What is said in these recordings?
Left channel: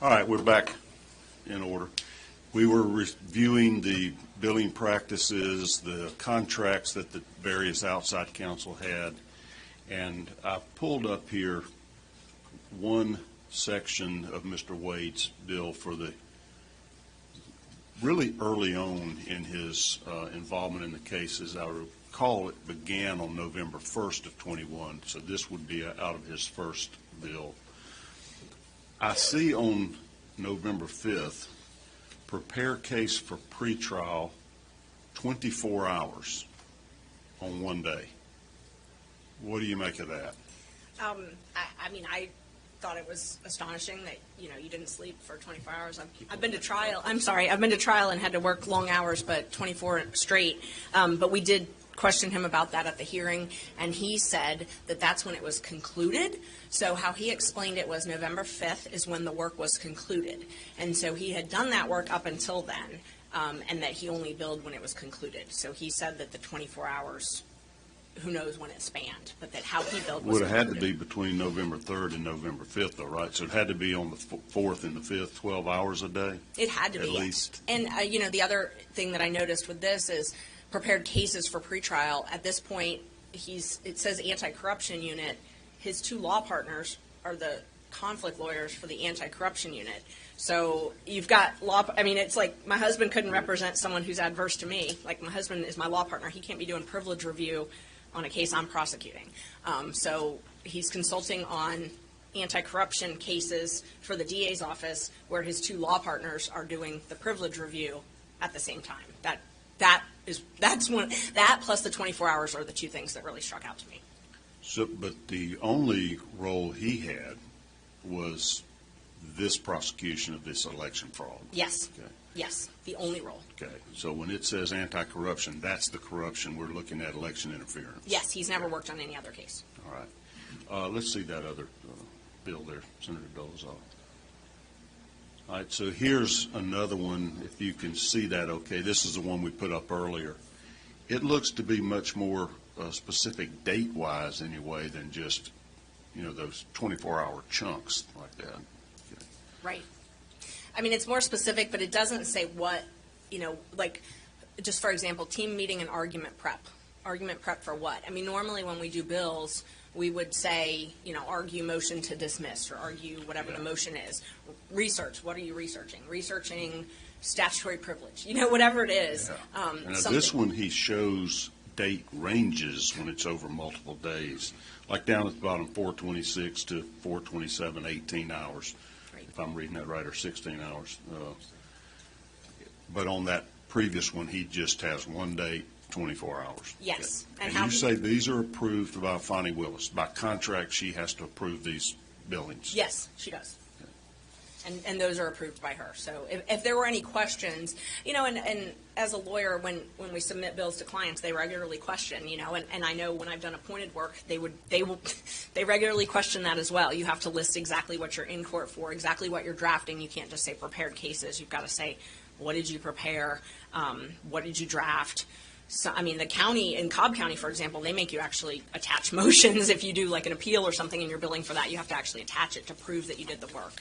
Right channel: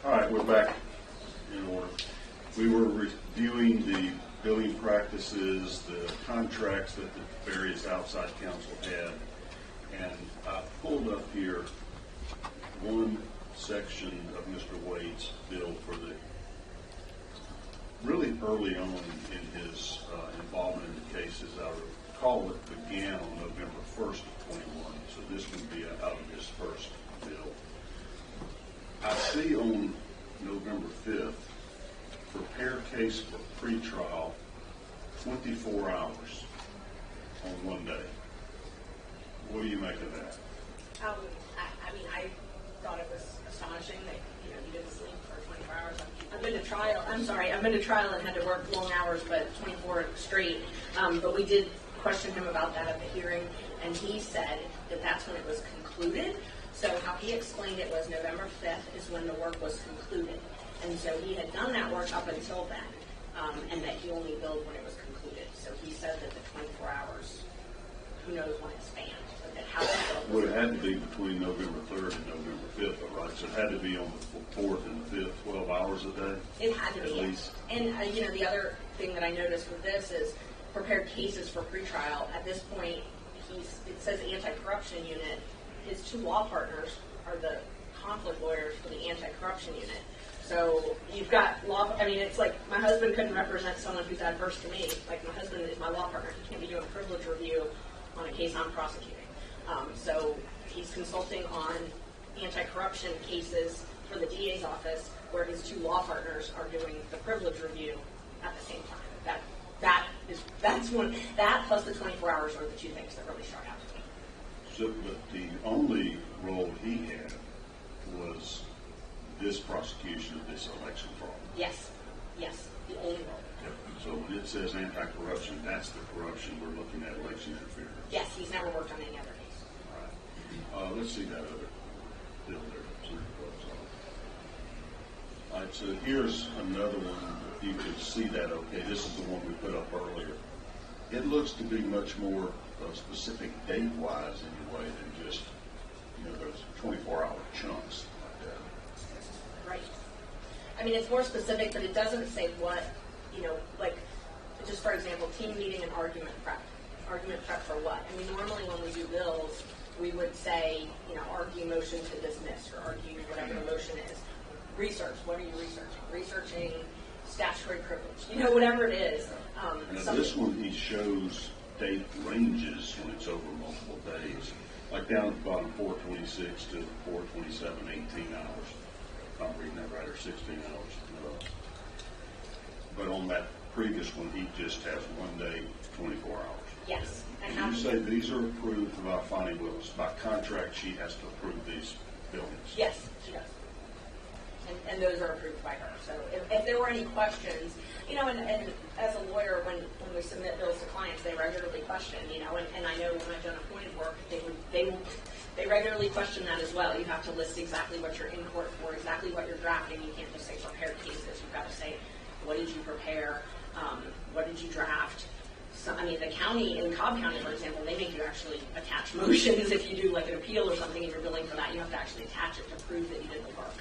All right, we're back in order. We were reviewing the billing practices, the contracts that the various outside counsel had, and I pulled up here one section of Mr. Wade's bill for the really early on in his involvement in the case. As I recall, it began on November 1st of 21, so this would be out of his first bill. I see on November 5th, prepare case for pretrial, 24 hours on one day. What do you make of that? I mean, I thought it was astonishing that, you didn't sleep for 24 hours. I've been to trial. I've been to trial and had to work long hours, but 24 straight. But we did question him about that at the hearing, and he said that that's when it was concluded. So how he explained it was November 5th is when the work was concluded. And so he had done that work up until then, and that he only billed when it was concluded. So he said that the 24 hours, who knows when it spanned, but that how he billed was would have had to be between November 3rd and November 5th, though, right? So it had to be on the 4th and the 5th, 12 hours a day? It had to be. At least. And, the other thing that I noticed with this is prepared cases for pretrial. At this point, it says anti-corruption unit. His two law partners are the conflict lawyers for the anti-corruption unit. So you've got it's like my husband couldn't represent someone who's adverse to me. Like my husband is my law partner. He can't be doing privilege review on a case I'm prosecuting. So he's consulting on anti-corruption cases for the DA's office where his two law partners are doing the privilege review at the same time. That plus the 24 hours are the two things that really struck out to me. So, but the only role he had was this prosecution of this election fraud. Yes, the only role. Okay, so when it says anti-corruption, that's the corruption we're looking at, election interference. Yes, he's never worked on any other case. All right. Let's see that other bill there, Senator Phillips. All right, so here's another one, if you can see that okay. This is the one we put up earlier. It looks to be much more specific date-wise anyway than just, those 24-hour chunks like that. Right. I mean, it's more specific, but it doesn't say what, like, just for example, team meeting and argument prep. Argument prep for what? I mean, normally when we do bills, we would say, argue motion to dismiss or argue whatever the motion is. Research. What are you researching? Researching statutory privilege. Whatever it is. Yeah. Now this one he shows date ranges when it's over multiple days. Like down at the bottom, 426 to 427, 18 hours. If I'm reading that right, or 16 hours. But on that previous one, he just has 1 day, 24 hours. Yes. And you say these are approved by Fani Willis. By contract, she has to approve these billings. Yes, she does. And those are approved by her. So if there were any questions, and as a lawyer, when we submit bills to clients, they regularly question, and I know when I've done appointed work, they regularly question that as well. You have to list exactly what you're in court for, exactly what you're drafting. You can't just say prepared cases. You've got to say, what did you prepare? What did you draft? So, the county, in Cobb County, for example, they make you actually attach motions. If you do like an appeal or something and you're billing for that, you have to actually attach it to prove that you did the work.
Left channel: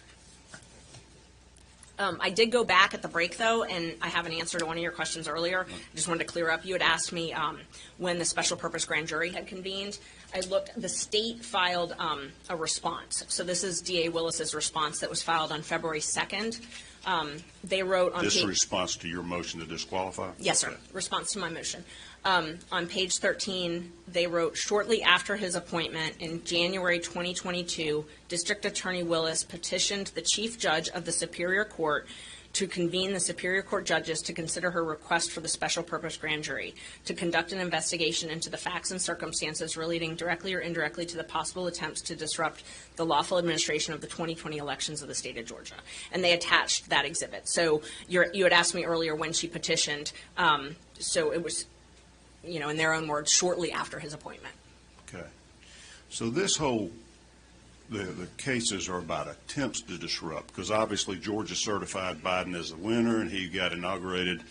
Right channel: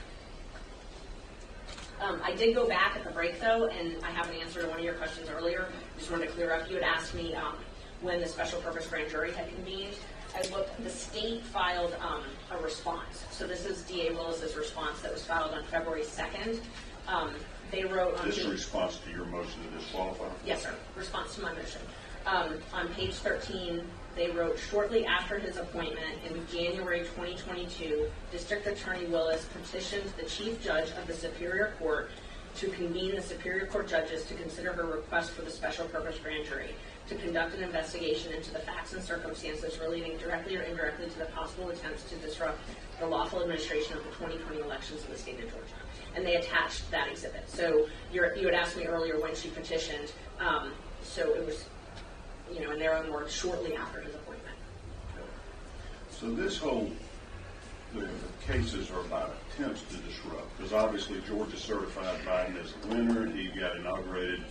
I did go back at the break, though, and I have an answer to one of your questions earlier. I just wanted to clear up. You had asked me when the special purpose grand jury had convened. I looked. The state filed a response. So this is DA Willis's response that was filed on February 2nd. They wrote on this response to your motion to disqualify? Yes, sir. Response to my motion. On page 13, they wrote, shortly after his appointment in January 2022, District Attorney Willis petitioned the Chief Judge of the Superior Court to convene the Superior Court judges to consider her request for the special purpose grand jury to conduct an investigation into the facts and circumstances relating directly or indirectly to the possible attempts to disrupt the lawful administration of the 2020 elections of the state of Georgia. And they attached that exhibit. So you had asked me earlier when she petitioned. So it was, in their own words, shortly after his appointment. Okay. So this whole, the cases are about attempts to disrupt, because obviously Georgia certified Biden as a winner, and he got inaugurated,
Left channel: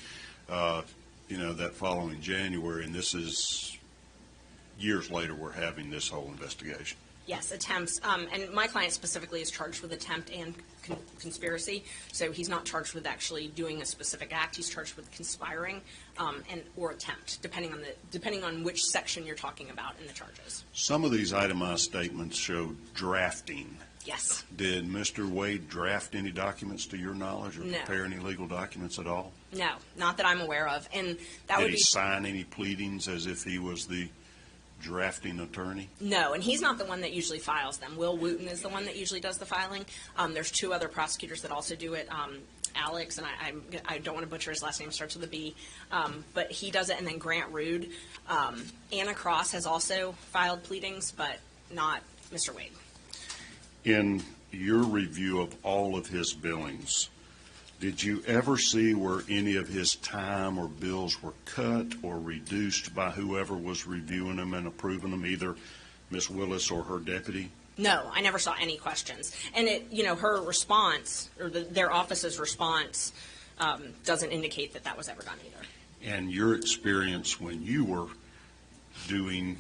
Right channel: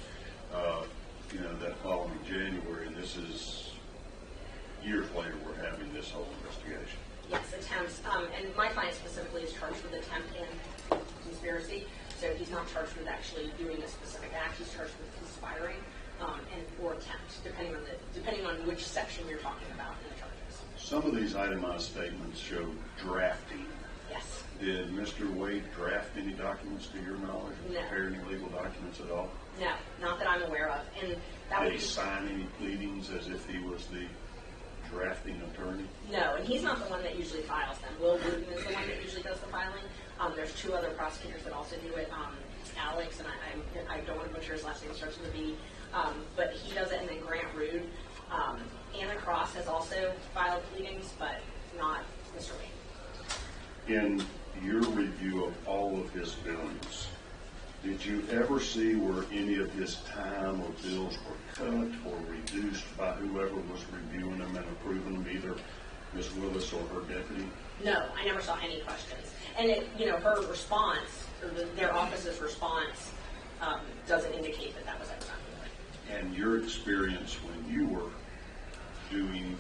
that following January, and this is years later we're having this whole investigation. Yes, attempts. And my client specifically is charged with attempt and conspiracy. So he's not charged with actually doing a specific act. He's charged with conspiring and or attempt, depending on which section you're talking about in the charges. Some of these itemized statements show drafting. Yes. Did Mr. Wade draft any documents to your knowledge, or No. prepare any legal documents at all? No, not that I'm aware of. And that Did would he be sign any pleadings as if he was the drafting attorney? no, and he's not the one that usually files them. Will Wooten is the one that usually does the filing. There's two other prosecutors that also do it. Alex, and I don't want to butcher his last name, starts with a B, but he does it, and then Grant Rude. Anna Cross has also filed pleadings, but not Mr. Wade. In your review of all of his billings, did you ever see where any of his time or bills were cut or reduced by whoever was reviewing them and approving them, either Ms. Willis or her deputy? No, I never saw any questions. And her response, or their office's response, doesn't indicate that that was ever done either. And your experience when you were doing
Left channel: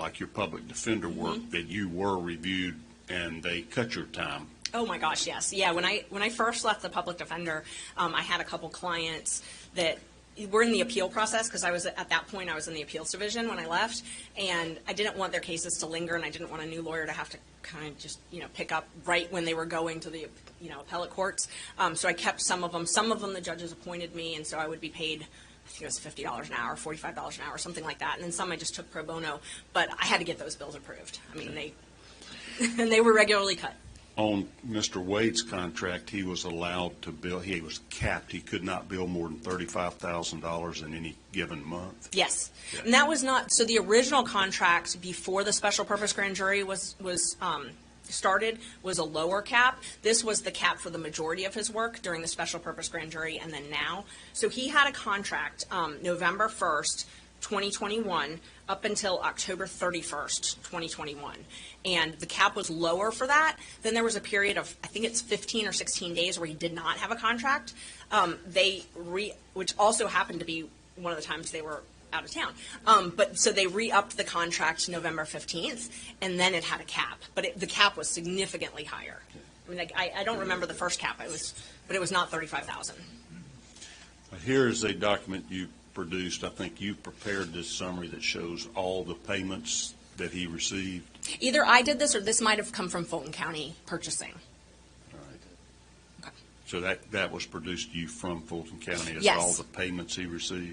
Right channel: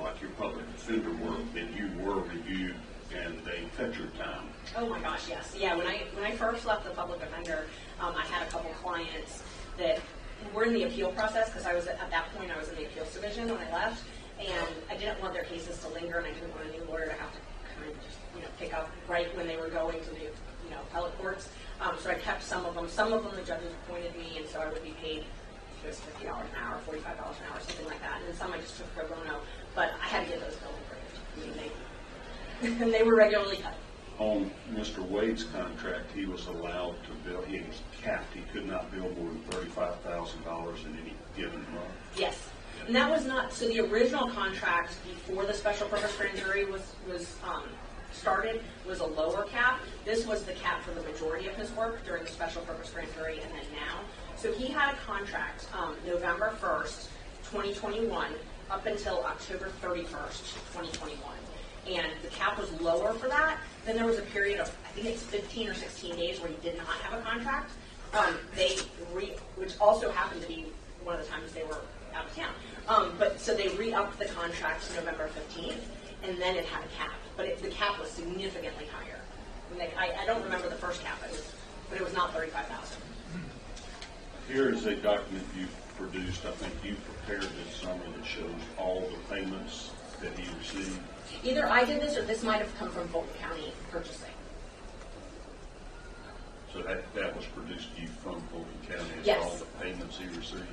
like your public defender work, that you were reviewed and they cut your time? Oh my gosh, yes. Yeah, when I first left the public defender, I had a couple clients that were in the appeal process, because I was at that point I was in the appeals division when I left, and I didn't want their cases to linger, and I didn't want a new lawyer to have to kind of just pick up right when they were going to the appellate courts. So I kept some of them. Some of them the judges appointed me, and so I would be paid, I think it was $50 an hour, $45 an hour, something like that. And then some I just took pro bono, but I had to get those bills approved. I mean, they were regularly cut. On Mr. Wade's contract, he was allowed to bill, he was capped. He could not bill more than $35,000 in any given month. Yes. And that was not, so the original contract before the special purpose grand jury was started was a lower cap. This was the cap for the majority of his work during the special purpose grand jury and then now. So he had a contract November 1st, 2021 up until October 31st, 2021. And the cap was lower for that. Then there was a period of, I think it's 15 or 16 days where he did not have a contract. Which also happened to be one of the times they were out of town. But so they re-upped the contract November 15th, and then it had a cap. But the cap was significantly higher. I mean, I don't remember the first cap, but it was not $35,000. Here is a document you produced. I think you prepared this summary that shows all the payments that he received. Either I did this or this might have come from Fulton County purchasing. So that was produced to you from Fulton County as Yes. all the payments he received?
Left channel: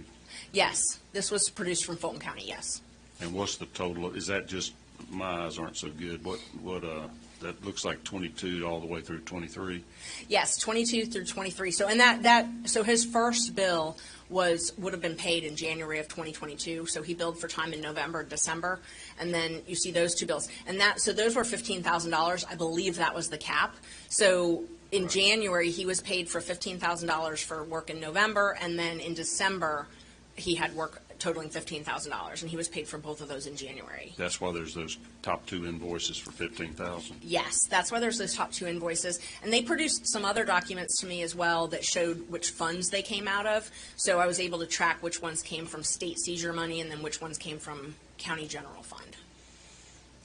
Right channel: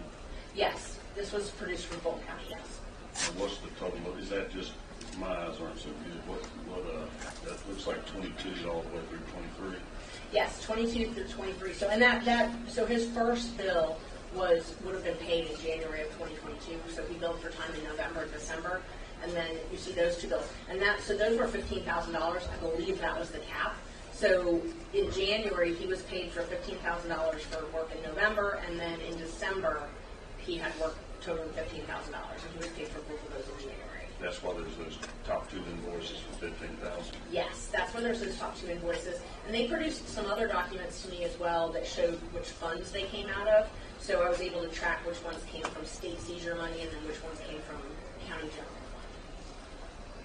Yes, this was produced from Fulton County, yes. And what's the total? Is that just, my eyes aren't so good. What that looks like 22 all the way through 23? Yes, 22 through 23. So so his first bill would have been paid in January of 2022. So he billed for time in November and December, and then you see those two bills. And so those were $15,000. I believe that was the cap. So in January he was paid for $15,000 for work in November, and then in December he had work totaling $15,000, and he was paid for both of those in January. That's why there's those top two invoices for $15,000. Yes, that's why there's those top two invoices. And they produced some other documents to me as well that showed which funds they came out of. So I was able to track which ones came from state seizure money and then which ones came from county general fund.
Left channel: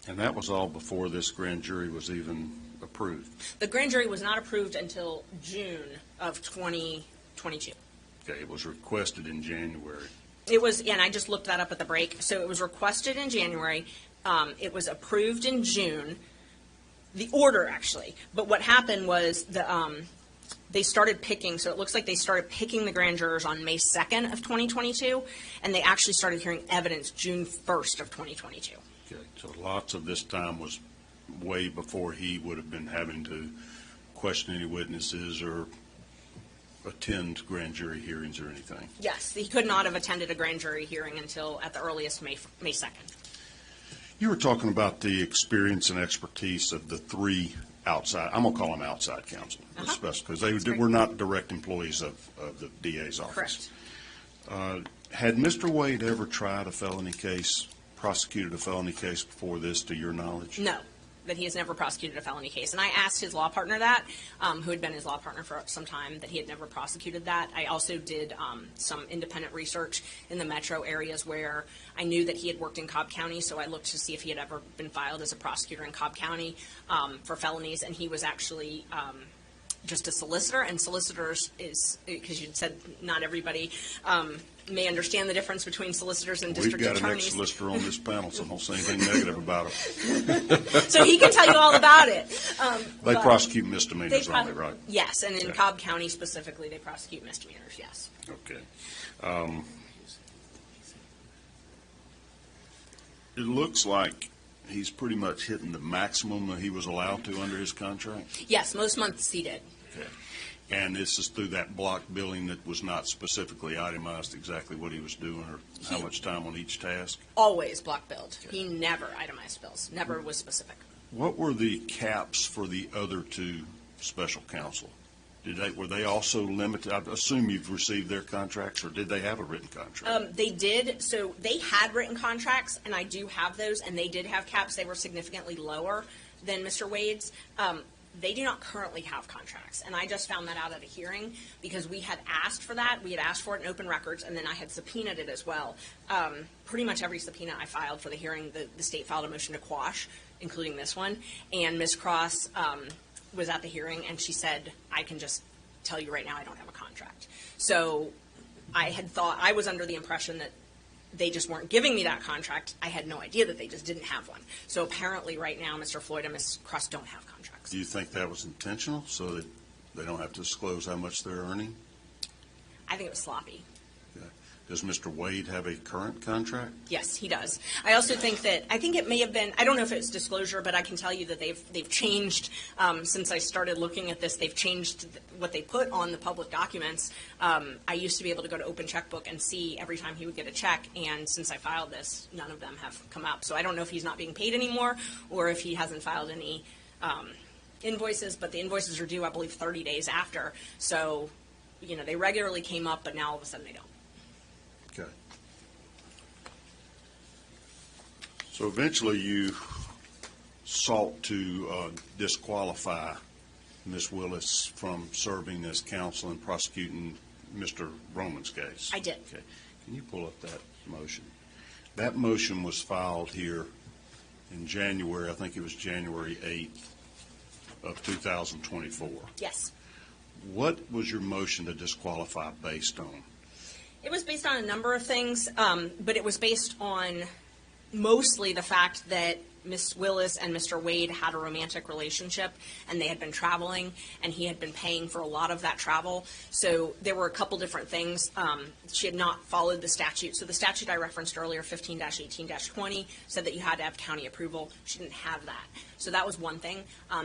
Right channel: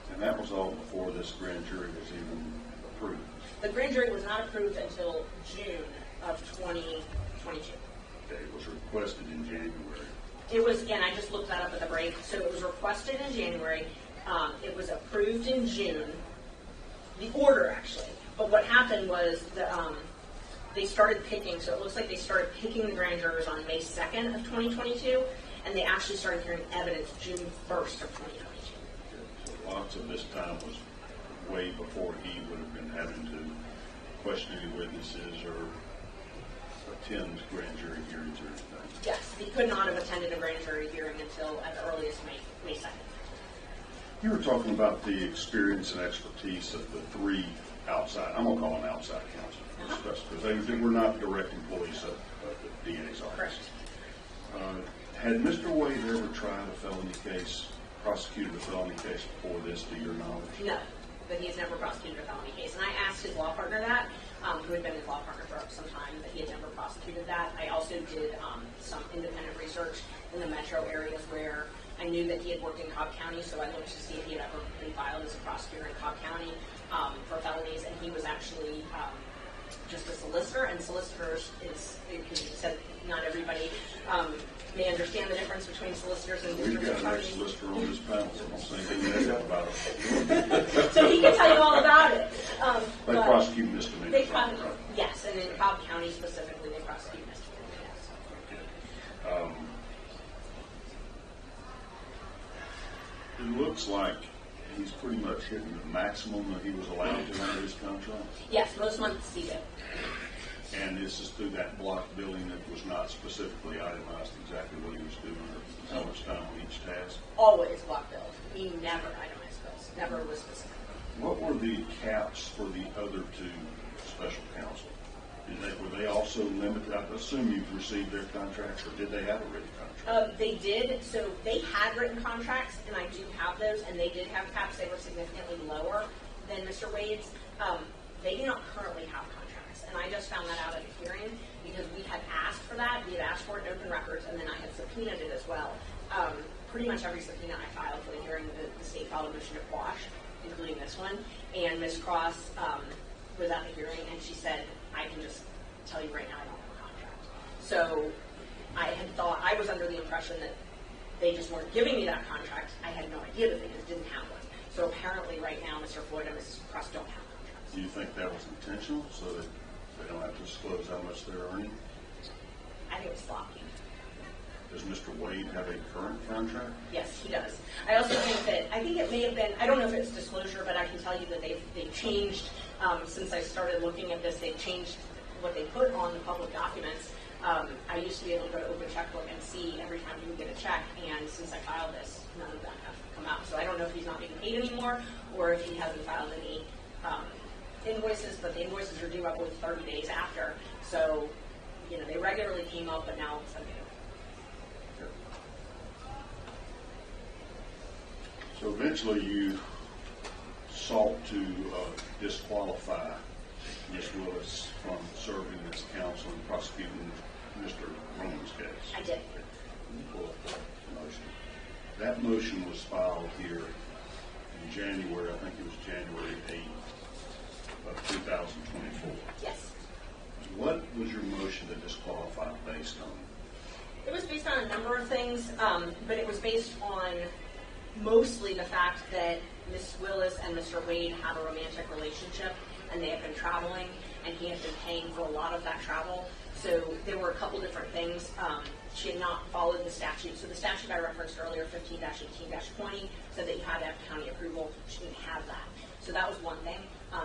And that was all before this grand jury was even approved. The grand jury was not approved until June of 2022. Okay, it was requested in January. It was, and I just looked that up at the break. So it was requested in January. It was approved in June. The order, actually. But what happened was they started picking, so it looks like they started picking the grand jurors on May 2nd of 2022, and they actually started hearing evidence June 1st of 2022. Okay, so lots of this time was way before he would have been having to question any witnesses or attend grand jury hearings or anything. Yes, he could not have attended a grand jury hearing until at the earliest May 2nd. You were talking about the experience and expertise of the three outside, I'm going to call them outside counsel, because they were not direct employees of the DA's office. Correct. Had Mr. Wade ever tried a felony case, prosecuted a felony case before this, to your knowledge? No. that he has never prosecuted a felony case. And I asked his law partner that, who had been his law partner for some time, that he had never prosecuted that. I also did some independent research in the metro areas where I knew that he had worked in Cobb County, so I looked to see if he had ever been filed as a prosecutor in Cobb County for felonies, and he was actually just a solicitor, and solicitors is, because you said not everybody may understand the difference between solicitors and district attorneys. We've got an ex-solicitor on this panel, so don't say anything negative about it. So he can tell you all about it. They prosecute misdemeanors on it, right? Yes, and in Cobb County specifically, they prosecute misdemeanors, yes. Okay. It looks like he's pretty much hitting the maximum that he was allowed to under his contract? Yes, most months he did. And this is through that block billing that was not specifically itemized exactly what he was doing or how much time on each task? Always block billed. He never itemized bills, never was specific. What were the caps for the other two special counsel? Were they also limited? I assume you've received their contracts, or did they have a written contract? They did. So they had written contracts, and I do have those, and they did have caps. They were significantly lower than Mr. Wade's. They do not currently have contracts, and I just found that out at a hearing because we had asked for that. We had asked for it in open records, and then I had subpoenaed it as well. Pretty much every subpoena I filed for the hearing, the state filed a motion to quash, including this one, and Ms. Cross was at the hearing, and she said, I can just tell you right now I don't have a contract. So I had thought, I was under the impression that they just weren't giving me that contract. I had no idea that they just didn't have one. So apparently right now Mr. Floyd and Ms. Cross don't have contracts. Do you think that was intentional so that they don't have to disclose how much they're earning? I think it was sloppy. Does Mr. Wade have a current contract? Yes, he does. I also think that, I think it may have been, I don't know if it's disclosure, but I can tell you that they've changed, since I started looking at this, they've changed what they put on the public documents. I used to be able to go to Open Checkbook and see every time he would get a check, and since I filed this, none of them have come out. So I don't know if he's not being paid anymore, or if he hasn't filed any invoices, but the invoices are due, I believe, 30 days after. So, you know, they regularly came up, but now all of a sudden they don't. Okay. So eventually you sought to disqualify Ms. Willis from serving as counsel and prosecuting Mr. Roman's case. I did. Okay. Can you pull up that motion? That motion was filed here in January, I think it was January 8th of 2024. Yes. What was your motion to disqualify based on? It was based on a number of things, but it was based on mostly the fact that Ms. Willis and Mr. Wade had a romantic relationship, and they had been traveling, and he had been paying for a lot of that travel. So there were a couple different things. She had not followed the statute. So the statute I referenced earlier, 15-18-20, said that you had to have county approval. She didn't have that. So that was one thing.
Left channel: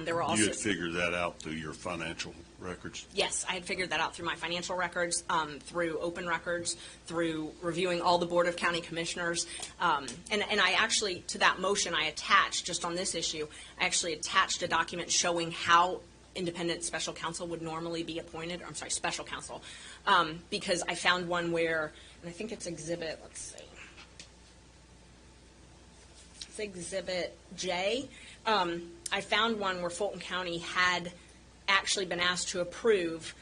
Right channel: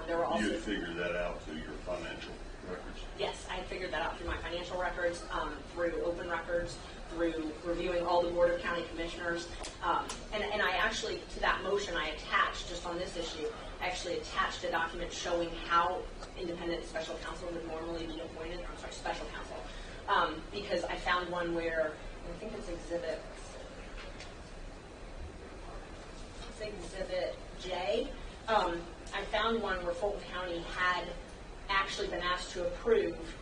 There were also... You had figured that out through your financial records? Yes, I had figured that out through my financial records, through open records, through reviewing all the Board of County Commissioners. And I actually, to that motion, I attached, just on this issue, I actually attached a document showing how independent special counsel would normally be appointed. I'm sorry, special counsel. Because I found one where, and I think it's Exhibit, let's see. It's Exhibit J. I found one where Fulton County had actually been asked to approve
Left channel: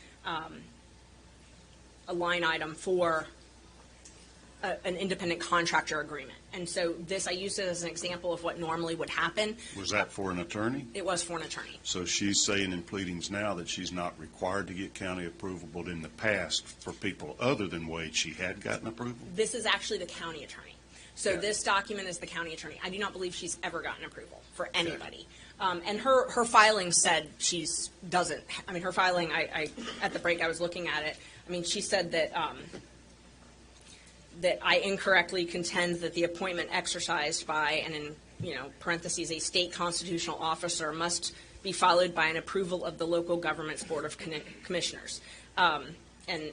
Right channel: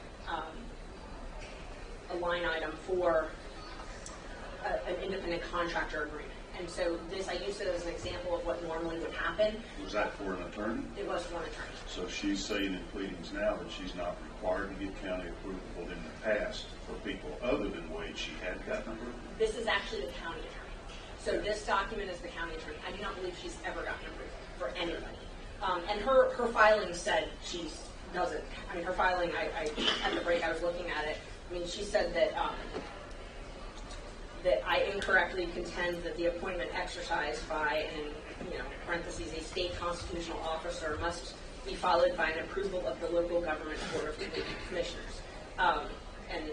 a line item for an independent contractor agreement. And so this, I used it as an example of what normally would happen. Was that for an attorney? It was for an attorney. So she's saying in pleadings now that she's not required to get county approval, but in the past, for people other than Wade, she had gotten approval? This is actually the county attorney. So this document is the county attorney. I do not believe she's ever gotten approval for anybody. And her filing said she's doesn't. I mean, her filing, I at the break I was looking at it. I mean, she said that that I incorrectly contend that the appointment exercised by, and in parentheses, a state constitutional officer must be followed by an approval of the local government's Board of Commissioners. And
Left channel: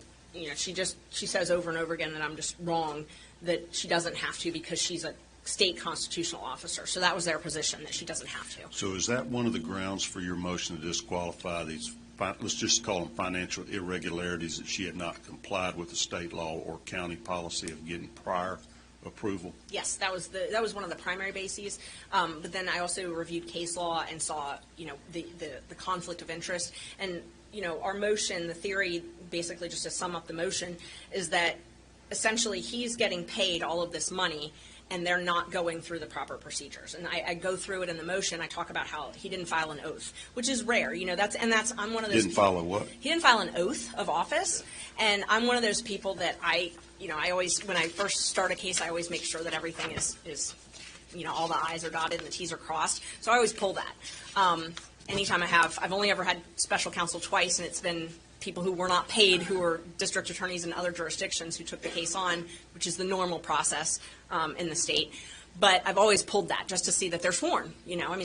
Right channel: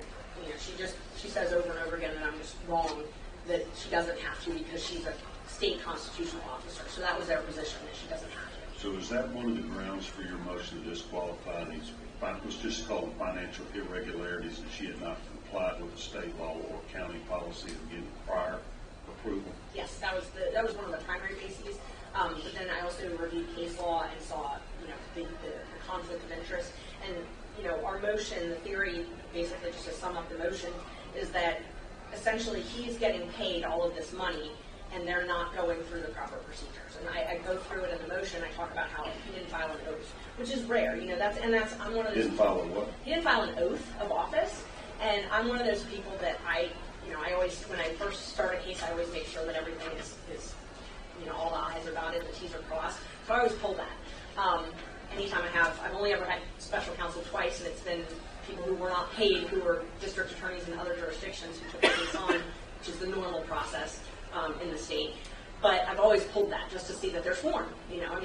she says over and over again that I'm just wrong, that she doesn't have to because she's a state constitutional officer. So that was their position, that she doesn't have to. So is that one of the grounds for your motion to disqualify these, let's just call them financial irregularities, that she had not complied with the state law or county policy of getting prior approval? Yes, that was one of the primary bases. But then I also reviewed case law and saw, the conflict of interest. And, our motion, the theory, basically just to sum up the motion, is that essentially he's getting paid all of this money and they're not going through the proper procedures. And I go through it in the motion. I talk about how he didn't file an oath, which is rare. I'm one of those. Didn't file a what? He didn't file an oath of office, and I'm one of those people that I always, when I first start a case, I always make sure that everything is all the I's are dotted, the T's are crossed. So I always pull that. Anytime I've only ever had special counsel twice, and it's been people who were not paid, who were district attorneys in other jurisdictions who took the case on, which is the normal process in the state. But I've always pulled that just to see that they're sworn.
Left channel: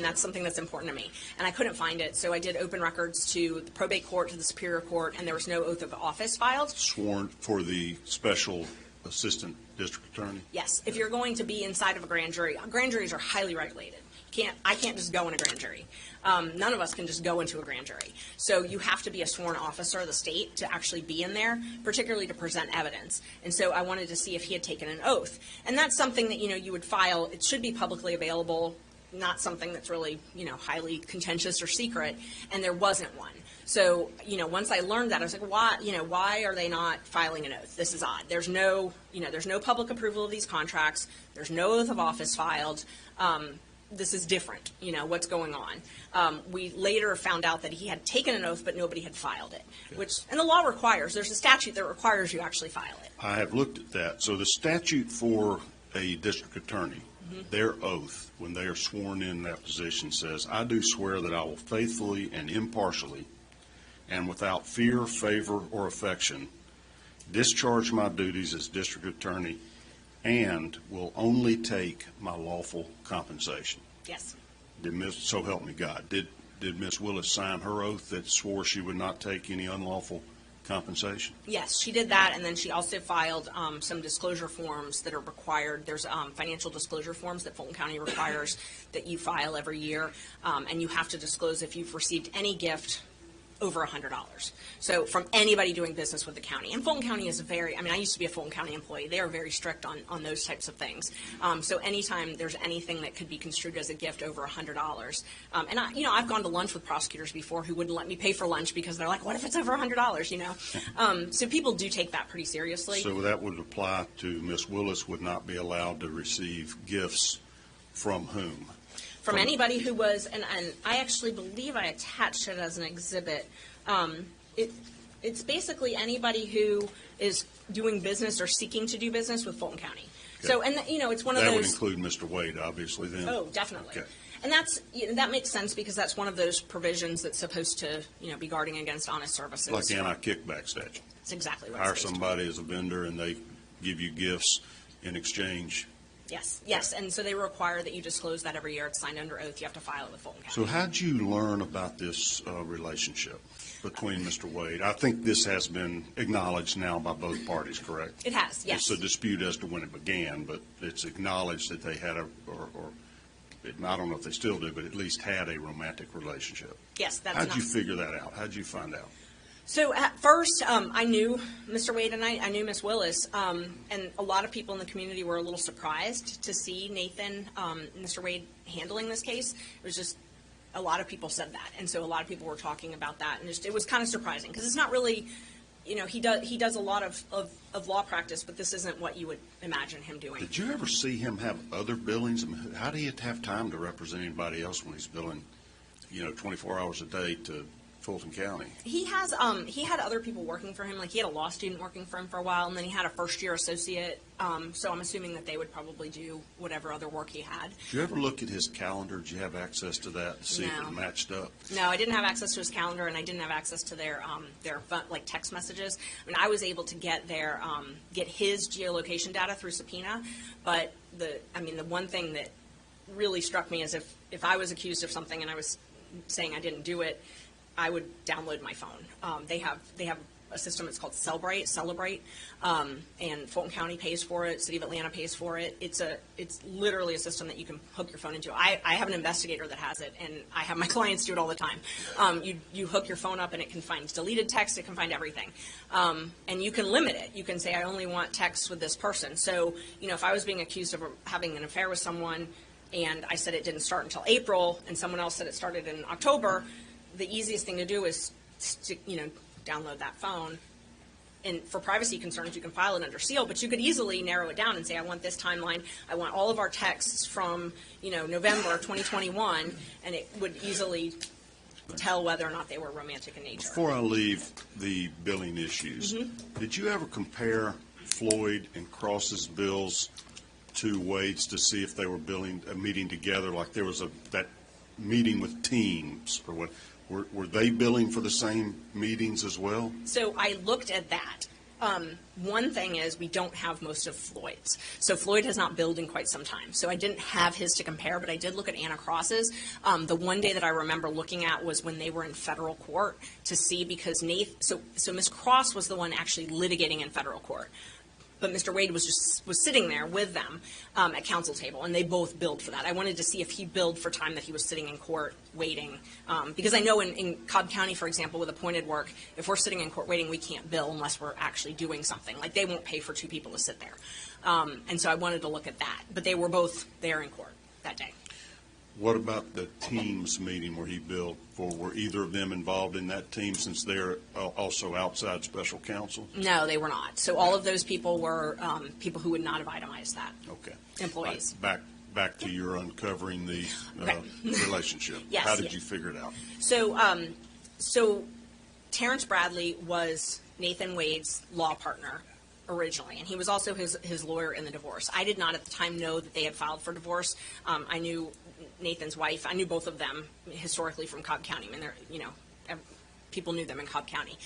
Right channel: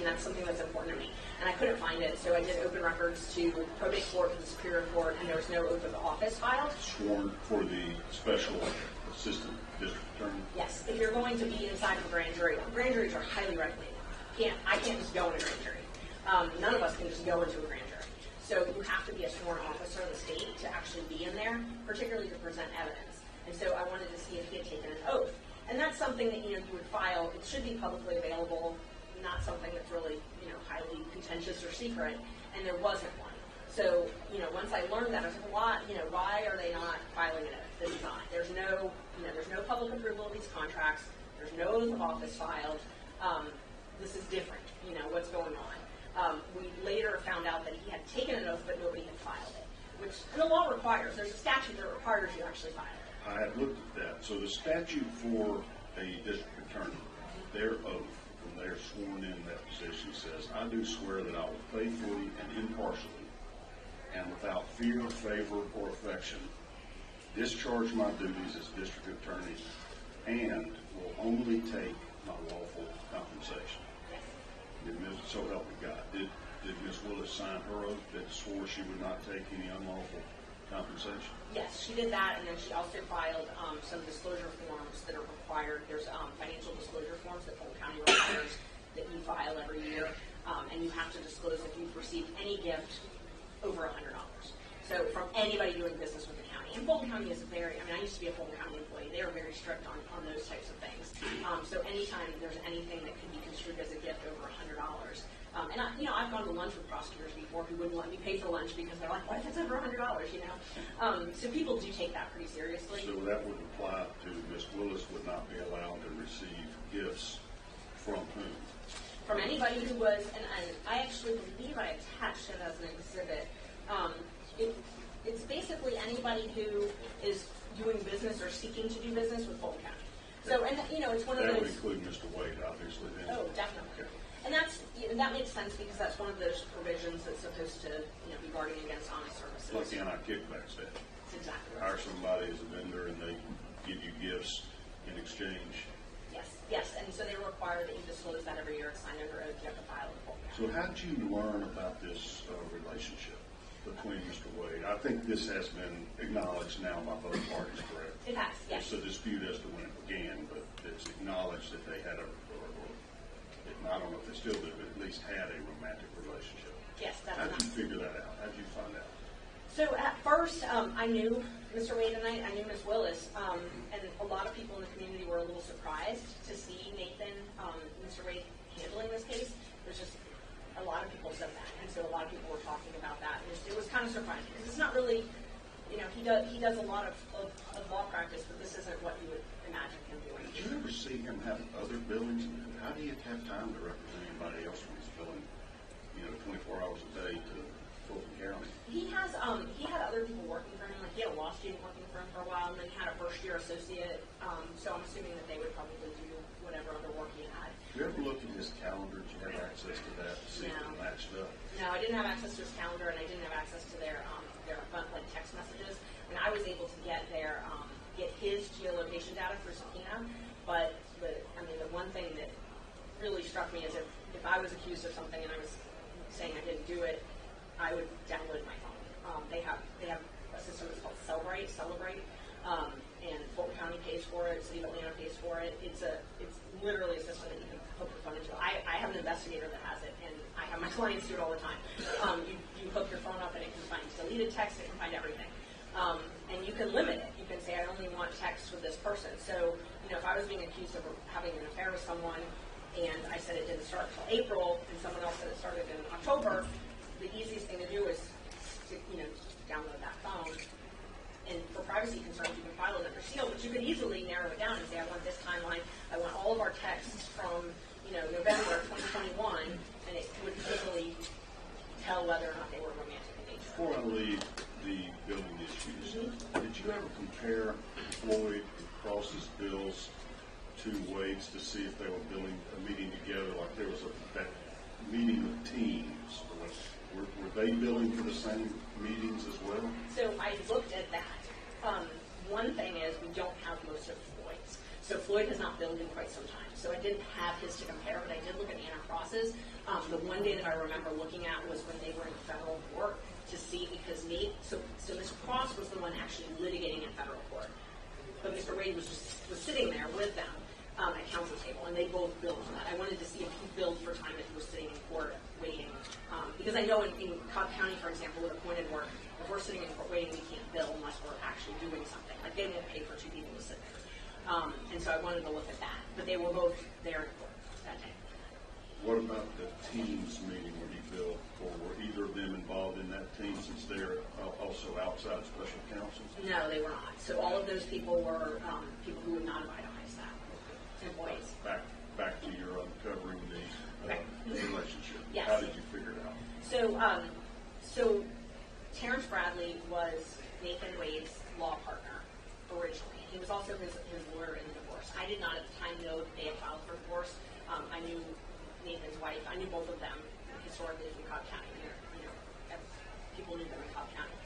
That's something that's important to me. And I couldn't find it, so I did open records to the probate court, to the Superior Court, and there was no oath of office filed. Sworn for the special assistant district attorney? Yes. If you're going to be inside of a grand juries are highly regulated. I can't just go in a grand jury. None of us can just go into a grand jury. So you have to be a sworn officer of the state to actually be in there, particularly to present evidence. And so I wanted to see if he had taken an oath. And that's something that, you would file. It should be publicly available, not something that's really, highly contentious or secret. And there wasn't one. So, once I learned that, I was like, why are they not filing an oath? This is odd. There's no public approval of these contracts. There's no oath of office filed. This is different. What's going on? We later found out that he had taken an oath, but nobody had filed it, and the law requires, there's a statute that requires you actually file it. I have looked at that. So the statute for a district attorney, their oath, when they are sworn in that position, says, I do swear that I will faithfully and impartially and without fear, favor, or affection discharge my duties as district attorney and will only take my lawful compensation. Yes. So help me God. Did Ms. Willis sign her oath that swore she would not take any unlawful compensation? Yes, she did that, and then she also filed some disclosure forms that are required. There's financial disclosure forms that Fulton County requires that you file every year, and you have to disclose if you've received any gift over $100. So from anybody doing business with the county. And Fulton County is I used to be a Fulton County employee. They are very strict on those types of things. So anytime there's anything that could be construed as a gift over $100, and I've gone to lunch with prosecutors before who wouldn't let me pay for lunch because they're like, what if it's over $100, So people do take that pretty seriously. So that would apply to Ms. Willis would not be allowed to receive gifts from whom? From anybody who was, and I actually believe I attached it as an exhibit. It's basically anybody who is doing business or seeking to do business with Fulton County. Okay. So, and it's one of those. That would include Mr. Wade, obviously, then. Oh, definitely. Okay. And that makes sense because that's one of those provisions that's supposed to be guarding against honest services. Like the anti-kickback statute. That's exactly what. Hire somebody as a vendor and they give you gifts in exchange. Yes, and so they require that you disclose that every year. It's signed under oath. You have to file it with Fulton County. So how'd you learn about this relationship between Mr. Wade? I think this has been acknowledged now by both parties, correct? It has, yes. It's a dispute as to when it began, but it's acknowledged that they had I don't know if they still do, but at least had a romantic relationship. Yes, that's How'd you figure that out? How'd you find out? So at first, I knew Mr. Wade and I knew Miss Willis, and a lot of people in the community were a little surprised to see Nathan, Mr. Wade, handling this case. It was just, a lot of people said that, and so a lot of people were talking about that, and it was kind of surprising, because it's not really, he does a lot of law practice, but this isn't what you would imagine him doing. Did you ever see him have other billings? I mean, how do you have time to represent anybody else when he's billing, 24 hours a day to Fulton County? He had other people working for him. Like, he had a law student working for him for a while, and then he had a first-year associate. So I'm assuming that they would probably do whatever other work he had. Did you ever look at his calendar? Did you have access to that to see if it matched up? No, I didn't have access to his calendar, and I didn't have access to their like text messages. I mean, I was able to get his geolocation data through subpoena, but the one thing that really struck me is if I was accused of something and I was saying I didn't do it, I would download my phone. They have a system that's called Celebrate, and Fulton County pays for it. City of Atlanta pays for it. It's literally a system that you can hook your phone into. I have an investigator that has it, and I have my clients do it all the time. You hook your phone up, and it can find deleted text. It can find everything, and you can limit it. You can say, I only want texts with this person. So, if I was being accused of having an affair with someone, and I said it didn't start until April, and someone else said it started in October, the easiest thing to do is download that phone. And for privacy concerns, you can file it under seal, but you could easily narrow it down and say, I want this timeline, I want all of our texts from, November 2021, and it would easily tell whether or not they were romantic in nature. Before I leave the billing issues, did you ever compare Floyd and Cross's bills to Wade's to see if they were meeting together, like there was that meeting with teams, or what? Were they billing for the same meetings as well? So I looked at that. One thing is we don't have most of Floyd's. So Floyd has not billed in quite some time. So I didn't have his to compare, but I did look at Anna Cross's. The one day that I remember looking at was when they were in federal court to see, because so Ms. Cross was the one actually litigating in federal court. But Mr. Wade was sitting there with them at counsel table, and they both billed for that. I wanted to see if he billed for time that he was sitting in court waiting, because I know in Cobb County, for example, with appointed work, if we're sitting in court waiting, we can't bill unless we're actually doing something. Like, they won't pay for two people to sit there. And so I wanted to look at that. But they were both there in court that day. What about the teams meeting where he billed for? Were either of them involved in that team, since they're also outside special counsel? No, they were not. So all of those people were people who would not have itemized that. Okay. Employees. Back to your uncovering the relationship. Yes. How did you figure it out? So Terrence Bradley was Nathan Wade's law partner originally, and he was also his lawyer in the divorce. I did not at the time know that they had filed for divorce. I knew Nathan's wife. I knew both of them historically from Cobb County. I mean, people knew them in Cobb County.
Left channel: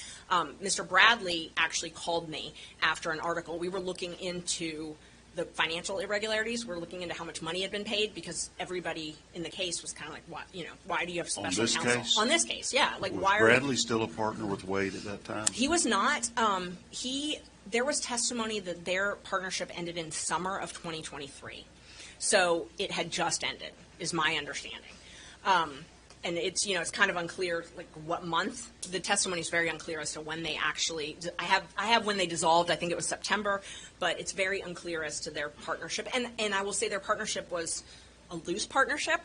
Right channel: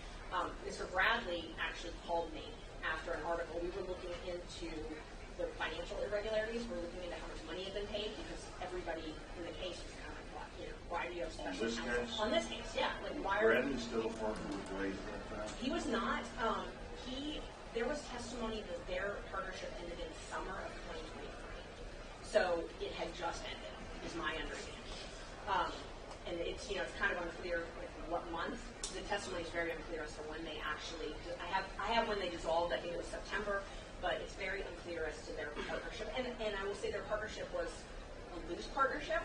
Mr. Bradley actually called me after an article. We were looking into the financial irregularities. We're looking into how much money had been paid, because everybody in the case was kind of like, why do you have special counsel? Case? On this case, yeah. Like, was why Bradley still a partner with Wade at that time? He was not. There was testimony that their partnership ended in summer of 2023. So it had just ended, is my understanding. And it's kind of unclear, like, what month. The testimony is very unclear as to when they actually. I have when they dissolved. I think it was September, but it's very unclear as to their partnership. And I will say their partnership was a loose partnership.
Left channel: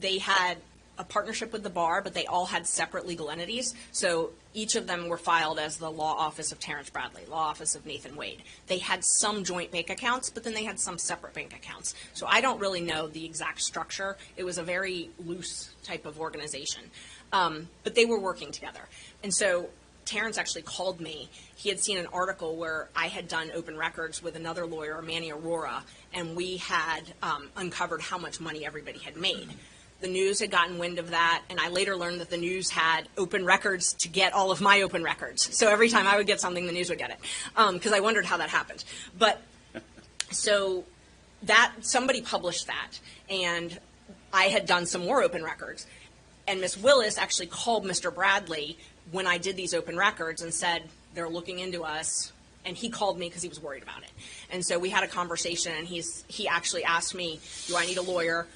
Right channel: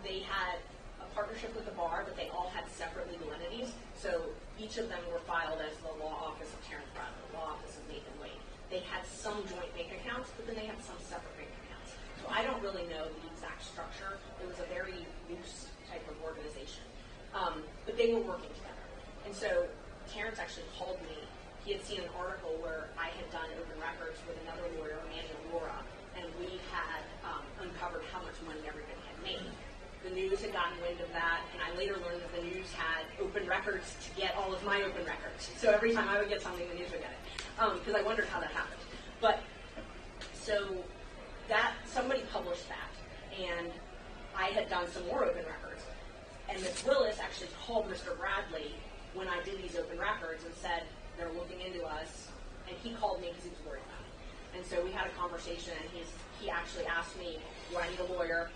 They had a partnership with the bar, but they all had separate legal entities. So each of them were filed as the law office of Terrence Bradley, law office of Nathan Wade. They had some joint bank accounts, but then they had some separate bank accounts. So I don't really know the exact structure. It was a very loose type of organization. But they were working together. And so Terrence actually called me. He had seen an article where I had done open records with another lawyer, Manny Aurora, and we had uncovered how much money everybody had made. The news had gotten wind of that, and I later learned that the news had open records to get all of my open records. So every time I would get something, the news would get it, because I wondered how that happened. But so that somebody published that, and I had done some more open records. And Miss Willis actually called Mr. Bradley when I did these open records and said, they're looking into us. And he called me because he was worried about it. And so we had a conversation, and he actually asked me, do I need a lawyer?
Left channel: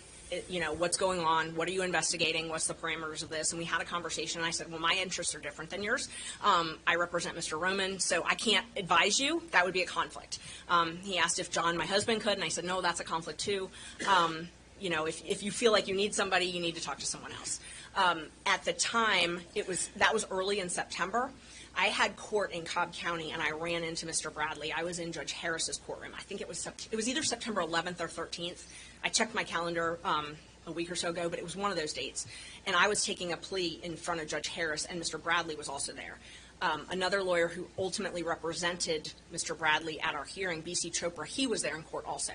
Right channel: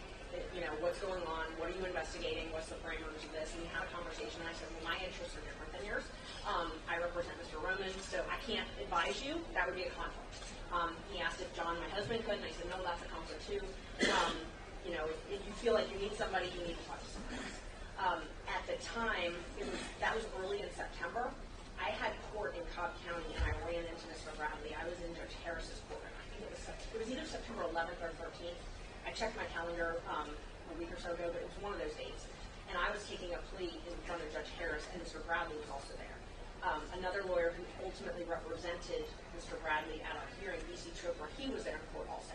What's going on? What are you investigating? What's the parameters of this? And we had a conversation, and I said, well, my interests are different than yours. I represent Mr. Roman, so I can't advise you. That would be a conflict. He asked if John, my husband, could, and I said, no, that's a conflict too. If you feel like you need somebody, you need to talk to someone else. At the time, that was early in September. I had court in Cobb County, and I ran into Mr. Bradley. I was in Judge Harris's courtroom. I think it was either September 11th or 13th. I checked my calendar a week or so ago, but it was one of those dates. And I was taking a plea in front of Judge Harris, and Mr. Bradley was also there. Another lawyer who ultimately represented Mr. Bradley at our hearing, B.C. Chopra, he was there in court also.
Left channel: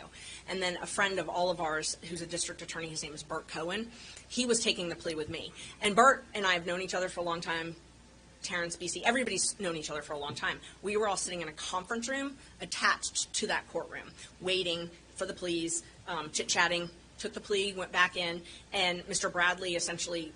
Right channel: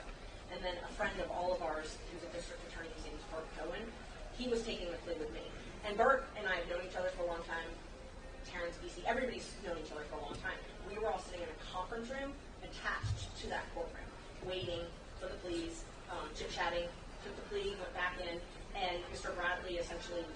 And then a friend of all of ours, who's a district attorney, his name is Bert Cohen, he was taking the plea with me. And Bert and I have known each other for a long time. Terrence, B.C., everybody's known each other for a long time. We were all sitting in a conference room attached to that courtroom, waiting for the pleas, chit-chatting, took the plea, went back in, and Mr. Bradley essentially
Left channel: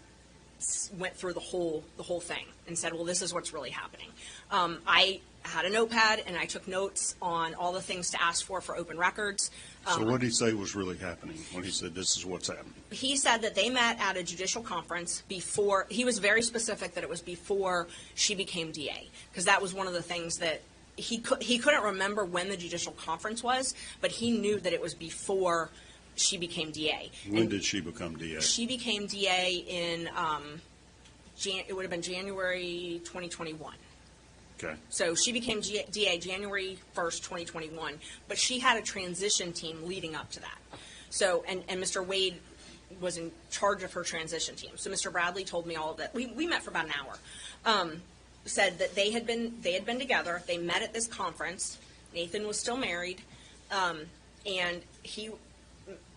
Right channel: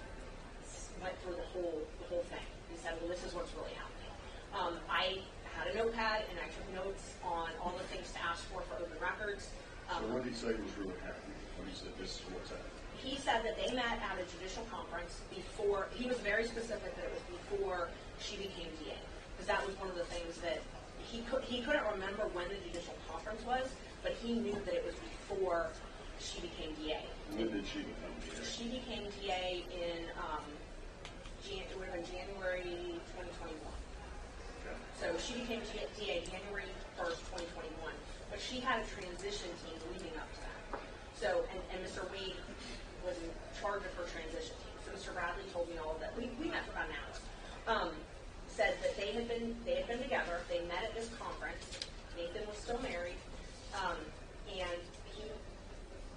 went through the whole thing and said, well, this is what's really happening. I had a notepad and I took notes on all the things to ask for open records. So what did he say was really happening when he said this is what's happening? He said that they met at a judicial conference before, he was very specific that it was before she became DA, because that was one of the things that he couldn't remember when the judicial conference was, but he knew that it was before she became DA. When did she become DA? She became DA in, it would have been January 2021. Okay. So she became DA January 1st, 2021, but she had a transition team leading up to that. So, and Mr. Wade was in charge of her transition team. So Mr. Bradley told me all of that. We met for about an hour. Said that they had been together. They met at this conference. Nathan was still married, and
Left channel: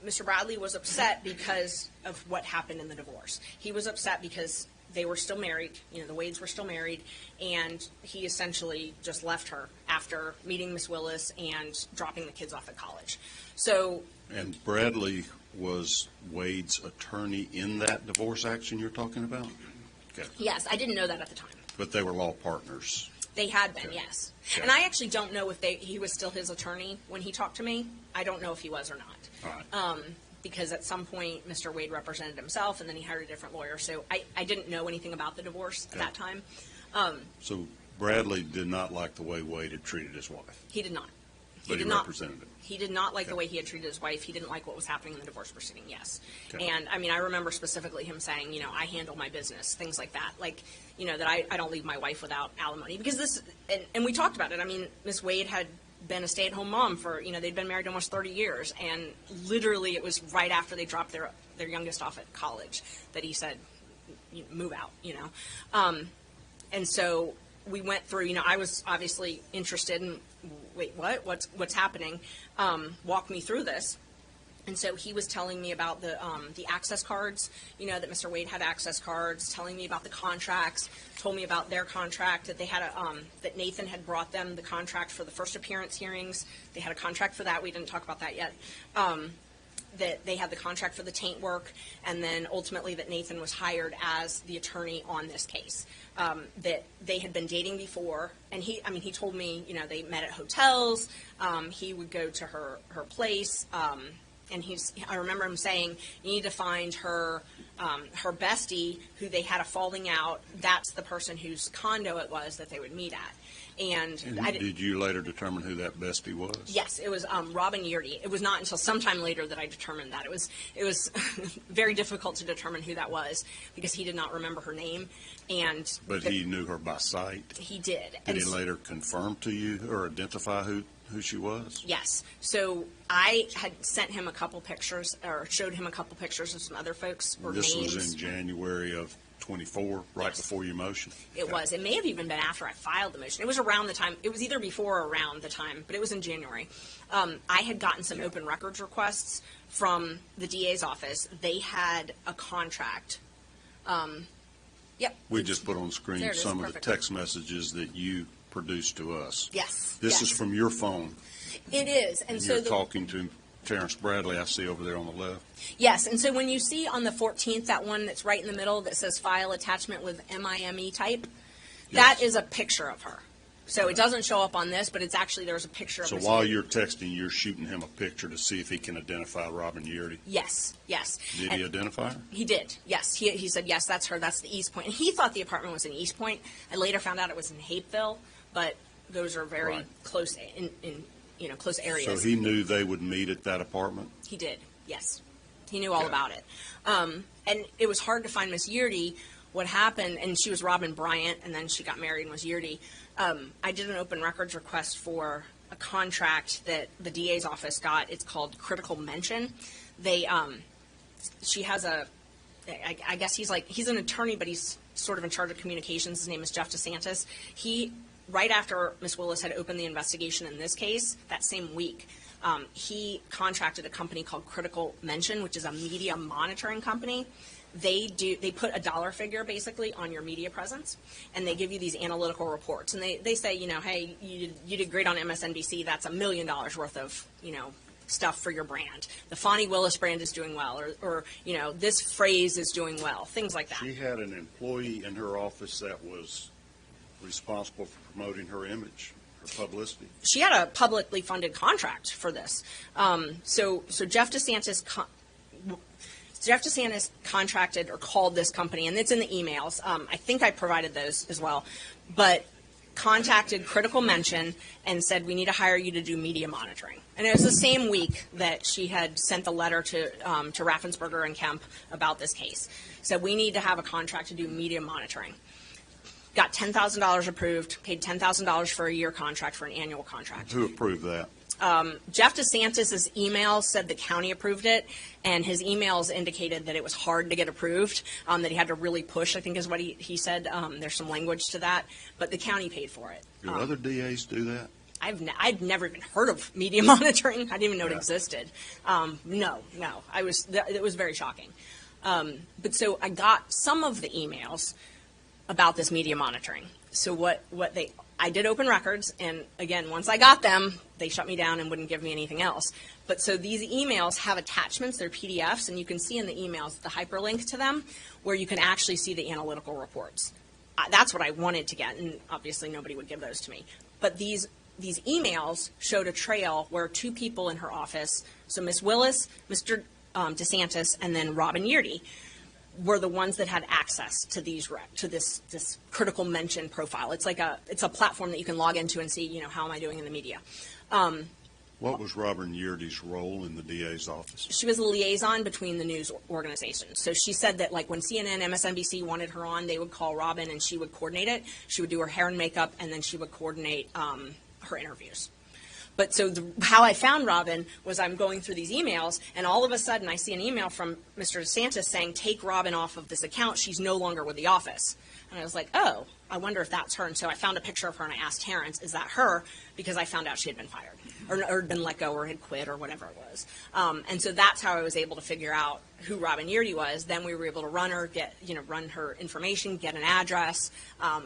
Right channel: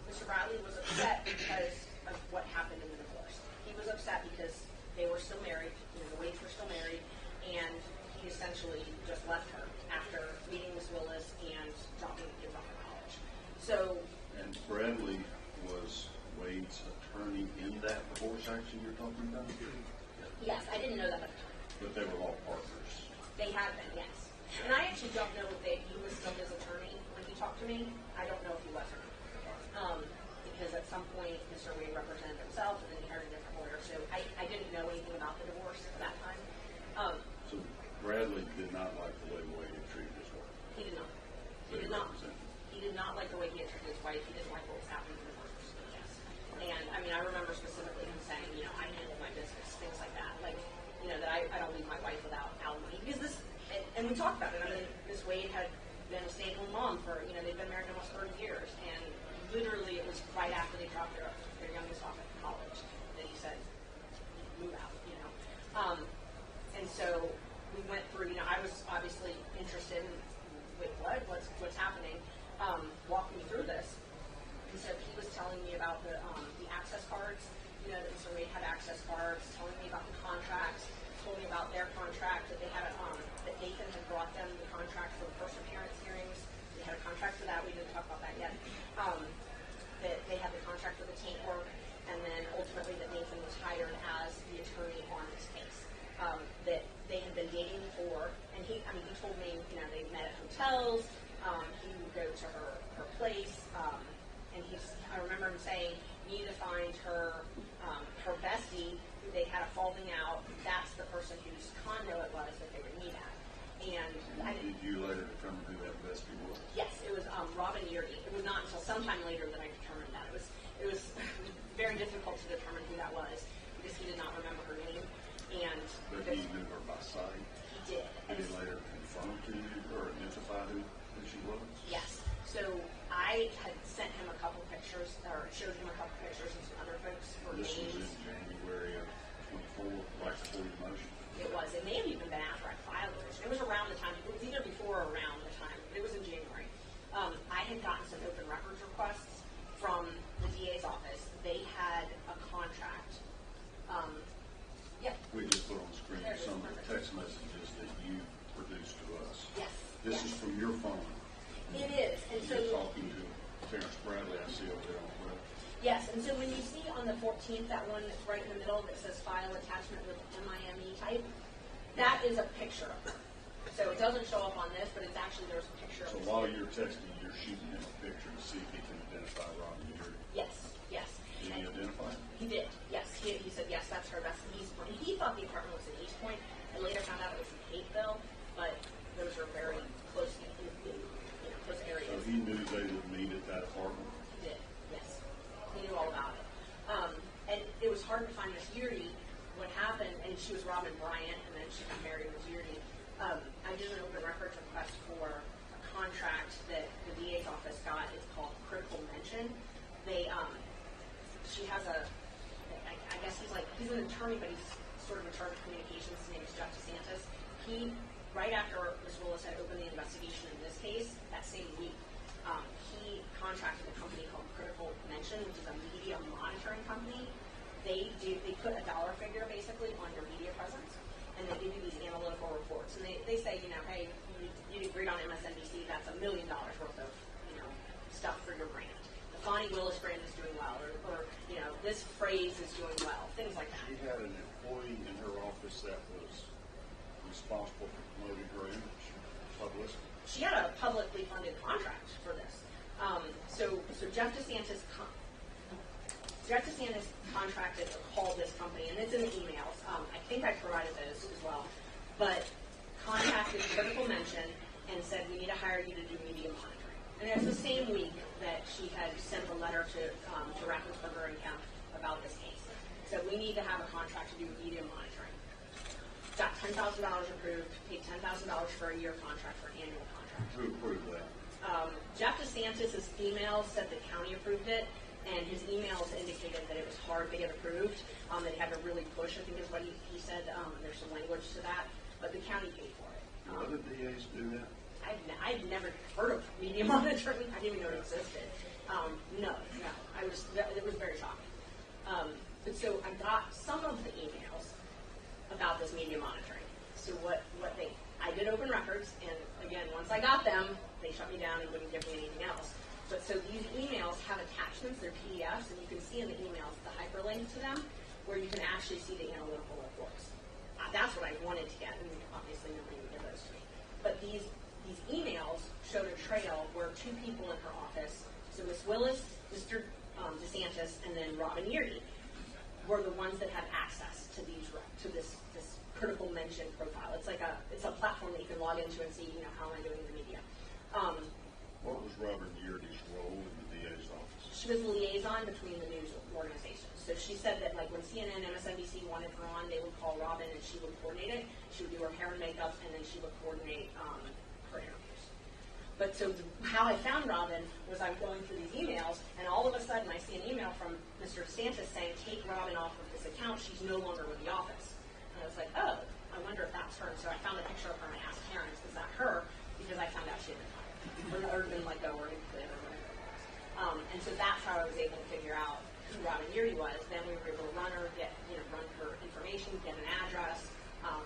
Mr. Bradley was upset because of what happened in the divorce. He was upset because they were still married. You know, the Wades were still married, and he essentially just left her after meeting Miss Willis and dropping the kids off at college. So. And Bradley was Wade's attorney in that divorce action you're talking about? Okay. Yes, I didn't know that at the time. But they were law partners. They had been, yes. Okay. And I actually don't know if he was still his attorney when he talked to me. I don't know if he was or not. Right. Because at some point, Mr. Wade represented himself, and then he hired a different lawyer. So I didn't know anything about the divorce at that time. So Bradley did not like the way Wade had treated his wife. He did not. But he represented him. He did not like the way he had treated his wife. He didn't like what was happening in the divorce proceeding, yes. Okay. And, I mean, I remember specifically him saying, you know, I handle my business, things like that. Like, you know, that I don't leave my wife without alimony. Because this, and we talked about it. I mean, Miss Wade had been a stay-at-home mom for, you know, they'd been married almost 30 years. And literally it was right after they dropped their youngest off at college that he said, you know, move out, you know. And so we went through, you know, I was obviously interested in, wait, what's happening? Walk me through this. And so he was telling me about the access cards, you know, that Mr. Wade had access cards, telling me about the contracts, told me about their contract, that they had that Nathan had brought them the contract for the first appearance hearings. They had a contract for that. We didn't talk about that yet. That they had the contract for the taint work, and then ultimately that Nathan was hired as the attorney on this case. That they had been dating before, and he told me, you know, they met at hotels. He would go to her place. And I remember him saying, you need to find her bestie who they had a falling out. That's the person whose condo it was that they would meet at. And did you later determine who that bestie was? Yes, it was Robin Yurdy. It was not until sometime later that I determined that. It was very difficult to determine who that was because he did not remember her name. But he knew her by sight? He did. Did he later confirm to you or identify who she was? Yes. So I had sent him a couple pictures, or showed him a couple pictures of some other folks or This names. was in January of 24, right before your motion? It was. It may have even been after I filed the motion. It was around the time. It was either before or around the time, but it was in January. I had gotten some open records requests from the DA's office. They had a contract. Yep. We just put on the screen There it is, some perfect. of the text messages that you produced to us. Yes. This yes. is from your phone. It is. And so You're talking to Terrence Bradley, I see over there on the left. Yes, and so when you see on the 14th, that one that's right in the middle that says file attachment with MIME type, that is a picture of her. So it doesn't show up on this, but it's actually, there's a picture of So her. while you're texting, you're shooting him a picture to see if he can identify Robin Yurdy. Yes, yes. Did he identify her? He did, yes. He said, yes, that's her, that's the East Point. And he thought the apartment was in East Point. I later found out it was in Hapeville, but those are very close in close areas. So he knew they would meet at that apartment? He did, yes. He knew all about it. And it was hard to find Miss Yurdy. What happened, and she was Robin Bryant, and then she got married and was Yurdy. I did an open records request for a contract that the DA's office got. It's called Critical Mention. She has I guess he's an attorney, but he's sort of in charge of communications. His name is Jeff DeSantis. Right after Ms. Willis had opened the investigation in this case, that same week, he contracted a company called Critical Mention, which is a media monitoring company. They put a dollar figure basically on your media presence, and they give you these analytical reports. And they say, you know, hey, you did great on MSNBC. That's $1 million worth of, you know, stuff for your brand. The Fani Willis brand is doing well, or you know, this phrase is doing well, things like that. She had an employee in her office that was responsible for promoting her image, her publicity? She had a publicly funded contract for this. So Jeff DeSantis contracted or called this company, and it's in the emails. I think I provided those as well, but contacted Critical Mention and said, we need to hire you to do media monitoring. And it was the same week that she had sent the letter to Raffensperger and Kemp about this case. Said, we need to have a contract to do media monitoring. Got $10,000 approved, paid $10,000 for a year contract for an annual contract. Who approved that? Jeff DeSantis' email said the county approved it, and his emails indicated that it was hard to get approved, that he had to really push, I think is what he said. There's some language to that, but the county paid for it. Do other DAs do that? I'd never even heard of media monitoring. I didn't even know it existed. No. It was very shocking. But so I got some of the emails about this media monitoring. So I did open records, and again, once I got them, they shut me down and wouldn't give me anything else. But so these emails have attachments, they're PDFs, and you can see in the emails the hyperlink to them where you can actually see the analytical reports. That's what I wanted to get, and obviously nobody would give those to me. But these emails showed a trail where two people in her office, so Miss Willis, Mr. DeSantis, and then Robin Yeardy, were the ones that had access to this Critical Mention profile. It's a platform that you can log into and see, how am I doing in the media. What was Robin Yeardy's role in the DA's office? She was a liaison between the news organizations. So she said that when CNN, MSNBC wanted her on, they would call Robin and she would coordinate it. She would do her hair and makeup, and then she would coordinate her interviews. But so how I found Robin was I'm going through these emails, and all of a sudden I see an email from Mr. DeSantis saying, take Robin off of this account. She's no longer with the office. And I was like, oh, I wonder if that's her. And so I found a picture of her, and I asked Terrence, is that her? Because I found out she had been fired or been let go or had quit or whatever it was. And so that's how I was able to figure out who Robin Yeardy was. Then we were able to run her, run her information, get an address,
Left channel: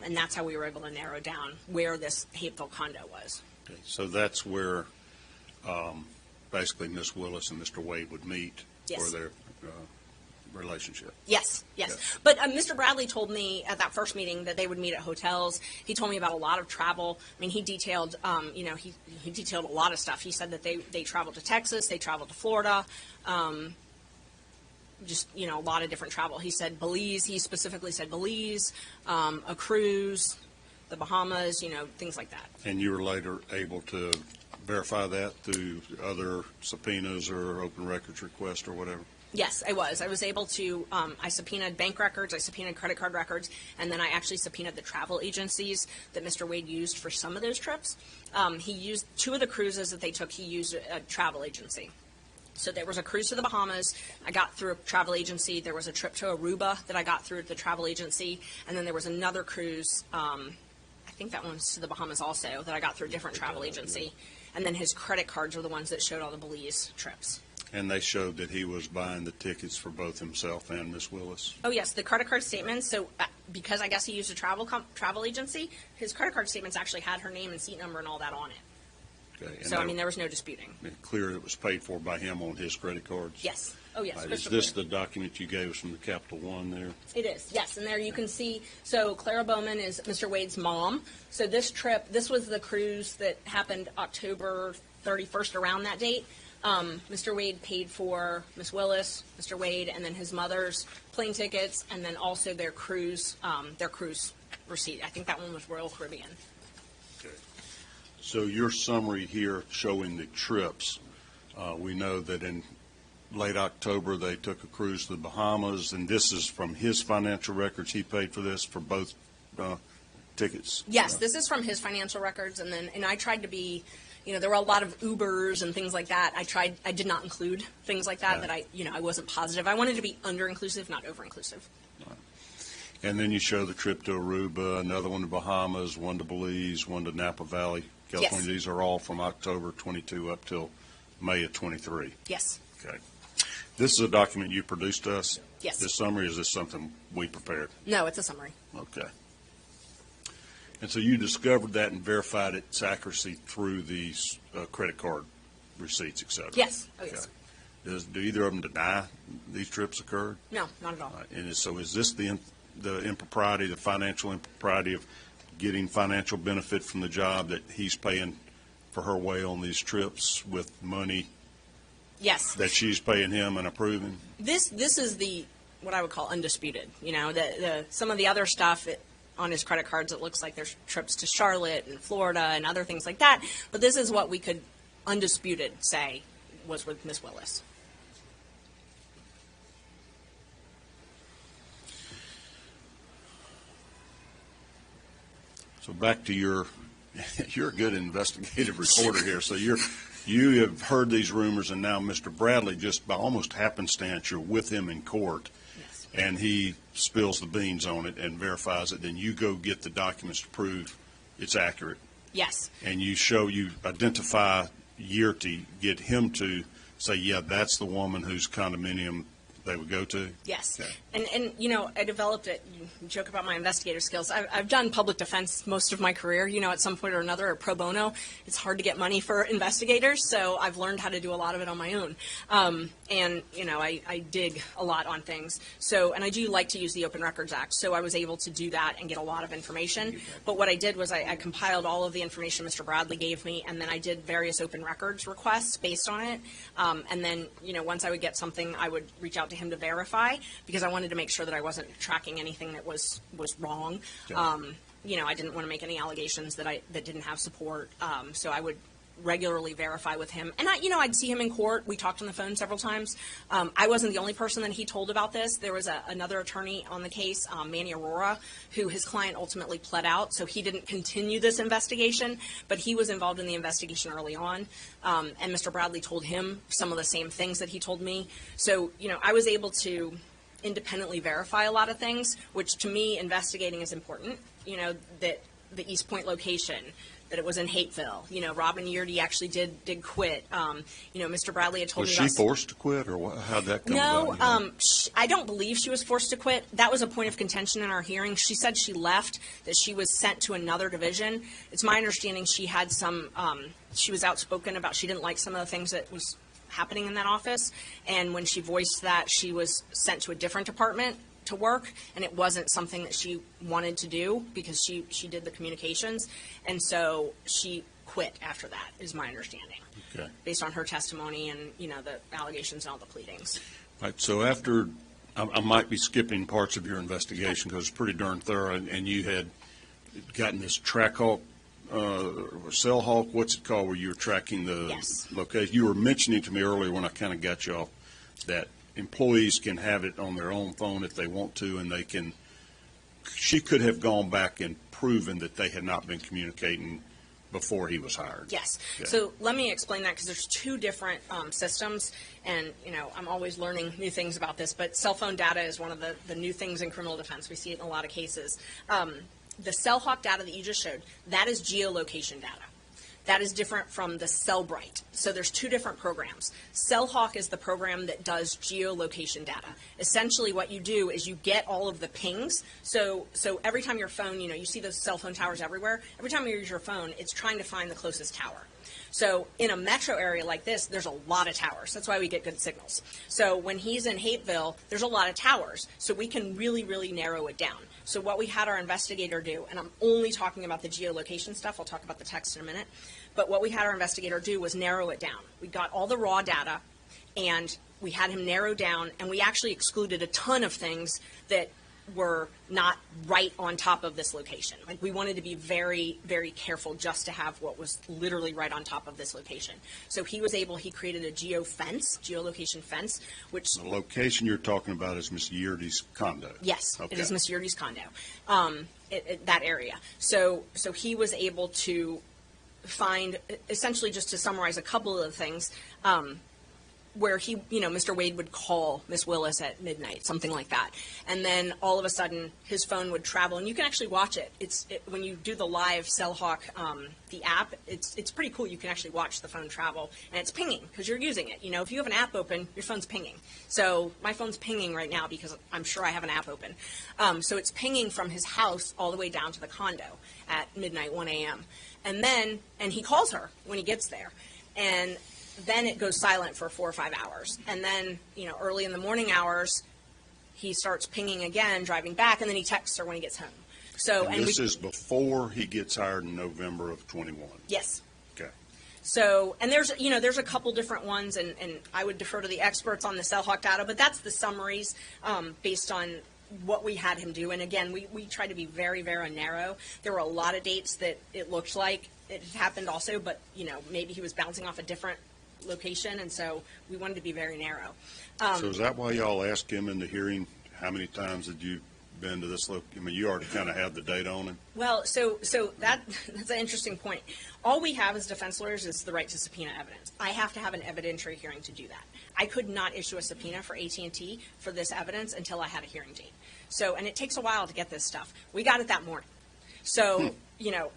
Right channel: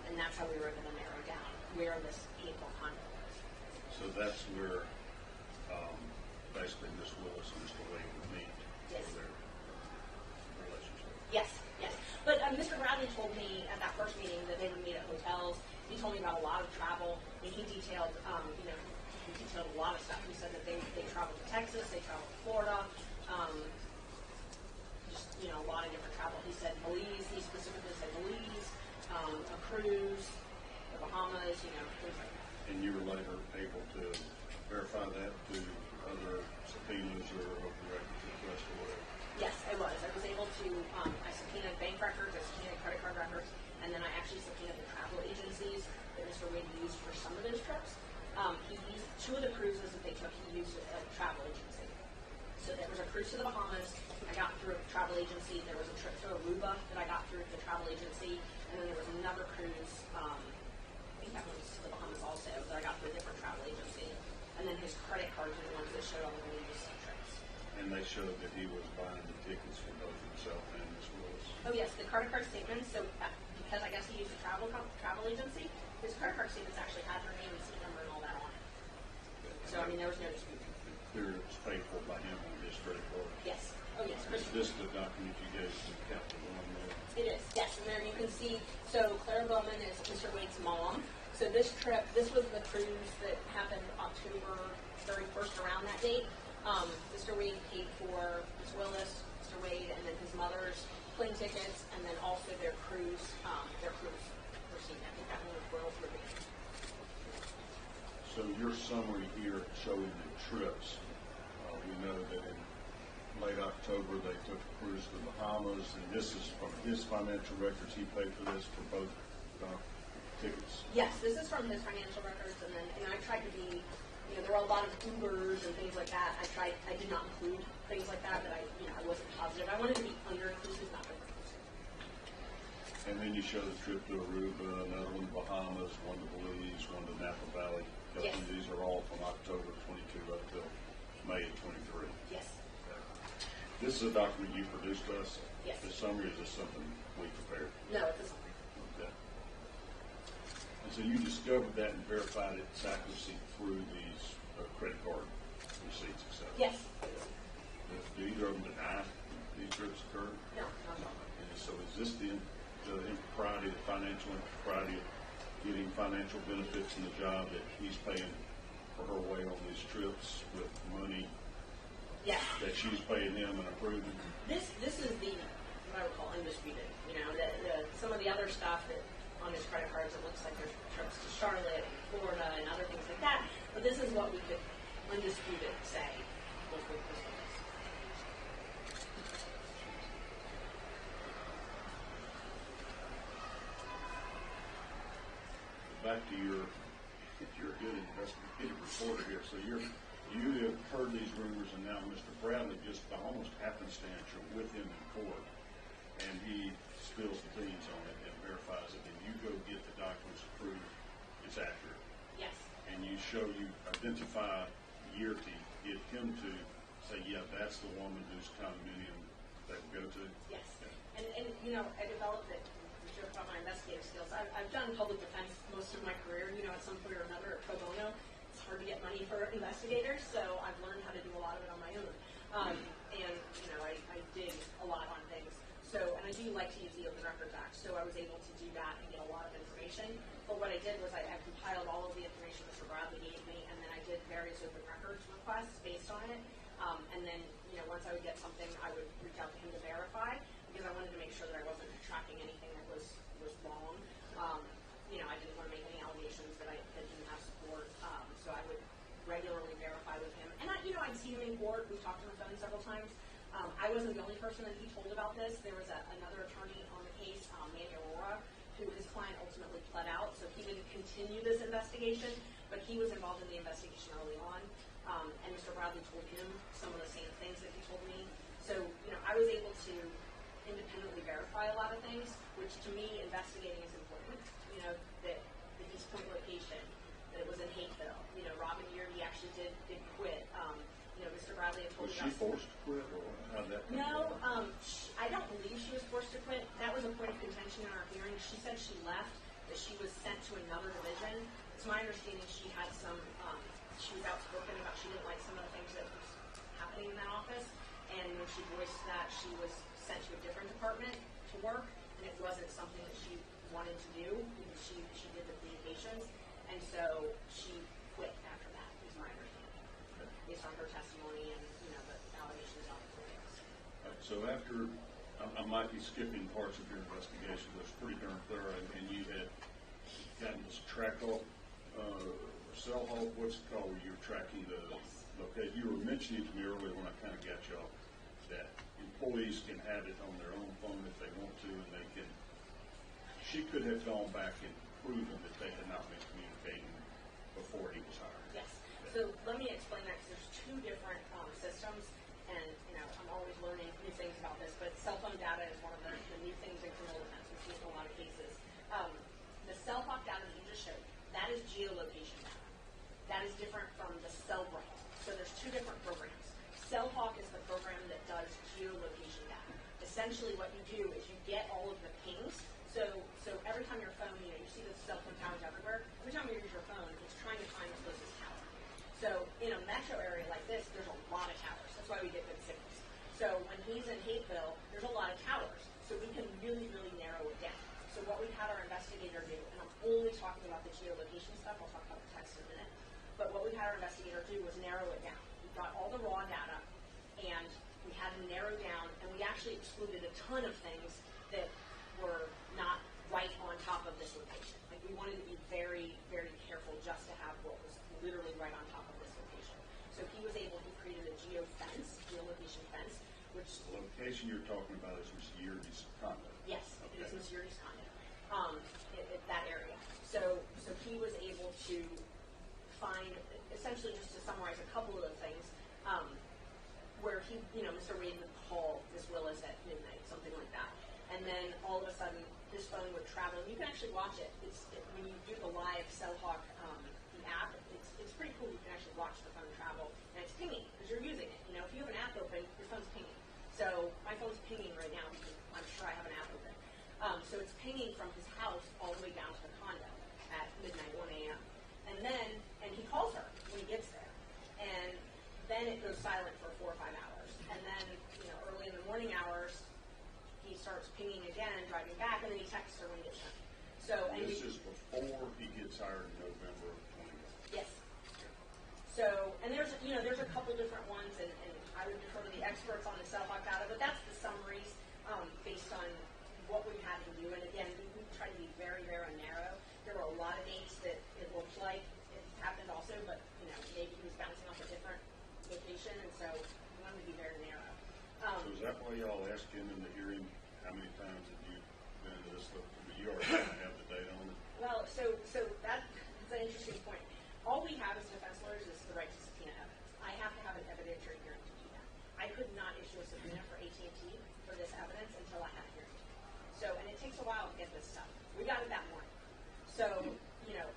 and that's how we were able to narrow down where this Hapeville condo was. So that's where basically Miss Willis and Mr. Wade would meet for their relationship. Yes. But Mr. Bradley told me at that first meeting that they would meet at hotels. He told me about a lot of travel. I mean, he detailed, he detailed a lot of stuff. He said that they traveled to Texas, they traveled to Florida, a lot of different travel. He said Belize. He specifically said Belize, a cruise, the Bahamas, things like that. And you were later able to verify that through other subpoenas or open records requests or whatever? Yes, I was. I was able to, I subpoenaed bank records, I subpoenaed credit card records, and then I actually subpoenaed the travel agencies that Mr. Wade used for some of those trips. He used, two of the cruises that they took, he used a travel agency. So there was a cruise to the Bahamas, I got through a travel agency. There was a trip to Aruba that I got through the travel agency, and then there was another cruise, I think that one's to the Bahamas also, that I got through a different travel agency. And then his credit cards were the ones that showed all the Belize trips. And they showed that he was buying the tickets for both himself and Miss Willis? Oh, yes, the credit card statements. So because I guess he used a travel agency, his credit card statements actually had her name and seat number and all that on it. Okay. So, there was no disputing. Clear it was paid for by him on his credit cards? Yes. Oh, yes. Is this the document you gave us from the Capital One there? It is, yes. And there you can see, so Clara Bowman is Mr. Wade's mom. So this was the cruise that happened October 31st, around that date. Mr. Wade paid for Miss Willis, Mr. Wade, and then his mother's plane tickets, and then also their cruise receipt. I think that one was Royal Caribbean. Okay. So your summary here showing the trips, we know that in late October they took a cruise to the Bahamas, and this is from his financial records. He paid for this for both tickets? Yes, this is from his financial records, and I tried to be, there were a lot of Ubers and things like that. I did not include things like that, right. that I wasn't positive. I wanted to be under-inclusive, not over-inclusive. Right. And then you show the trip to Aruba, another one to Bahamas, one to Belize, one to Napa Valley, California. Yes. These are all from October 22 up till May of 23. Yes. Okay. This is a document you produced to us? Yes. This summary, is this something we prepared? No, it's a summary. Okay. And so you discovered that and verified its accuracy through these credit card receipts, et cetera? Yes. Oh, yes. Okay. Do either of them deny these trips occurred? No, not at all. And so is this the impropriety, the financial impropriety of getting financial benefit from the job, that he's paying for her way on these trips with money Yes. that she's paying him and approving? This is the what I would call undisputed. You know, some of the other stuff on his credit cards, it looks like there's trips to Charlotte and Florida and other things like that. But this is what we could undisputed say was with Miss Willis. So back to you're a good investigative reporter here. So you have heard these rumors, and now Mr. Bradley, just by almost happenstance, you're with him in court, Yes. and he spills the beans on it and verifies it. Then you go get the documents to prove it's accurate, Yes. and you identify Yearty, get him to say, yeah, that's the woman whose condominium they would go to? Yes. Okay. And you know, I developed it. You joke about my investigator skills. I've done public defense most of my career, you know, at some point or another, or pro bono. It's hard to get money for investigators, so I've learned how to do a lot of it on my own. And, you know, I dig a lot on things. So, and I do like to use the Open Records Act, so I was able to do that and get a lot of information. But what I did was I compiled all of the information Mr. Bradley gave me, and then I did various open records requests based on it. And then, you know, once I would get something, I would reach out to him to verify, because I wanted to make sure that I wasn't tracking anything that was wrong. Yeah. You know, I didn't want to make any allegations that didn't have support. So I would regularly verify with him. And I'd see him in court. We talked on the phone several times. I wasn't the only person that he told about this. There was another attorney on the case, Manny Aurora, who his client ultimately pled out, so he didn't continue this investigation, but he was involved in the investigation early on. And Mr. Bradley told him some of the same things that he told me. So, you know, I was able to independently verify a lot of things, which to me, investigating is important. You know, that the East Point location, that it was in Hateville. You know, Robin Yearty actually did quit. You know, Mr. Bradley had told Was me she forced to quit, or how'd that come No, about? I don't believe she was forced to quit. That was a point of contention in our hearing. She said she left, that she was sent to another division. It's my understanding she had some, she was outspoken about she didn't like some of the things that was happening in that office, and when she voiced that, she was sent to a different department to work, and it wasn't something that she wanted to do because she did the communications, and so she quit after that, is my understanding. Okay. Based on her testimony and, you know, the allegations and all the pleadings. Right, so after, I might be skipping parts of your investigation because it's pretty darn thorough, and you had gotten this Trackhawk, or Cell Hawk, what's it called, where you were tracking the Yes. location? You were mentioning to me earlier when I kind of got you off that employees can have it on their own phone if they want to, and she could have gone back and proven that they had not been communicating before he was hired. Yes. Okay. So let me explain that, because there's two different systems, and, you know, I'm always learning new things about this, but cell phone data is one of the new things in criminal defense. We see it in a lot of cases. The CellHawk data that you just showed, that is geolocation data. That is different from the Cellbrite. So there's two different programs. CellHawk is the program that does geolocation data. Essentially what you do is you get all of the pings. So every time your phone, you know, you see those cell phone towers everywhere. Every time you use your phone, it's trying to find the closest tower. So in a metro area like this, there's a lot of towers. That's why we get good signals. So when he's in Hateville, there's a lot of towers. So we can really, really narrow it down. So what we had our investigator do, and I'm only talking about the geolocation stuff, I'll talk about the text in a minute, but what we had our investigator do was narrow it down. We got all the raw data, and we had him narrow down, and we actually excluded a ton of things that were not right on top of this location. Like, we wanted to be very, very careful just to have what was literally right on top of this location. So he created a geolocation fence, which... The location you're talking about is Miss Yearty's condo? Yes, Okay. it is Miss Yearty's condo, that area. So he was able to find, essentially, just to summarize a couple of the things, where he, you know, Mr. Wade would call Miss Willis at midnight, something like that. And then all of a sudden his phone would travel, and you can actually watch it. When you do the live CellHawk, the app, it's pretty cool. You can actually watch the phone travel, and it's pinging because you're using it. You know, if you have an app open, your phone's pinging. So my phone's pinging right now because I'm sure I have an app open. So it's pinging from his house all the way down to the condo at midnight, 1 a.m. And he calls her when he gets there. And then it goes silent for 4 or 5 hours. And then, you know, early in the morning hours, he starts pinging again, driving back, and then he texts her when he gets home. So, And this is before he gets hired in November of 21. yes. Okay. So, and there's a couple different ones, and I would defer to the experts on the CellHawk data, but that's the summaries based on what we had him do. And again, we try to be very, very narrow. There were a lot of dates that it looked like it had happened also, but, maybe he was bouncing off a different location, and so we wanted to be very narrow. So is that why y'all asked him in the hearing, how many times had you been to this I mean, you already kind of have the data on it. Well, so that's an interesting point. All we have as defense lawyers is the right to subpoena evidence. I have to have an evidentiary hearing to do that. I could not issue a subpoena for AT&T for this evidence until I had a hearing date. So, and it takes a while to get this stuff. We got it that morning. So,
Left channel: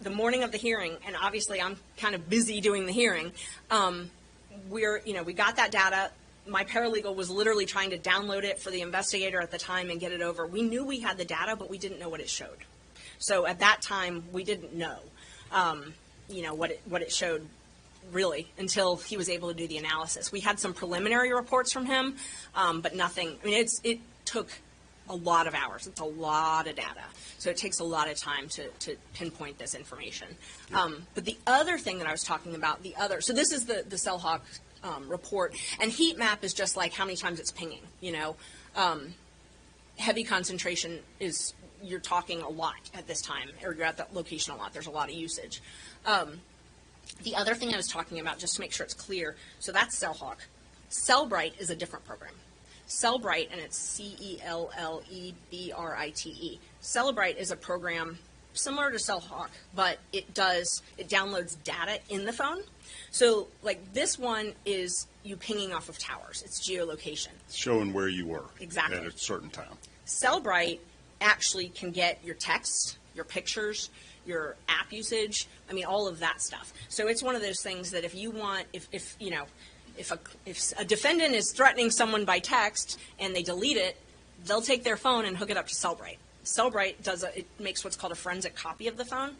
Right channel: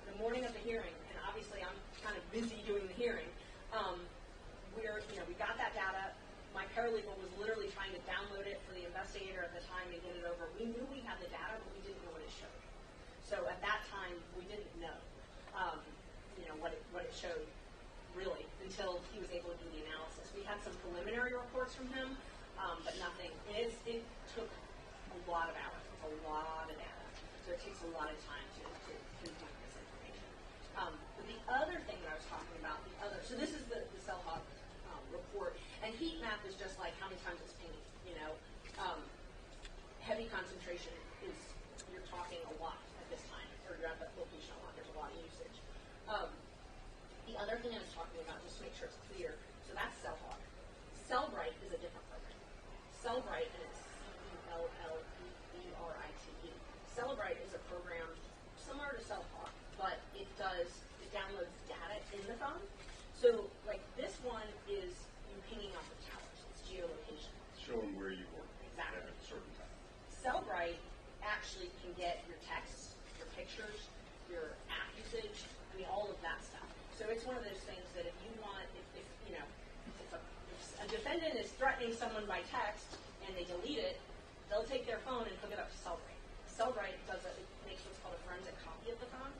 the morning of the hearing, and obviously I'm kind of busy doing the hearing, we got that data. My paralegal was literally trying to download it for the investigator at the time and get it over. We knew we had the data, but we didn't know what it showed. So at that time, we didn't know, what it showed really until he was able to do the analysis. We had some preliminary reports from him, but nothing. I mean, it took a lot of hours. It's a lot of data. So it takes a lot of time to pinpoint this information. But the other thing that I was talking about, so this is the CellHawk report, and heat map is just like how many times it's pinging, heavy concentration is, you're talking a lot at this time, or you're at that location a lot. There's a lot of usage. The other thing I was talking about, just to make sure it's clear, so that's CellHawk. Cellbrite is a different program. Cellbrite, and it's Cellebrite. Cellbrite is a program similar to CellHawk, but it downloads data in the phone. So, like, this one is you pinging off of towers. It's geolocation. Showing where you were. Exactly. At a certain time. Cellbrite actually can get your text, your pictures, your app usage, all of that stuff. So it's one of those things that if you want, if a defendant is threatening someone by text and they delete it, they'll take their phone and hook it up to Cellbrite. Cellbrite it makes what's called a forensic copy of the phone,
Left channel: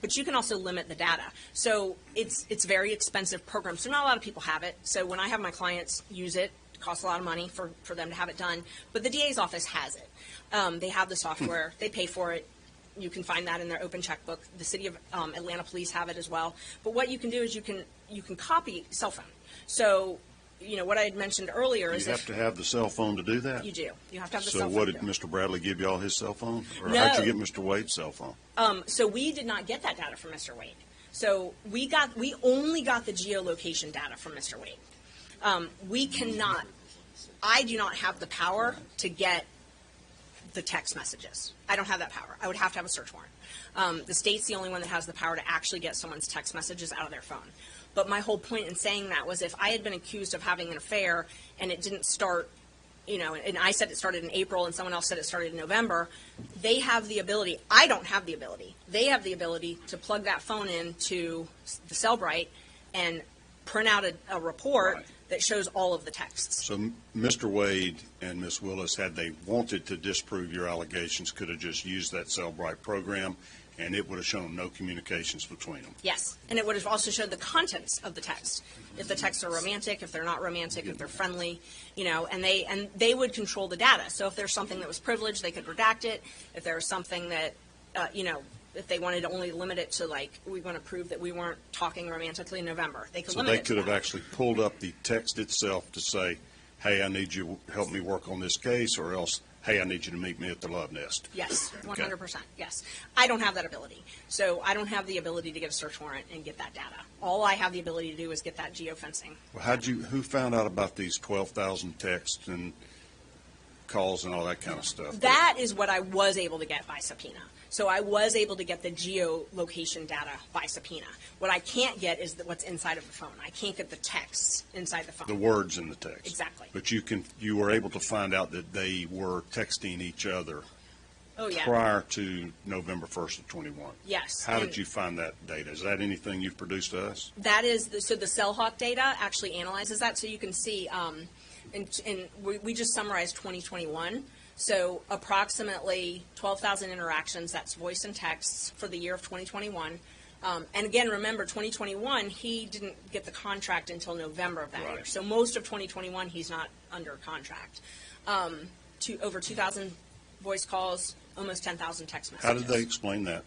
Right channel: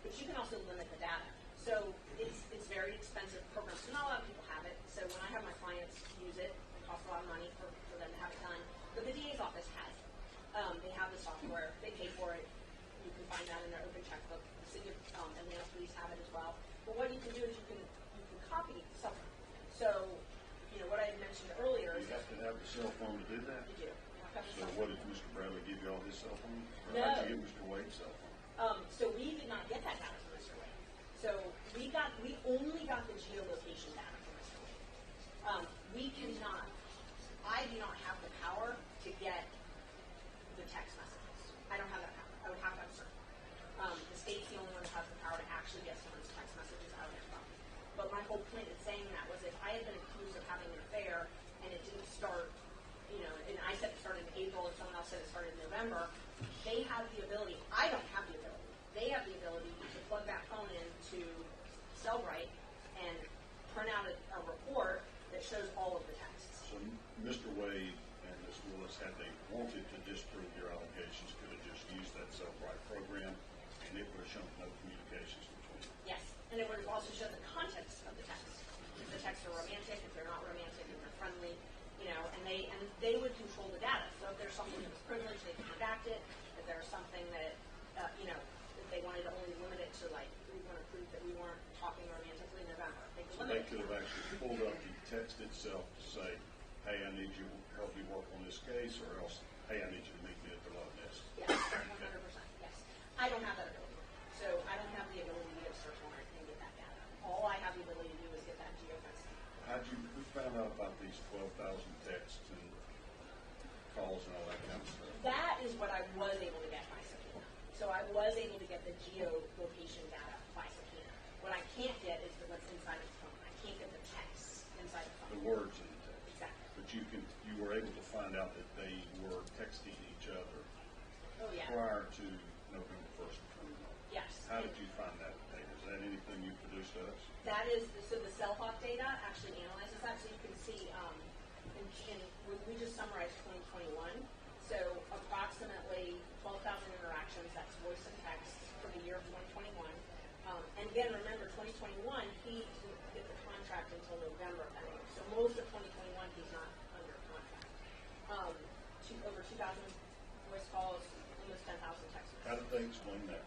but you can also limit the data. So it's a very expensive program. So not a lot of people have it. So when I have my clients use it, it costs a lot of money for them to have it done. But the DA's office has it. They have the software. They pay for it. You can find that in their open checkbook. The city of Atlanta police have it as well. But what you can do is you can copy cell phone. So what I had mentioned earlier is you have to have the cell phone to do that? You do. You have to have the so cell phone. So what, did Mr. Bradley give you all his cell phone? Or No. how'd you get Mr. Wade's cell phone? So we did not get that data from Mr. Wade. So we only got the geolocation data from Mr. Wade. I do not have the power to get the text messages. I don't have that power. I would have to have a search warrant. The state's the only one that has the power to actually get someone's text messages out of their phone. But my whole point in saying that was if I had been accused of having an affair and it didn't start, and I said it started in April and someone else said it started in November, they have the ability. I don't have the ability. They have the ability to plug that phone into the Cellbrite and print out a report Right. that shows all of the texts. So Mr. Wade and Ms. Willis, had they wanted to disprove your allegations, could have just used that Cellbrite program, and it would have shown no communications between them. Yes, and it would have also showed the contents of the text. If the texts are romantic, if they're not romantic, if they're friendly, and they would control the data. So if there's something that was privileged, they could redact it. If there was something that, if they wanted to only limit it to, like, we want to prove that we weren't talking romantically in November, they could So limit they it to could have that. actually pulled up the text itself to say, hey, I need you to help me work on this case, or else, hey, I need you to meet me at the Love Nest. Yes, Okay. 100%, yes. I don't have that ability. So I don't have the ability to get a search warrant and get that data. All I have the ability to do is get that geofencing. Well, who found out about these 12,000 texts and calls and all that kind of stuff? That is what I was able to get by subpoena. So I was able to get the geolocation data by subpoena. What I can't get is what's inside of the phone. I can't get the texts inside the phone. The words in the text. Exactly. But you were able to find out that they were texting each other Yeah. prior to November 1st of 21. Yes. How and did you find that data? Is that anything you've produced to us? That is, so the CellHawk data actually analyzes that. So you can see, and we just summarized 2021. So approximately 12,000 interactions, that's voice and texts for the year of 2021. And again, remember, 2021, he didn't get the contract until November of that Right. year. So most of 2021, he's not under contract. Over 2,000 voice calls, almost 10,000 text messages. How did they explain that?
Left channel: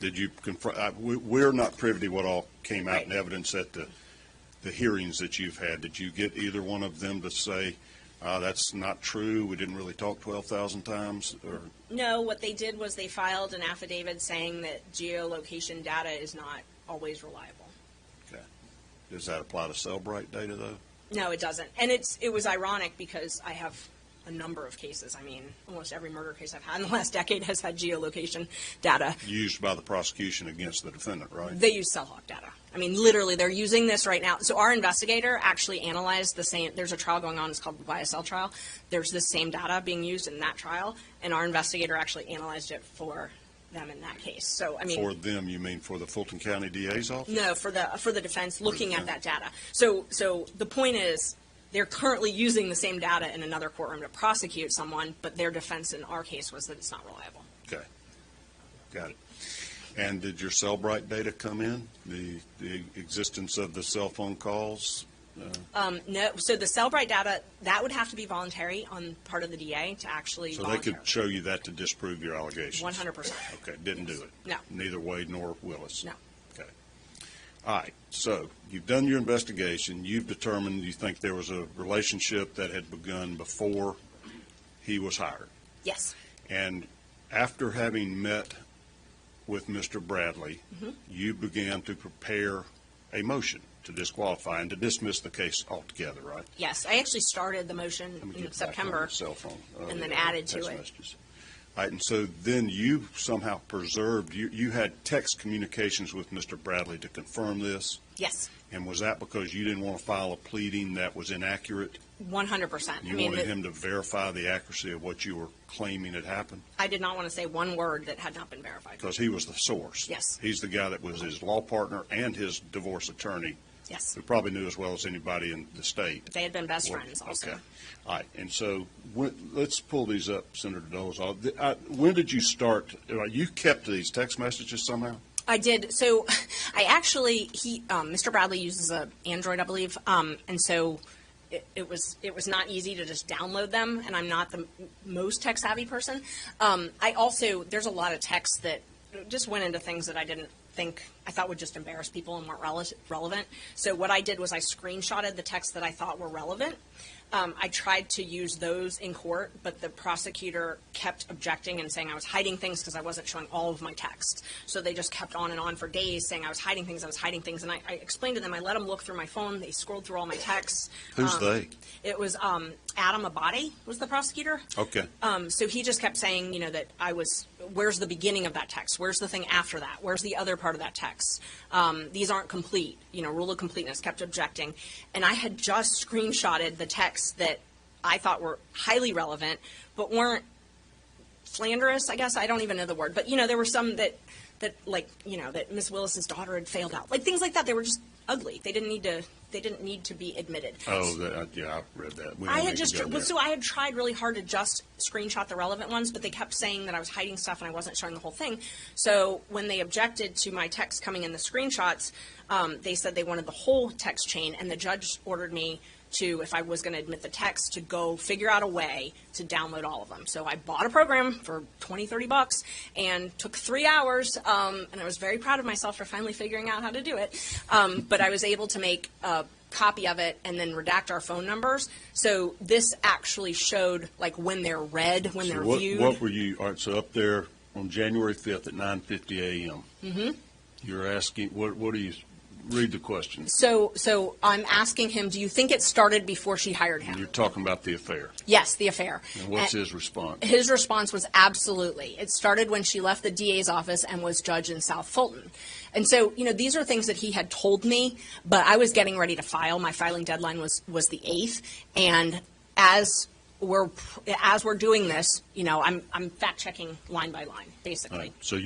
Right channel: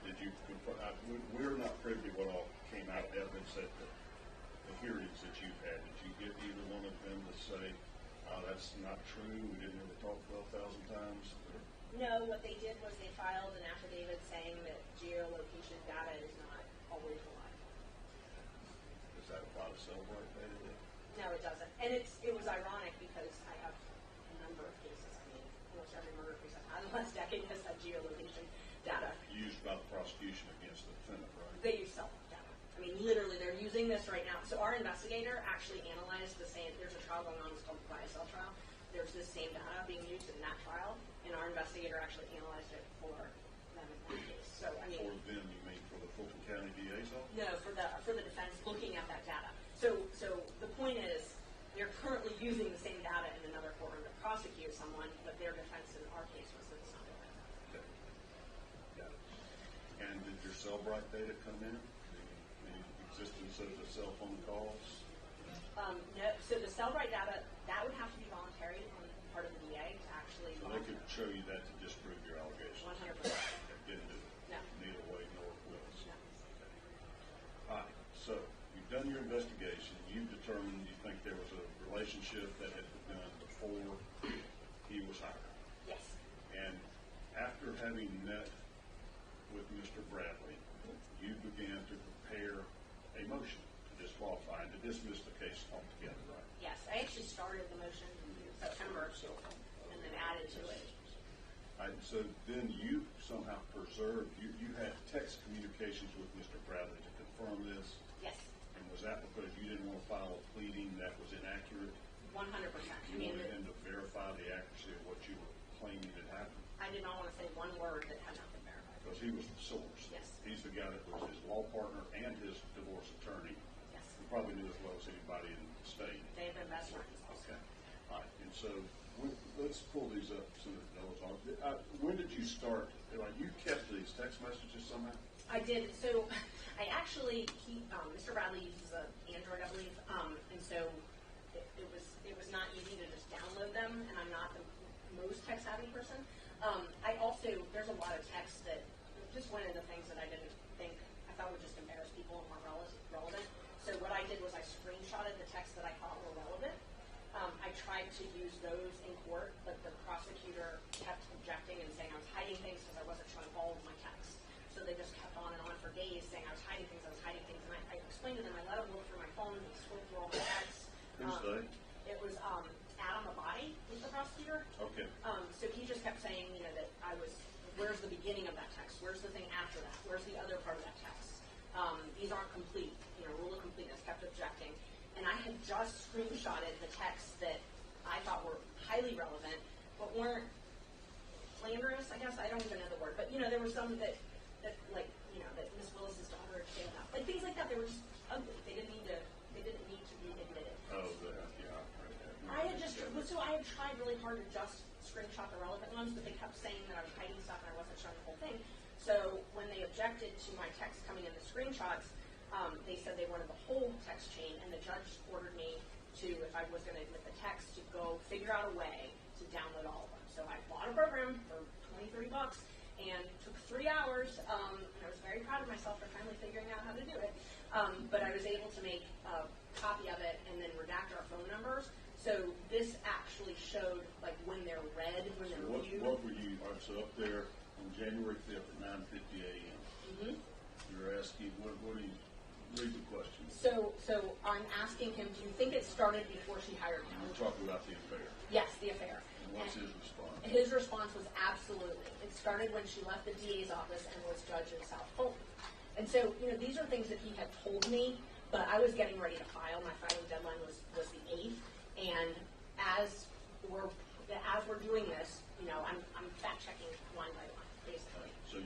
Did you confront, we're not privy to what all came out in evidence at the hearings that you've had. Did you get either one of them to say, that's not true, we didn't really talk 12,000 times? Or? No, what they did was they filed an affidavit saying that geolocation data is not always reliable. Okay. Does that apply to Cellbrite data, though? No, it doesn't. And it was ironic because I have a number of cases. I mean, almost every murder case I've had in the last decade has had geolocation data. Used by the prosecution against the defendant, right? They use cell hawk data. I mean, literally, they're using this right now. So our investigator actually analyzed the same. There's a trial going on. It's called the YSL trial. There's the same data being used in that trial, and our investigator actually analyzed it for them in that case. So, I mean, For them, you mean for the Fulton County DA's office? no, for the defense looking at that data. So the point is, they're currently using the same data in another courtroom to prosecute someone, but their defense in our case was that it's not reliable. Okay. Got it. And did your Cellbrite data come in? The existence of the cell phone calls? No, so the Cellbrite data, that would have to be voluntary on part of the DA to actually So they could show you that to disprove your allegations? 100%. Okay, didn't do it? No. Neither Wade nor Willis? No. Okay. All right, so you've done your investigation. You've determined you think there was a relationship that had begun before he was hired. Yes. And after having met with Mr. Bradley, you began to prepare a motion to disqualify and to dismiss the case altogether, right? Yes, I actually started the motion Let me in get back on September the cell phone. and then the added to text it. messages. All right, and so then you somehow preserved, you had text communications with Mr. Bradley to confirm this? Yes, And was that because you didn't want to file a pleading that was inaccurate? 100%. You wanted him to verify the accuracy of what you were claiming had happened? I did not want to say one word that had not been verified. Because he was the source. Yes. He's the guy that was his law partner and his divorce attorney. Yes. Who probably knew as well as anybody in the state. They had been best friends also. Okay. All right. And so let's pull these up, Senator Dolezal. When did you start? You kept these text messages somehow? I did. So I actually, Mr. Bradley uses an Android, I believe, and so it was not easy to just download them, and I'm not the most tech-savvy person. I also, there's a lot of texts that just went into things that I didn't think, I thought would just embarrass people and weren't relevant. So what I did was I screenshotted the texts that I thought were relevant. I tried to use those in court, but the prosecutor kept objecting and saying I was hiding things because I wasn't showing all of my text. So they just kept on and on for days saying I was hiding things, and I explained to them, I let them look through my phone, they scrolled through all my texts. Who's they? It was Adam Abadi was the prosecutor. Okay. So he just kept saying, you know, that I was, where's the beginning of that text? Where's the thing after that? Where's the other part of that text? These aren't complete. You know, rule of completeness, kept objecting. And I had just screenshotted the texts that I thought were highly relevant, but weren't slanderous, I guess. I don't even know the word. But, you know, there were some that like, you know, that Miss Willis's daughter had failed out. Like, things like that. They were just ugly. They didn't need to be admitted. Oh, yeah, I read that. I had tried really hard to just screenshot the relevant ones, but they kept saying that I was hiding stuff and I wasn't showing the whole thing. So when they objected to my text coming in the screenshots, they said they wanted the whole text chain, and the judge ordered me to, if I was going to admit the text, to go figure out a way to download all of them. So I bought a program for $20-$30 and took 3 hours, and I was very proud of myself for finally figuring out how to do it. But I was able to make a copy of it and then redact our phone numbers. So this actually showed like when they're read, when they're viewed. What were you, all right, so up there on January 5th at 9:50 a.m. Mm-hmm. You're asking, what do you, read the question. So I'm asking him, do you think it started before she hired him? You're talking about the affair. Yes, the affair. And what's his response? His response was absolutely. It started when she left the DA's office and was judge in South Fulton. And so, you know, these are things that he had told me, but I was getting ready to file. My filing deadline was the 8th. And as we're doing this, you know, I'm fact checking line by line. basically. Right. So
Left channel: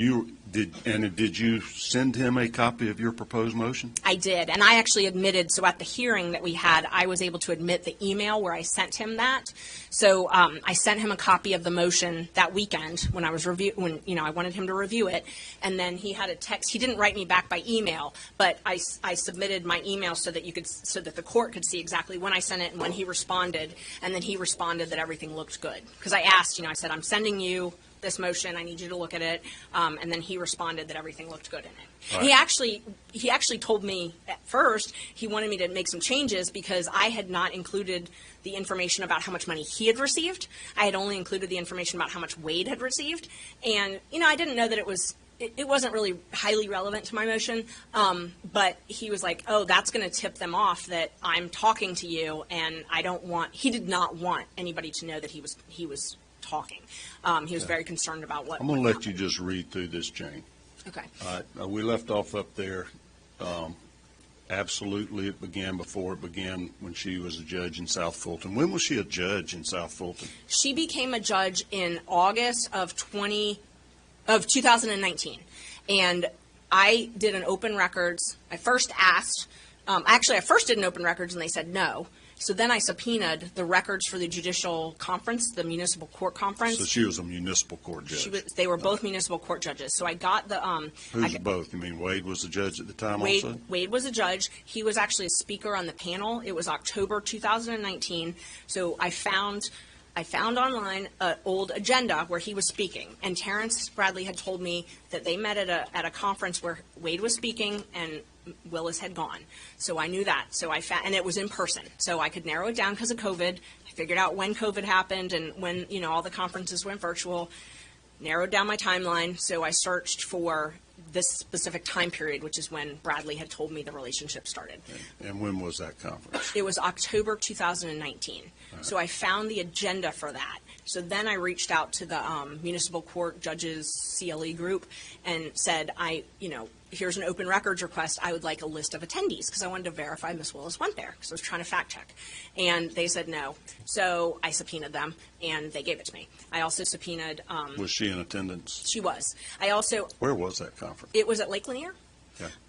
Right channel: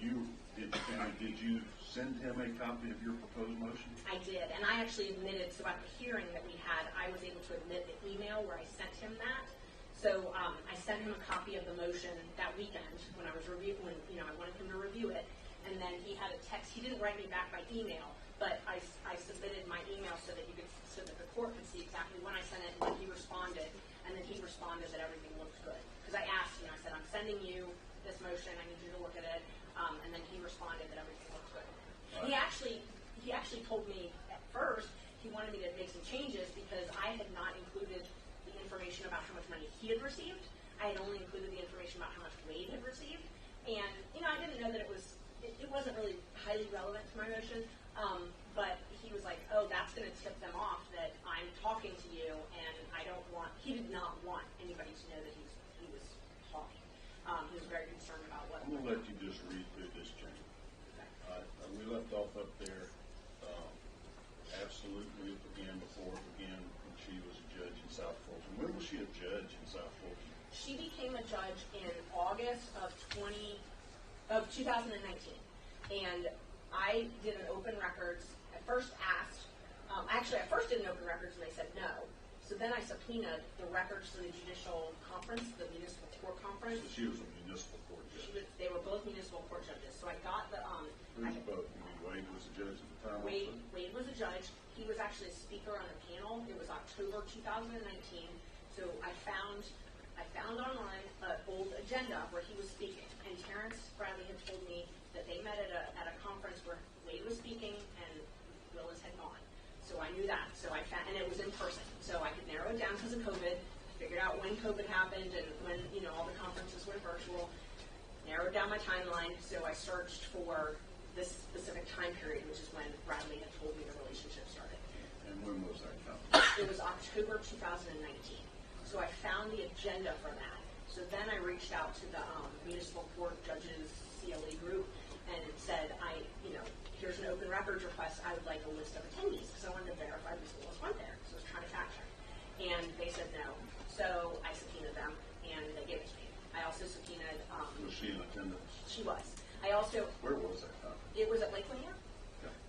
did you send him a copy of your proposed motion? I did, and I actually admitted, so at the hearing that we had, I was able to admit the email where I sent him that. So I sent him a copy of the motion that weekend when I was I wanted him to review it, and then he had a text. He didn't write me back by email, but I submitted my email so that the court could see exactly when I sent it and when he responded, and then he responded that everything looked good. Because I asked, I said, I'm sending you this motion, I need you to look at it, and then he responded that everything looked good in it. Right. He actually told me at first he wanted me to make some changes because I had not included the information about how much money he had received. I had only included the information about how much Wade had received, and I didn't know that it wasn't really highly relevant to my motion, but he was like, oh, that's going to tip them off that I'm talking to you, and he did not want anybody to know that he was talking. He was very concerned about what. I'm going to let you just read through this chain. Okay. All right. We left off up there. Absolutely, it began before it began when she was a judge in South Fulton. When was she a judge in South Fulton? She became a judge in August of 2019, and I did an open records. I first asked. I first did an open records, and they said no. So then I subpoenaed the records for the judicial conference, the municipal court conference. So she was a municipal court judge. They were both municipal court judges. So I got the. Who's both? You mean Wade was the judge at the time also? Wade was a judge. He was actually a speaker on the panel. It was October 2019. So I found online an old agenda where he was speaking, and Terrence Bradley had told me that they met at a conference where Wade was speaking and Willis had gone. So I knew that. So and it was in person. So I could narrow it down because of COVID. I figured out when COVID happened and when, all the conferences went virtual, narrowed down my timeline. So I searched for this specific time period, which is when Bradley had told me the relationship started. And when was that conference? It was October 2019. Right. So I found the agenda for that. So then I reached out to the municipal court judges CLE group and said, here's an open records request. I would like a list of attendees because I wanted to verify Ms. Willis went there because I was trying to fact check. And they said no. So I subpoenaed them and they gave it to me. I also subpoenaed. Was she in attendance? She was. Where was that conference? It was at Lake Lanier.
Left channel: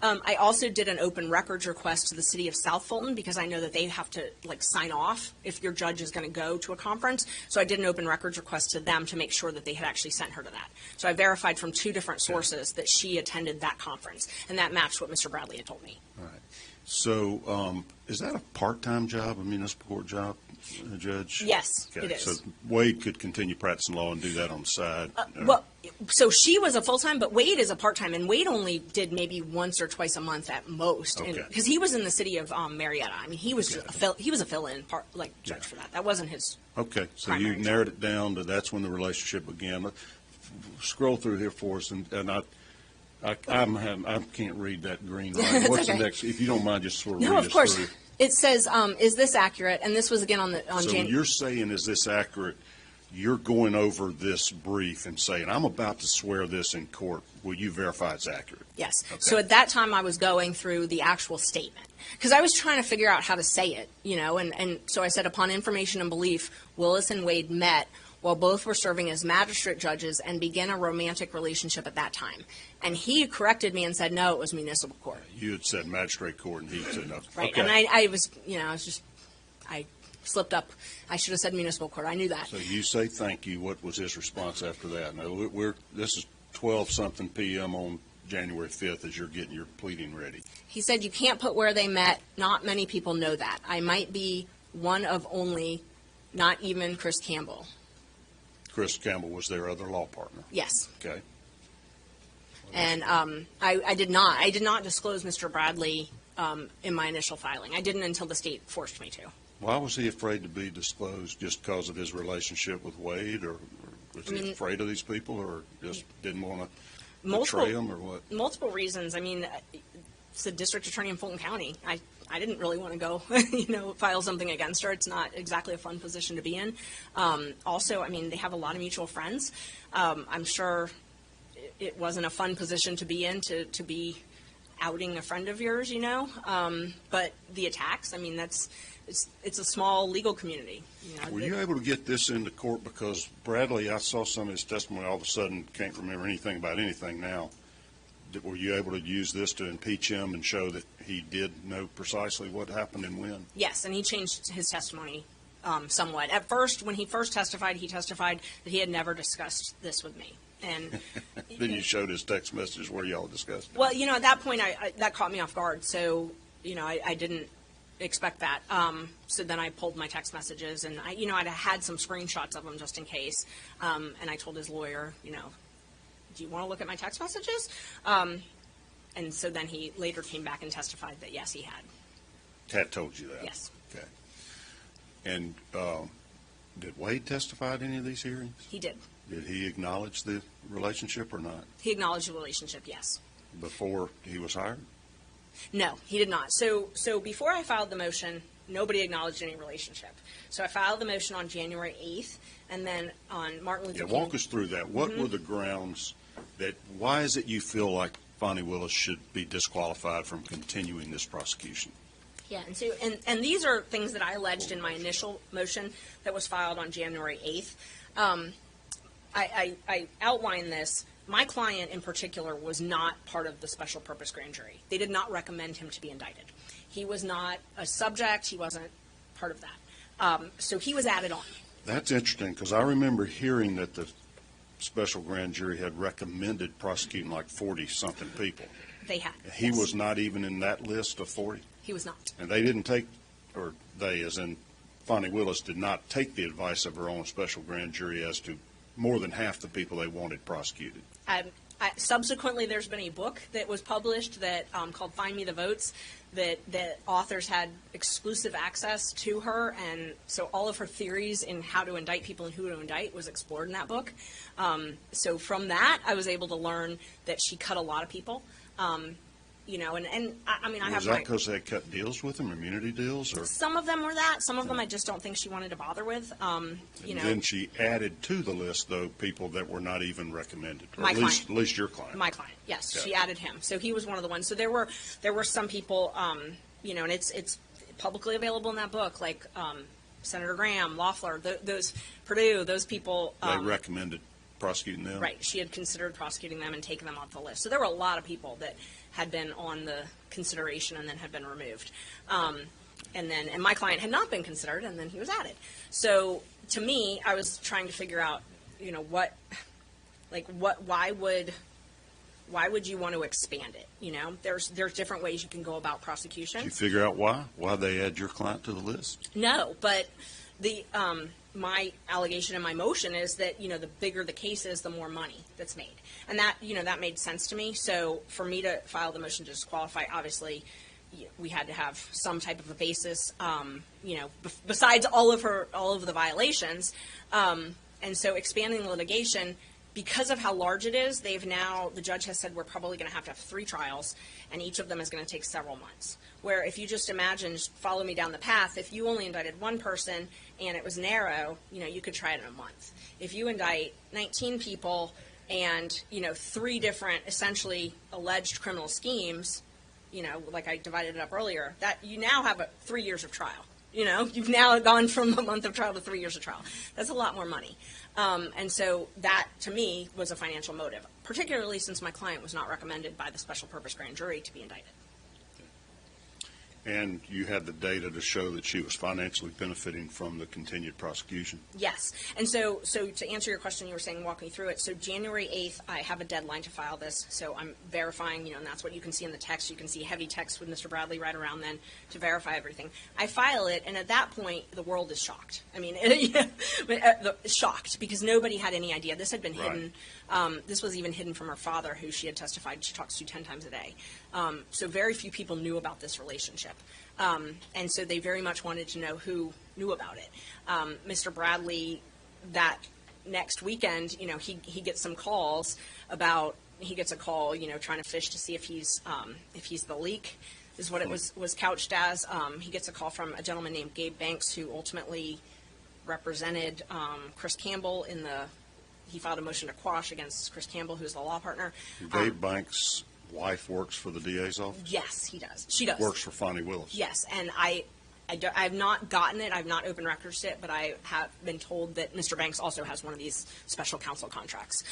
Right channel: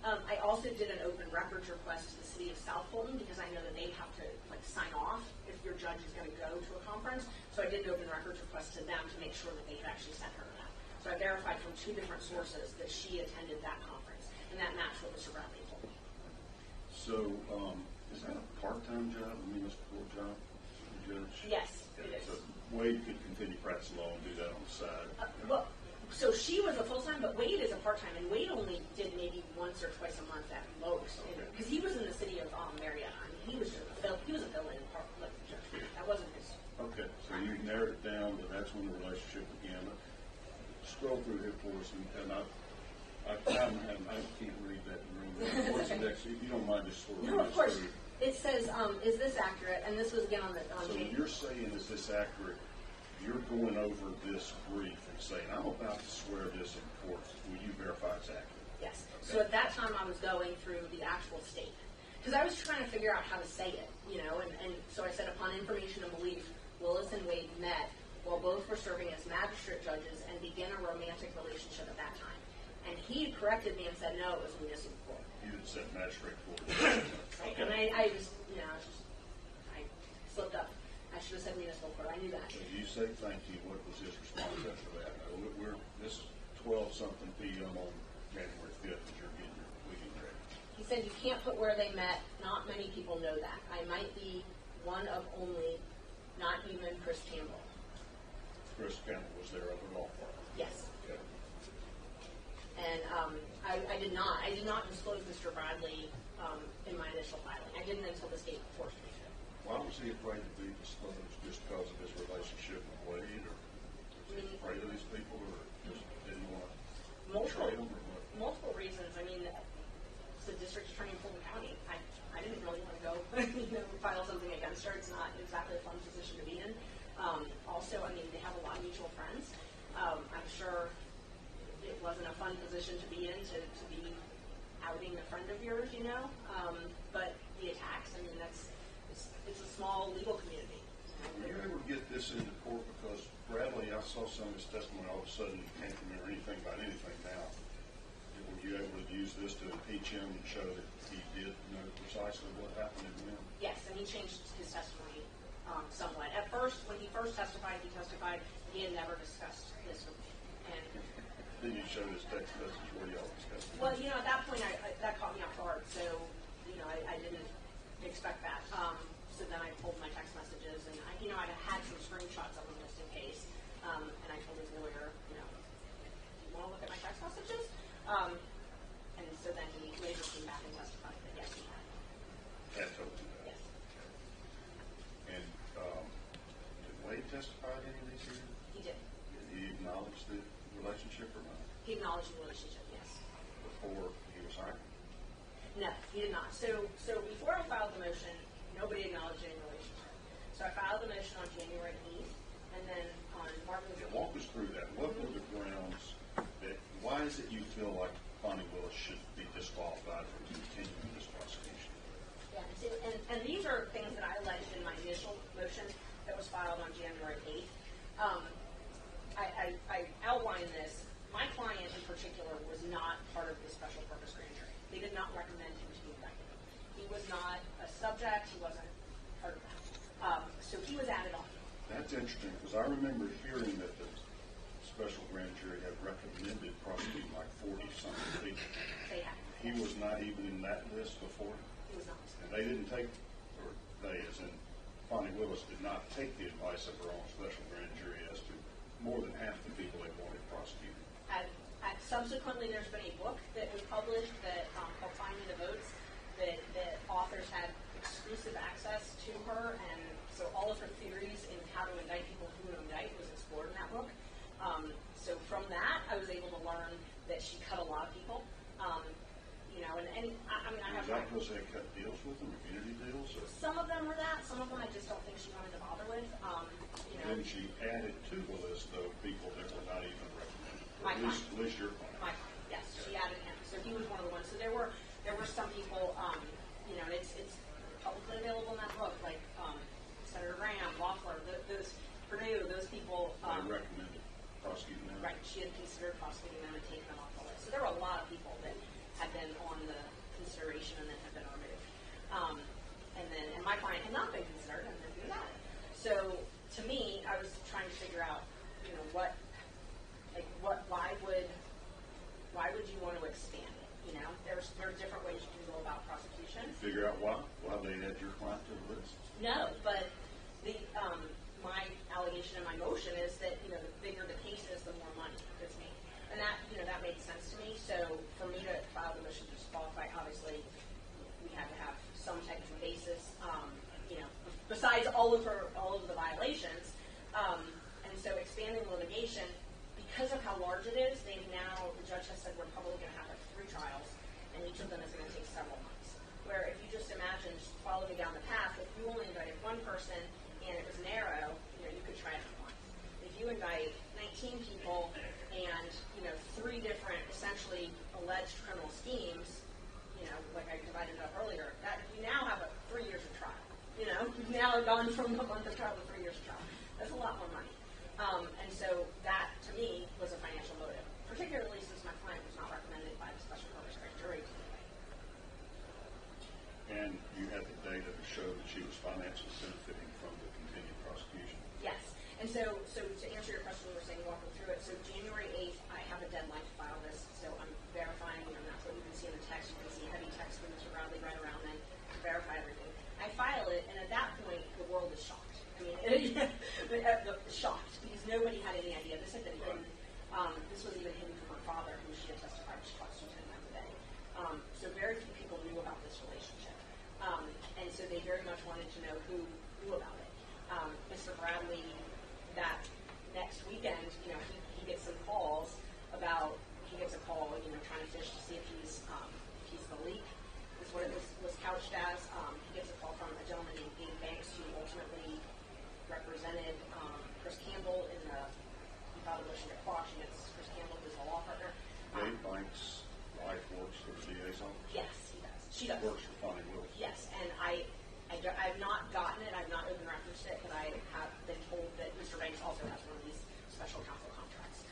Yeah. I also did an open records request to the city of South Fulton because I know that they have to sign off if your judge is going to go to a conference. So I did an open records request to them to make sure that they had actually sent her to that. So I verified from two different sources that she attended that conference, and that matched what Mr. Bradley had told me. All right. So is that a part-time job, a municipal court job, a judge? Yes, okay. It is. So Wade could continue practicing law and do that on the side? So she was a full-time, but Wade is a part-time, and Wade only did maybe once or twice a month at most, because he was in the city of Marietta. I mean, he was a fill-in judge for that. That wasn't his. Okay, so you narrowed it down to that's when the relationship began. Let's scroll through here for us, and I can't read that green line. What's okay. the next? If you don't mind, just sort of No, read of us course. through. It says, is this accurate? And this was again on So January. when you're saying, is this accurate? You're going over this brief and saying, I'm about to swear this in court. Will you verify it's accurate? Yes. Okay. So at that time, I was going through the actual statement because I was trying to figure out how to say it, and so I said, upon information and belief, Willis and Wade met while both were serving as magistrate judges and began a romantic relationship at that time. And he corrected me and said, no, it was municipal court. You had said magistrate court, and he had said no. Right. Okay. And I slipped up. I should have said municipal court. I knew that. So you say thank you. What was his response after that? Now, this is 12-something p.m. on January 5th as you're getting your pleading ready. He said, you can't put where they met. Not many people know that. I might be one of only, not even Chris Campbell. Chris Campbell was their other law partner. Yes. Okay. And I did not disclose Mr. Bradley in my initial filing. I didn't until the state forced me to. Why was he afraid to be disclosed? Just because of his relationship with Wade, or was he afraid of these people, or just didn't want to betray them, or what? Multiple reasons. I mean, it's the district attorney in Fulton County. I didn't really want to go, file something against her. It's not exactly a fun position to be in. Also, I mean, they have a lot of mutual friends. I'm sure it wasn't a fun position to be in, to be outing a friend of yours, But the attacks, I mean, it's a small legal community. Were you able to get this into court? Because Bradley, I saw some of his testimony, all of a sudden can't remember anything about anything now. Were you able to use this to impeach him and show that he did know precisely what happened and when? Yes, and he changed his testimony somewhat. At first, when he first testified, he testified that he had never discussed this with me. And Then you showed his text messages where y'all discussed it. well, at that point, that caught me off guard. So, I didn't expect that. So then I pulled my text messages, and I had some screenshots of them just in case. And I told his lawyer, do you want to look at my text messages? And so then he later came back and testified that yes, he had. Kat told you that? Yes. Okay. And did Wade testify at any of these hearings? He did. Did he acknowledge the relationship or not? He acknowledged the relationship, yes. Before he was hired? No, he did not. So before I filed the motion, nobody acknowledged any relationship. So I filed the motion on January 8th, and then on Martin Luther King. Walk us through that. What were the grounds why is it you feel like Fani Willis should be disqualified from continuing this prosecution? Yeah, and these are things that I alleged in my initial motion that was filed on January 8th. I outlined this. My client in particular was not part of the special purpose grand jury. They did not recommend him to be indicted. He was not a subject. He wasn't part of that. So he was added on. That's interesting, because I remember hearing that the special grand jury had recommended prosecuting like 40-something people. They had. He yes. was not even in that list of 40? He was not. And they didn't take, or they, as in Fani Willis, did not take the advice of her own special grand jury as to more than half the people they wanted prosecuted. Subsequently, there's been a book that was published that called Find Me the Votes, that authors had exclusive access to her, and so all of her theories in how to indict people and who to indict was explored in that book. So from that, I was able to learn that she cut a lot of people. I Was that because they cut deals with them, immunity deals? Or? Some of them were that. Some of them I just don't think she wanted to bother with. Then she added to the list, though, people that were not even recommended. Or My client. At least your client. My client, yes. Okay. She added him. So he was one of the ones. So there were some people, and it's publicly available in that book, like Senator Graham, Loeffler, those Purdue, those people. They recommended prosecuting them? Right. She had considered prosecuting them and taking them off the list. So there were a lot of people that had been on the consideration and then had been removed. And my client had not been considered, and then he was added. So to me, I was trying to figure out, why would you want to expand it? There's different ways you can go about prosecution. Did you figure out why they add your client to the list? No, but my allegation in my motion is that, the bigger the case is, the more money that's made. And that, that made sense to me. So for me to file the motion to disqualify, obviously, we had to have some type of a basis, besides all of the violations. And so expanding the litigation, because of how large it is, the judge has said we're probably going to have 3 trials, and each of them is going to take several months. Where if you just imagine, just follow me down the path, if you only indicted one person and it was narrow, you could try it in a month. If you indict 19 people and, 3 different essentially alleged criminal schemes, like I divided it up earlier, that you now have 3 years of trial. You've now gone from a month of trial to 3 years of trial. That's a lot more money. And so that, to me, was a financial motive, particularly since my client was not recommended by the special purpose grand jury to be indicted. And you had the data to show that she was financially benefiting from the continued prosecution? Yes. And so to answer your question, you were saying walk me through it. So January 8th, I have a deadline to file this. So I'm verifying, and that's what you can see in the text. You can see heavy text with Mr. Bradley right around then to verify everything. I file it, and at that point, the world is shocked. I mean, shocked, because nobody had any idea. This had been hidden. This was even hidden from her father, who she had testified she talks to 10 times a day. So very few people knew about this relationship. And so they very much wanted to know who knew about it. Mr. Bradley, that next weekend, he gets some calls about, he gets a call, trying to fish to see if he's the leak, is what it was couched as. He gets a call from a gentleman named Gabe Banks, who ultimately represented Chris Campbell he filed a motion to quash against Chris Campbell, who's the law partner. Gabe Banks' wife works for the DA's office? Yes, he does. She does. Works for Fani Willis? Yes, and I've not gotten it. I've not open records it, but I have been told that Mr. Banks also has one of these special counsel contracts.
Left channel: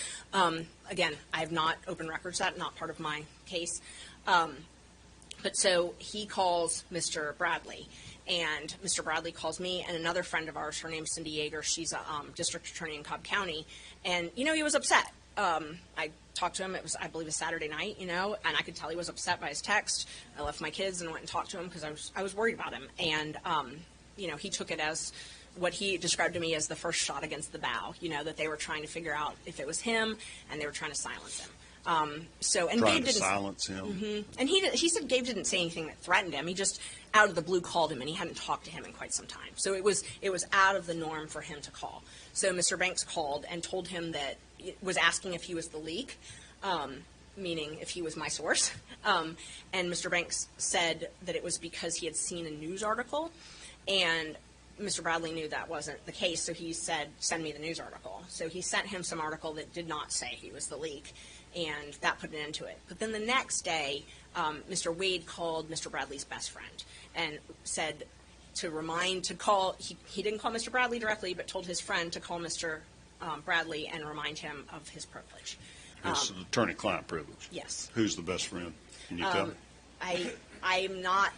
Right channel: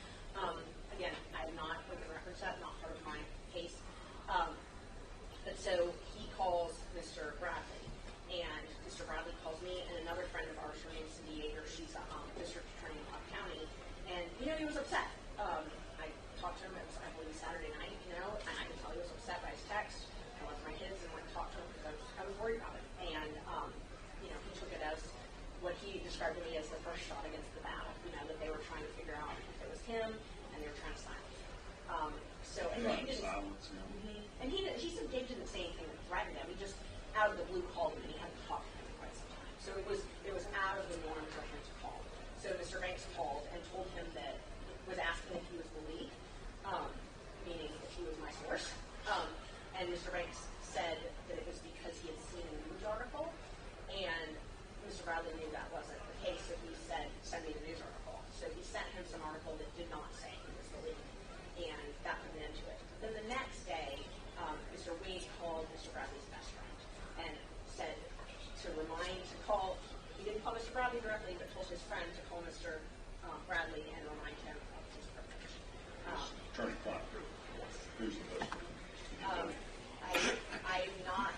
Again, I have not open records that, not part of my case. But so he calls Mr. Bradley, and Mr. Bradley calls me and another friend of ours. Her name's Cindy Yeager. She's a district attorney in Cobb County, and he was upset. I talked to him. It was, I believe, a Saturday night, and I could tell he was upset by his text. I left my kids and went and talked to him because I was worried about him, and he took it as what he described to me as the first shot against the bow. That they were trying to figure out if it was him, and they were trying to silence him. Trying Gabe to didn't silence him. Mm-hmm. And he said Gabe didn't say anything that threatened him. He just out of the blue called him, and he hadn't talked to him in quite some time. So it was out of the norm for him to call. So Mr. Banks called and told him that was asking if he was the leak, meaning if he was my source. And Mr. Banks said that it was because he had seen a news article, and Mr. Bradley knew that wasn't the case, so he said, send me the news article. So he sent him some article that did not say he was the leak, and that put an end to it. But then the next day, Mr. Wade called Mr. Bradley's best friend and said to call, he didn't call Mr. Bradley directly, but told his friend to call Mr. Bradley and remind him of his privilege. It's attorney-client privilege. Yes. Who's the best friend? Can you tell me? I'm not,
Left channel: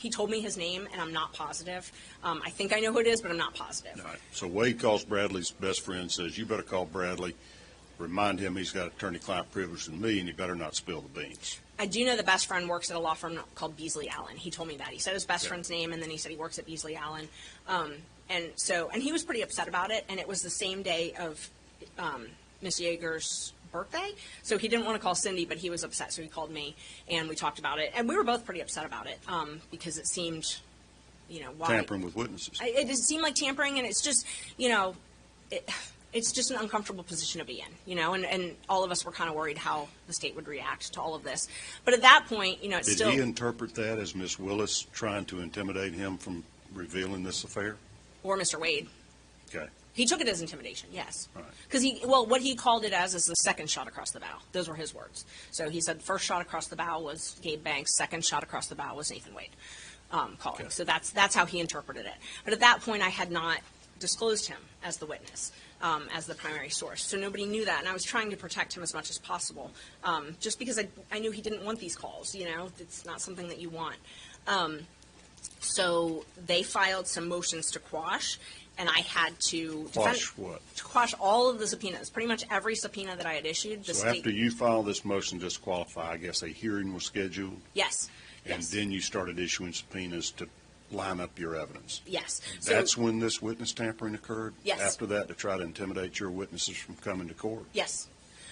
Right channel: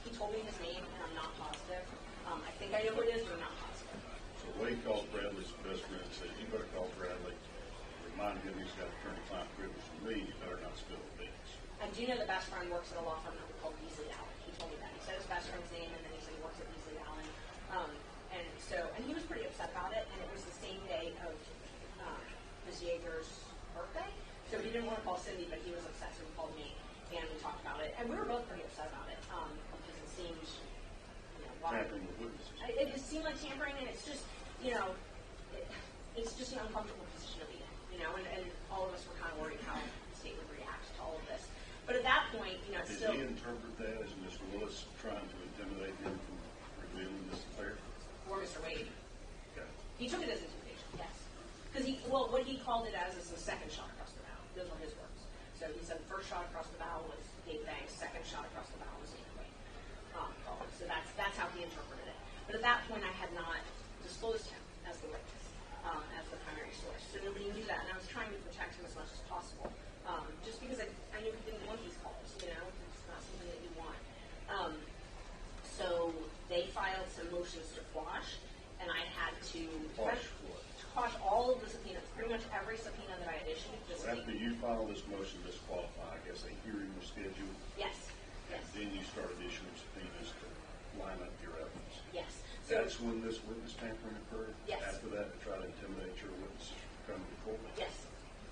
he told me his name, and I'm not positive. I think I know who it is, but I'm not positive. All right. So Wade calls Bradley's best friend, says, you better call Bradley, remind him he's got attorney-client privilege with me, and you better not spill the beans. I do know the best friend works at a law firm called Beasley Allen. He told me that. He said his best friend's name, and then he said he works at Beasley Allen. And he was pretty upset about it, and it was the same day of Miss Yeager's birthday, so he didn't want to call Cindy, but he was upset, so he called me, and we talked about it, and we were both pretty upset about it, because it seemed, why... Tampering with witnesses. It just seemed like tampering, and it's just, it's just an uncomfortable position to be in, and all of us were kind of worried how the state would react to all of this. But at that point, it's still... Did he interpret that as Miss Willis trying to intimidate him from revealing this affair? Or Mr. Wade. Okay. He took it as intimidation, yes. All right. Because what he called it as is the second shot across the bow. Those were his words. So he said first shot across the bow was Gabe Banks, second shot across the bow was Nathan Wade calling. Okay. So that's how he interpreted it. But at that point, I had not disclosed him as the witness, as the primary source. So nobody knew that, and I was trying to protect him as much as possible, just because I knew he didn't want these calls. It's not something that you want. So they filed some motions to quash, and I had to Quash what? To quash all of the subpoenas, pretty much every subpoena that I had issued. So after you filed this motion to disqualify, I guess a hearing was scheduled? Yes. And then you started issuing subpoenas to line up your evidence? Yes. That's when this witness tampering occurred? Yes. After that, to try to intimidate your witnesses from coming to court? Yes.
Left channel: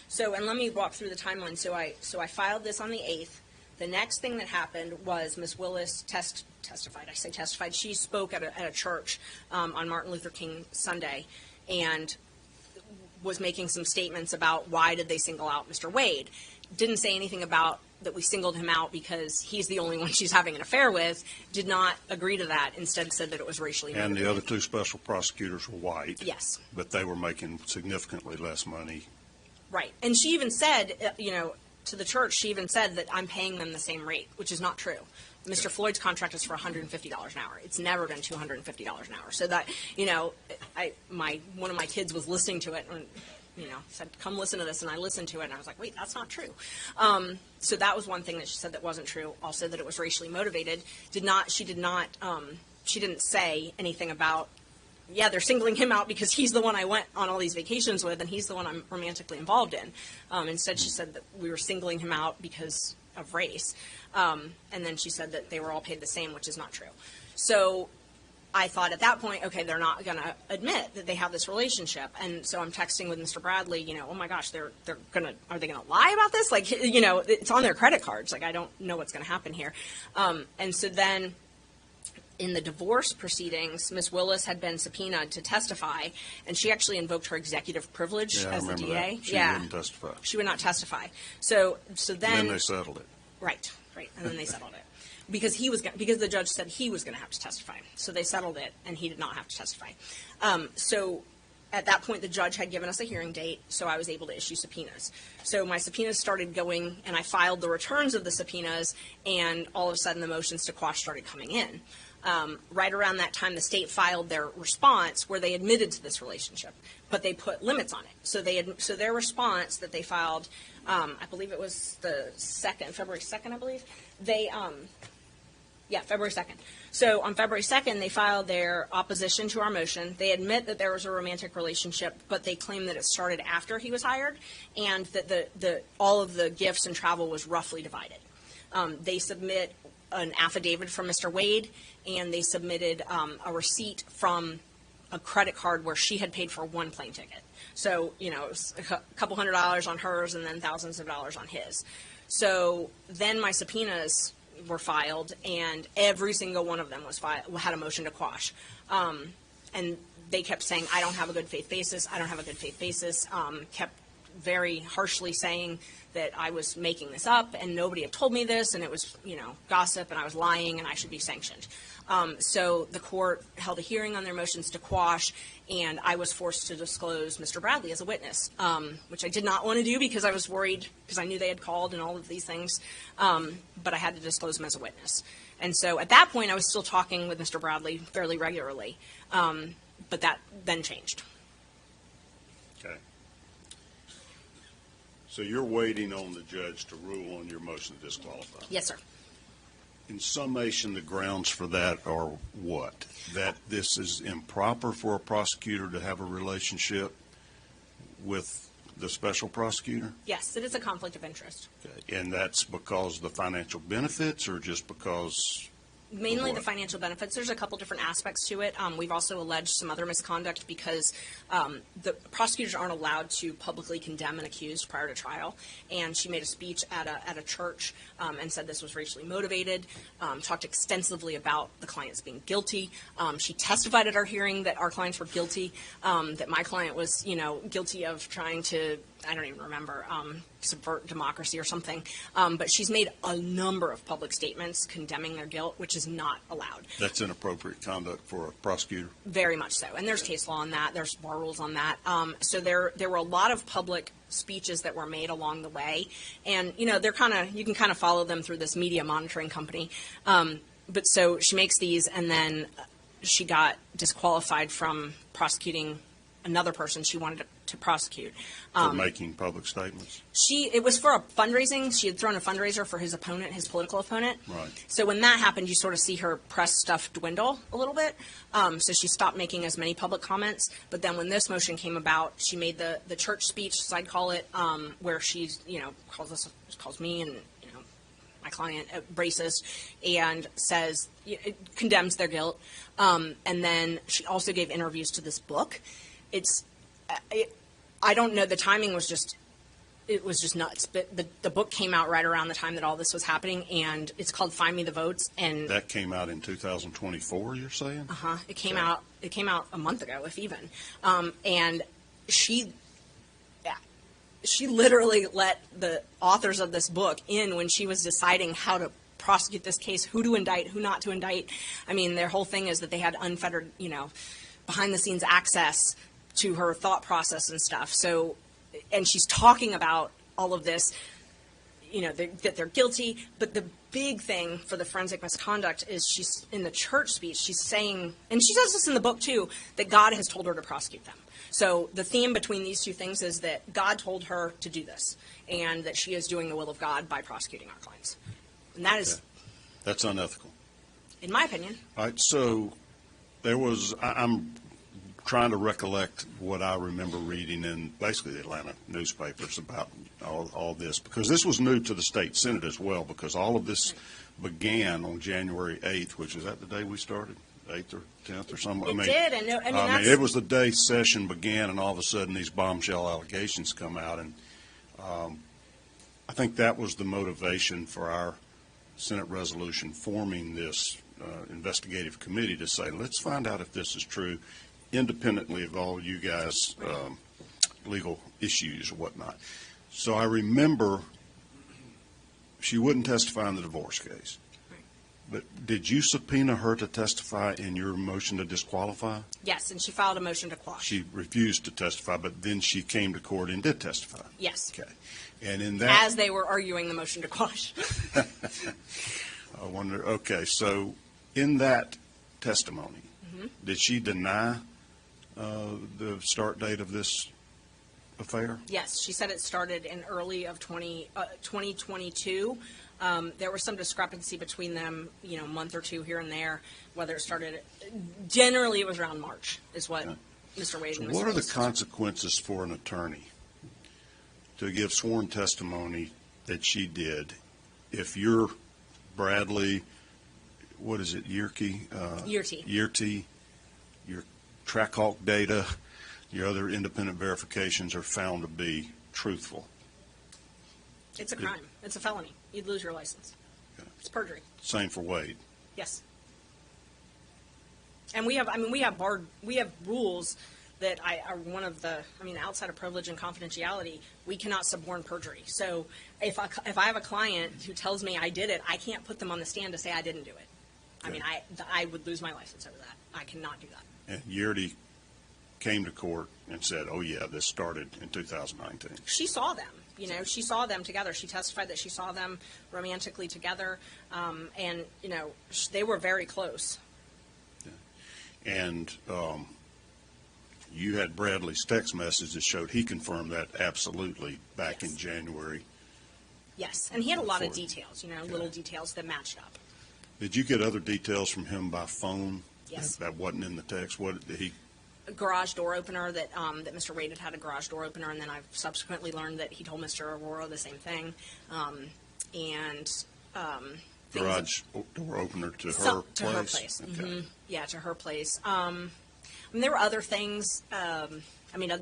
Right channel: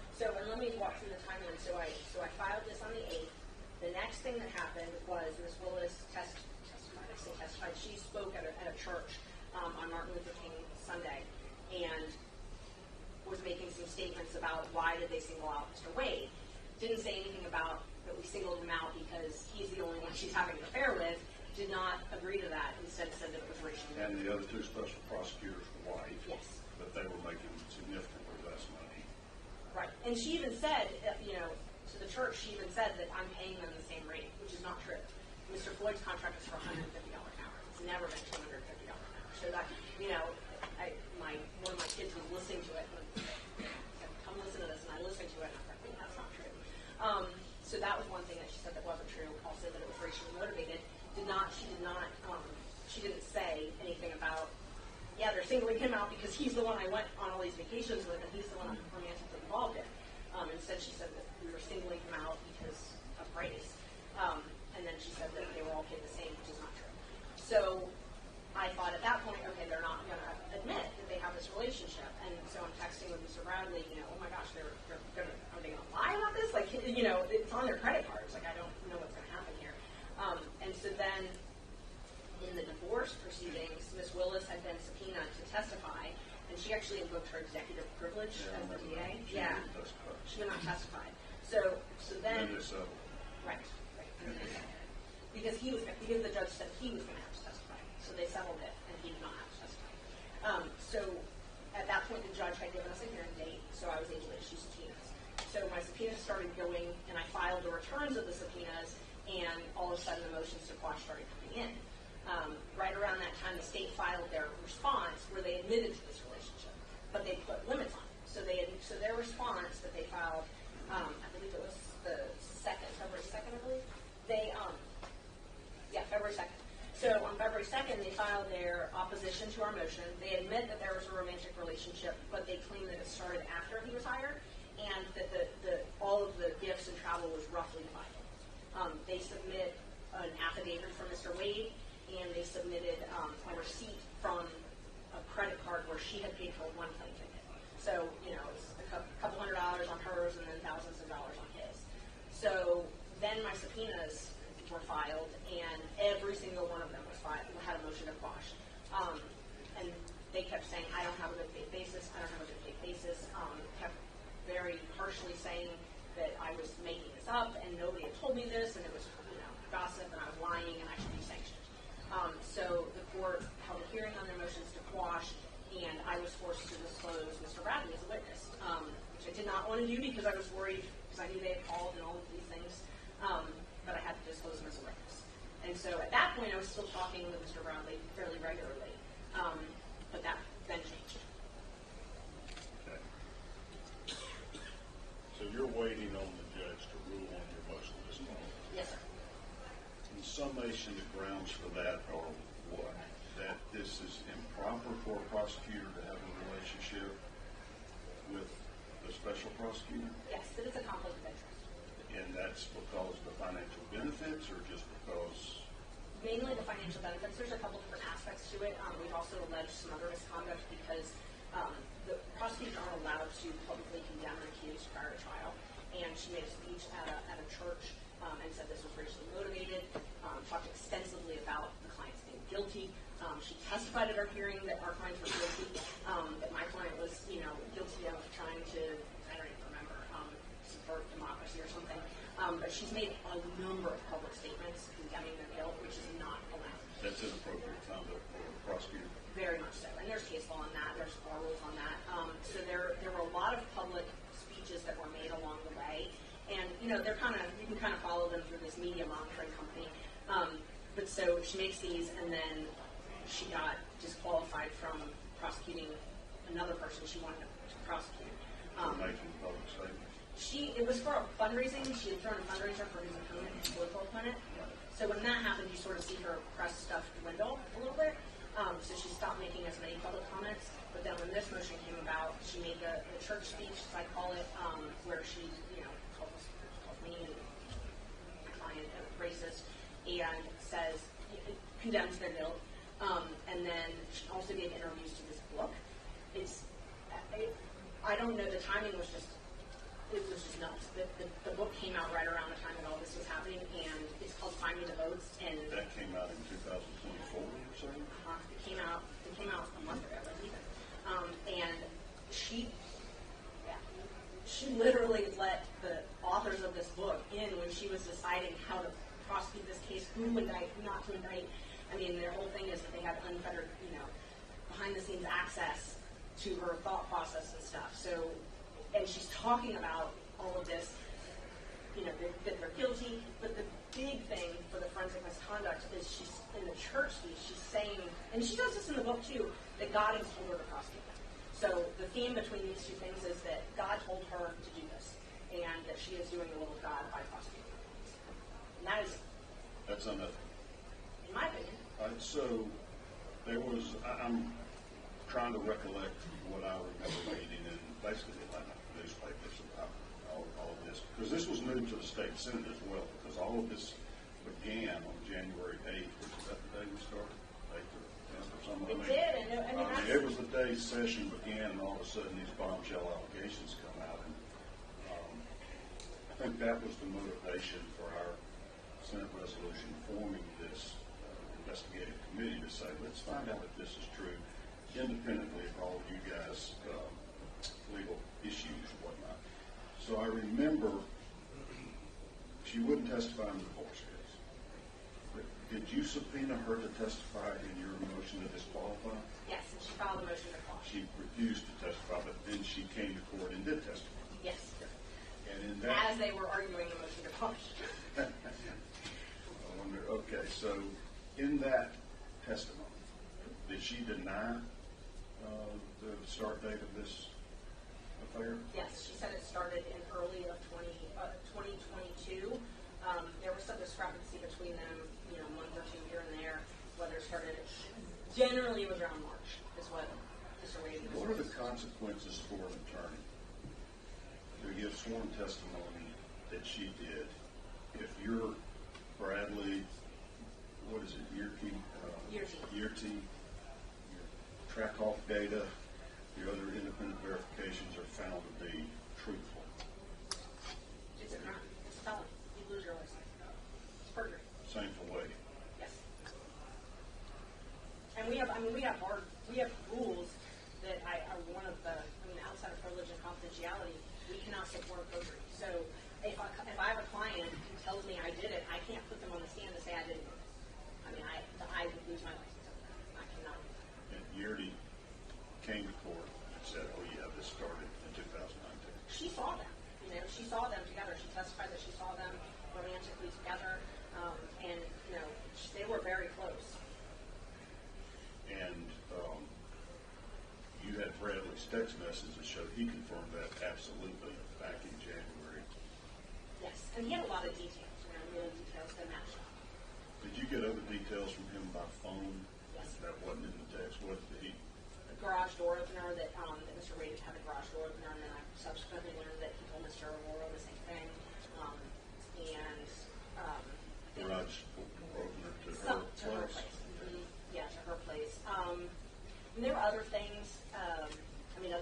So, and let me walk through the timeline. So I filed this on the 8th. The next thing that happened was Miss Willis testified. I say testified. She spoke at a church on Martin Luther King Sunday, and was making some statements about why did they single out Mr. Wade. Didn't say anything about that we singled him out because he's the only one she's having an affair with. Did not agree to that. Instead said that it was racially motivated. And the other two special prosecutors were white? Yes. But they were making significantly less money? Right. And she even said, to the church, she even said that I'm paying them the same rate, which is not true. Mr. Floyd's contract is for $150 an hour. It's never been $250 an hour. So that, one of my kids was listening to it and, said, come listen to this. And I listened to it and I was like, wait, that's not true. So that was one thing that she said that wasn't true. Also that it was racially motivated. She didn't say anything about, yeah, they're singling him out because he's the one I went on all these vacations with and he's the one I'm romantically involved in. Instead, she said that we were singling him out because of race. And then she said that they were all paid the same, which is not true. So I thought at that point, okay, they're not going to admit that they have this relationship. And so I'm texting with Mr. Bradley, oh my gosh, are they going to lie about this? Like, it's on their credit cards. Like, I don't know what's going to happen here. And so then in the divorce proceedings, Ms. Willis had been subpoenaed to testify, and she actually invoked her executive privilege as the DA. She wouldn't testify. She would not testify. So then they settled it. Right, and then they settled it because because the judge said he was going to have to testify. So they settled it, and he did not have to testify. So at that point, the judge had given us a hearing date, so I was able to issue subpoenas. So my subpoenas started going, and I filed the returns of the subpoenas, and all of a sudden the motions to quash started coming in. Right around that time, the state filed their response where they admitted to this relationship, but they put limits on it. So their response that they filed, I believe it was the February 2nd, I believe. February 2nd. So on February 2nd, they filed their opposition to our motion. They admit that there was a romantic relationship, but they claim that it started after he was hired, and that all of the gifts and travel was roughly divided. They submit an affidavit from Mr. Wade, and they submitted a receipt from a credit card where she had paid for one plane ticket. So, it was a couple $100 on hers and then thousands of dollars on his. So then my subpoenas were filed, and every single one of them had a motion to quash. And they kept saying, I don't have a good faith basis, I don't have a good faith basis, kept very harshly saying that I was making this up and nobody had told me this, and it was, gossip, and I was lying and I should be sanctioned. So the court held a hearing on their motions to quash, and I was forced to disclose Mr. Bradley as a witness, which I did not want to do because I was worried, because I knew they had called and all of these things, but I had to disclose him as a witness. And so at that point, I was still talking with Mr. Bradley fairly regularly, but that then changed. Okay. So you're waiting on the judge to rule on your motion to disqualify? Yes, sir. In summation, the grounds for that are what? That this is improper for a prosecutor to have a relationship with the special prosecutor? Yes, it is a conflict of interest. Okay. And that's because of the financial benefits, or just because? Mainly the financial benefits. There's a couple different aspects to it. We've also alleged some other misconduct because the prosecutors aren't allowed to publicly condemn an accused prior to trial. And she made a speech at a church and said this was racially motivated, talked extensively about the clients being guilty. She testified at our hearing that our clients were guilty, that my client was, guilty of trying to, I don't even remember, subvert democracy or something. But she's made a number of public statements condemning their guilt, which is not allowed. That's inappropriate conduct for a prosecutor? Very much so. And there's case law on that. There's bar rules on that. So there were a lot of public speeches that were made along the way. And, they're you can kind of follow them through this media monitoring company. But so she makes these, and then she got disqualified from prosecuting another person she wanted to prosecute. For making public statements? It was for a fundraising. She had thrown a fundraiser for his opponent, his political opponent. Right. So when that happened, you sort of see her press stuff dwindle a little bit. So she stopped making as many public comments. But then when this motion came about, she made the church speech, as I'd call it, where she's, calls me and my client racist, and says, it condemns their guilt. And then she also gave interviews to this book. I don't know, the timing was just, it was just nuts. But the book came out right around the time that all this was happening, and it's called Find Me the Votes. And that came out in 2024, you're saying? Uh-huh. It came out a month ago, if even. And she literally let the authors of this book in when she was deciding how to prosecute this case, who to indict, who not to indict. I mean, their whole thing is that they had unfettered, behind-the-scenes access to her thought process and stuff. So, and she's talking about all of this, that they're guilty. But the big thing for the forensic misconduct is she's in the church speech, she's saying, and she does this in the book too, that God has told her to prosecute them. So the theme between these two things is that God told her to do this, and that she is doing the will of God by prosecuting our clients. And that is... That's unethical. In my opinion. All right, so there was, I'm trying to recollect what I remember reading in basically the Atlanta newspapers about all this, because this was new to the state Senate as well, because all of this began on January 8th, which is that the day we started, 8th or 10th or something? It did, and it was the day session began, and all of a sudden these bombshell allegations come out, and I think that was the motivation for our Senate resolution forming this investigative committee to say, let's find out if this is true, independently of all you guys' legal issues or whatnot. So I remember she wouldn't testify in the divorce case. But did you subpoena her to testify in your motion to disqualify? Yes, and she filed a motion to quash. She refused to testify, but then she came to court and did testify. Yes. Okay. And in that, as they were arguing the motion to quash. I wonder, okay, so in that testimony. Did she deny the start date of this affair? Yes, she said it started in early of 2022. There was some discrepancy between them, a month or two here and there, whether it started. Generally, it was around March, is what Mr. Wade and Ms. What are the Willis. consequences for an attorney to give sworn testimony that she did if you're Bradley, what is it, Yerke? Yerty, your Trackhawk data, your other independent verifications are found to be truthful? It's a crime. It's a felony. You'd lose your license. It's perjury. Same for Wade. Yes. And we have rules that are one of the, outside of privilege and confidentiality, we cannot suborn perjury. So if I have a client who tells me I did it, I can't put them on the stand to say I didn't do it. Okay. I would lose my license over that. I cannot do that. And Yerty came to court and said, oh yeah, this started in 2019. She saw them. She saw them together. She testified that she saw them romantically together, and they were very close. And you had Bradley's text message that showed he confirmed that absolutely back in January. Yes, and he had a lot of details, little details that matched up. Did you get other details from him by phone? Yes. That wasn't in the text. What did he? A garage door opener that Mr. Wade had a garage door opener, and then I've subsequently learned that he told Mr. Aurora the same thing. Garage door opener to her place? To her place. Okay. Mm-hmm. Yeah, to her place. There were other things,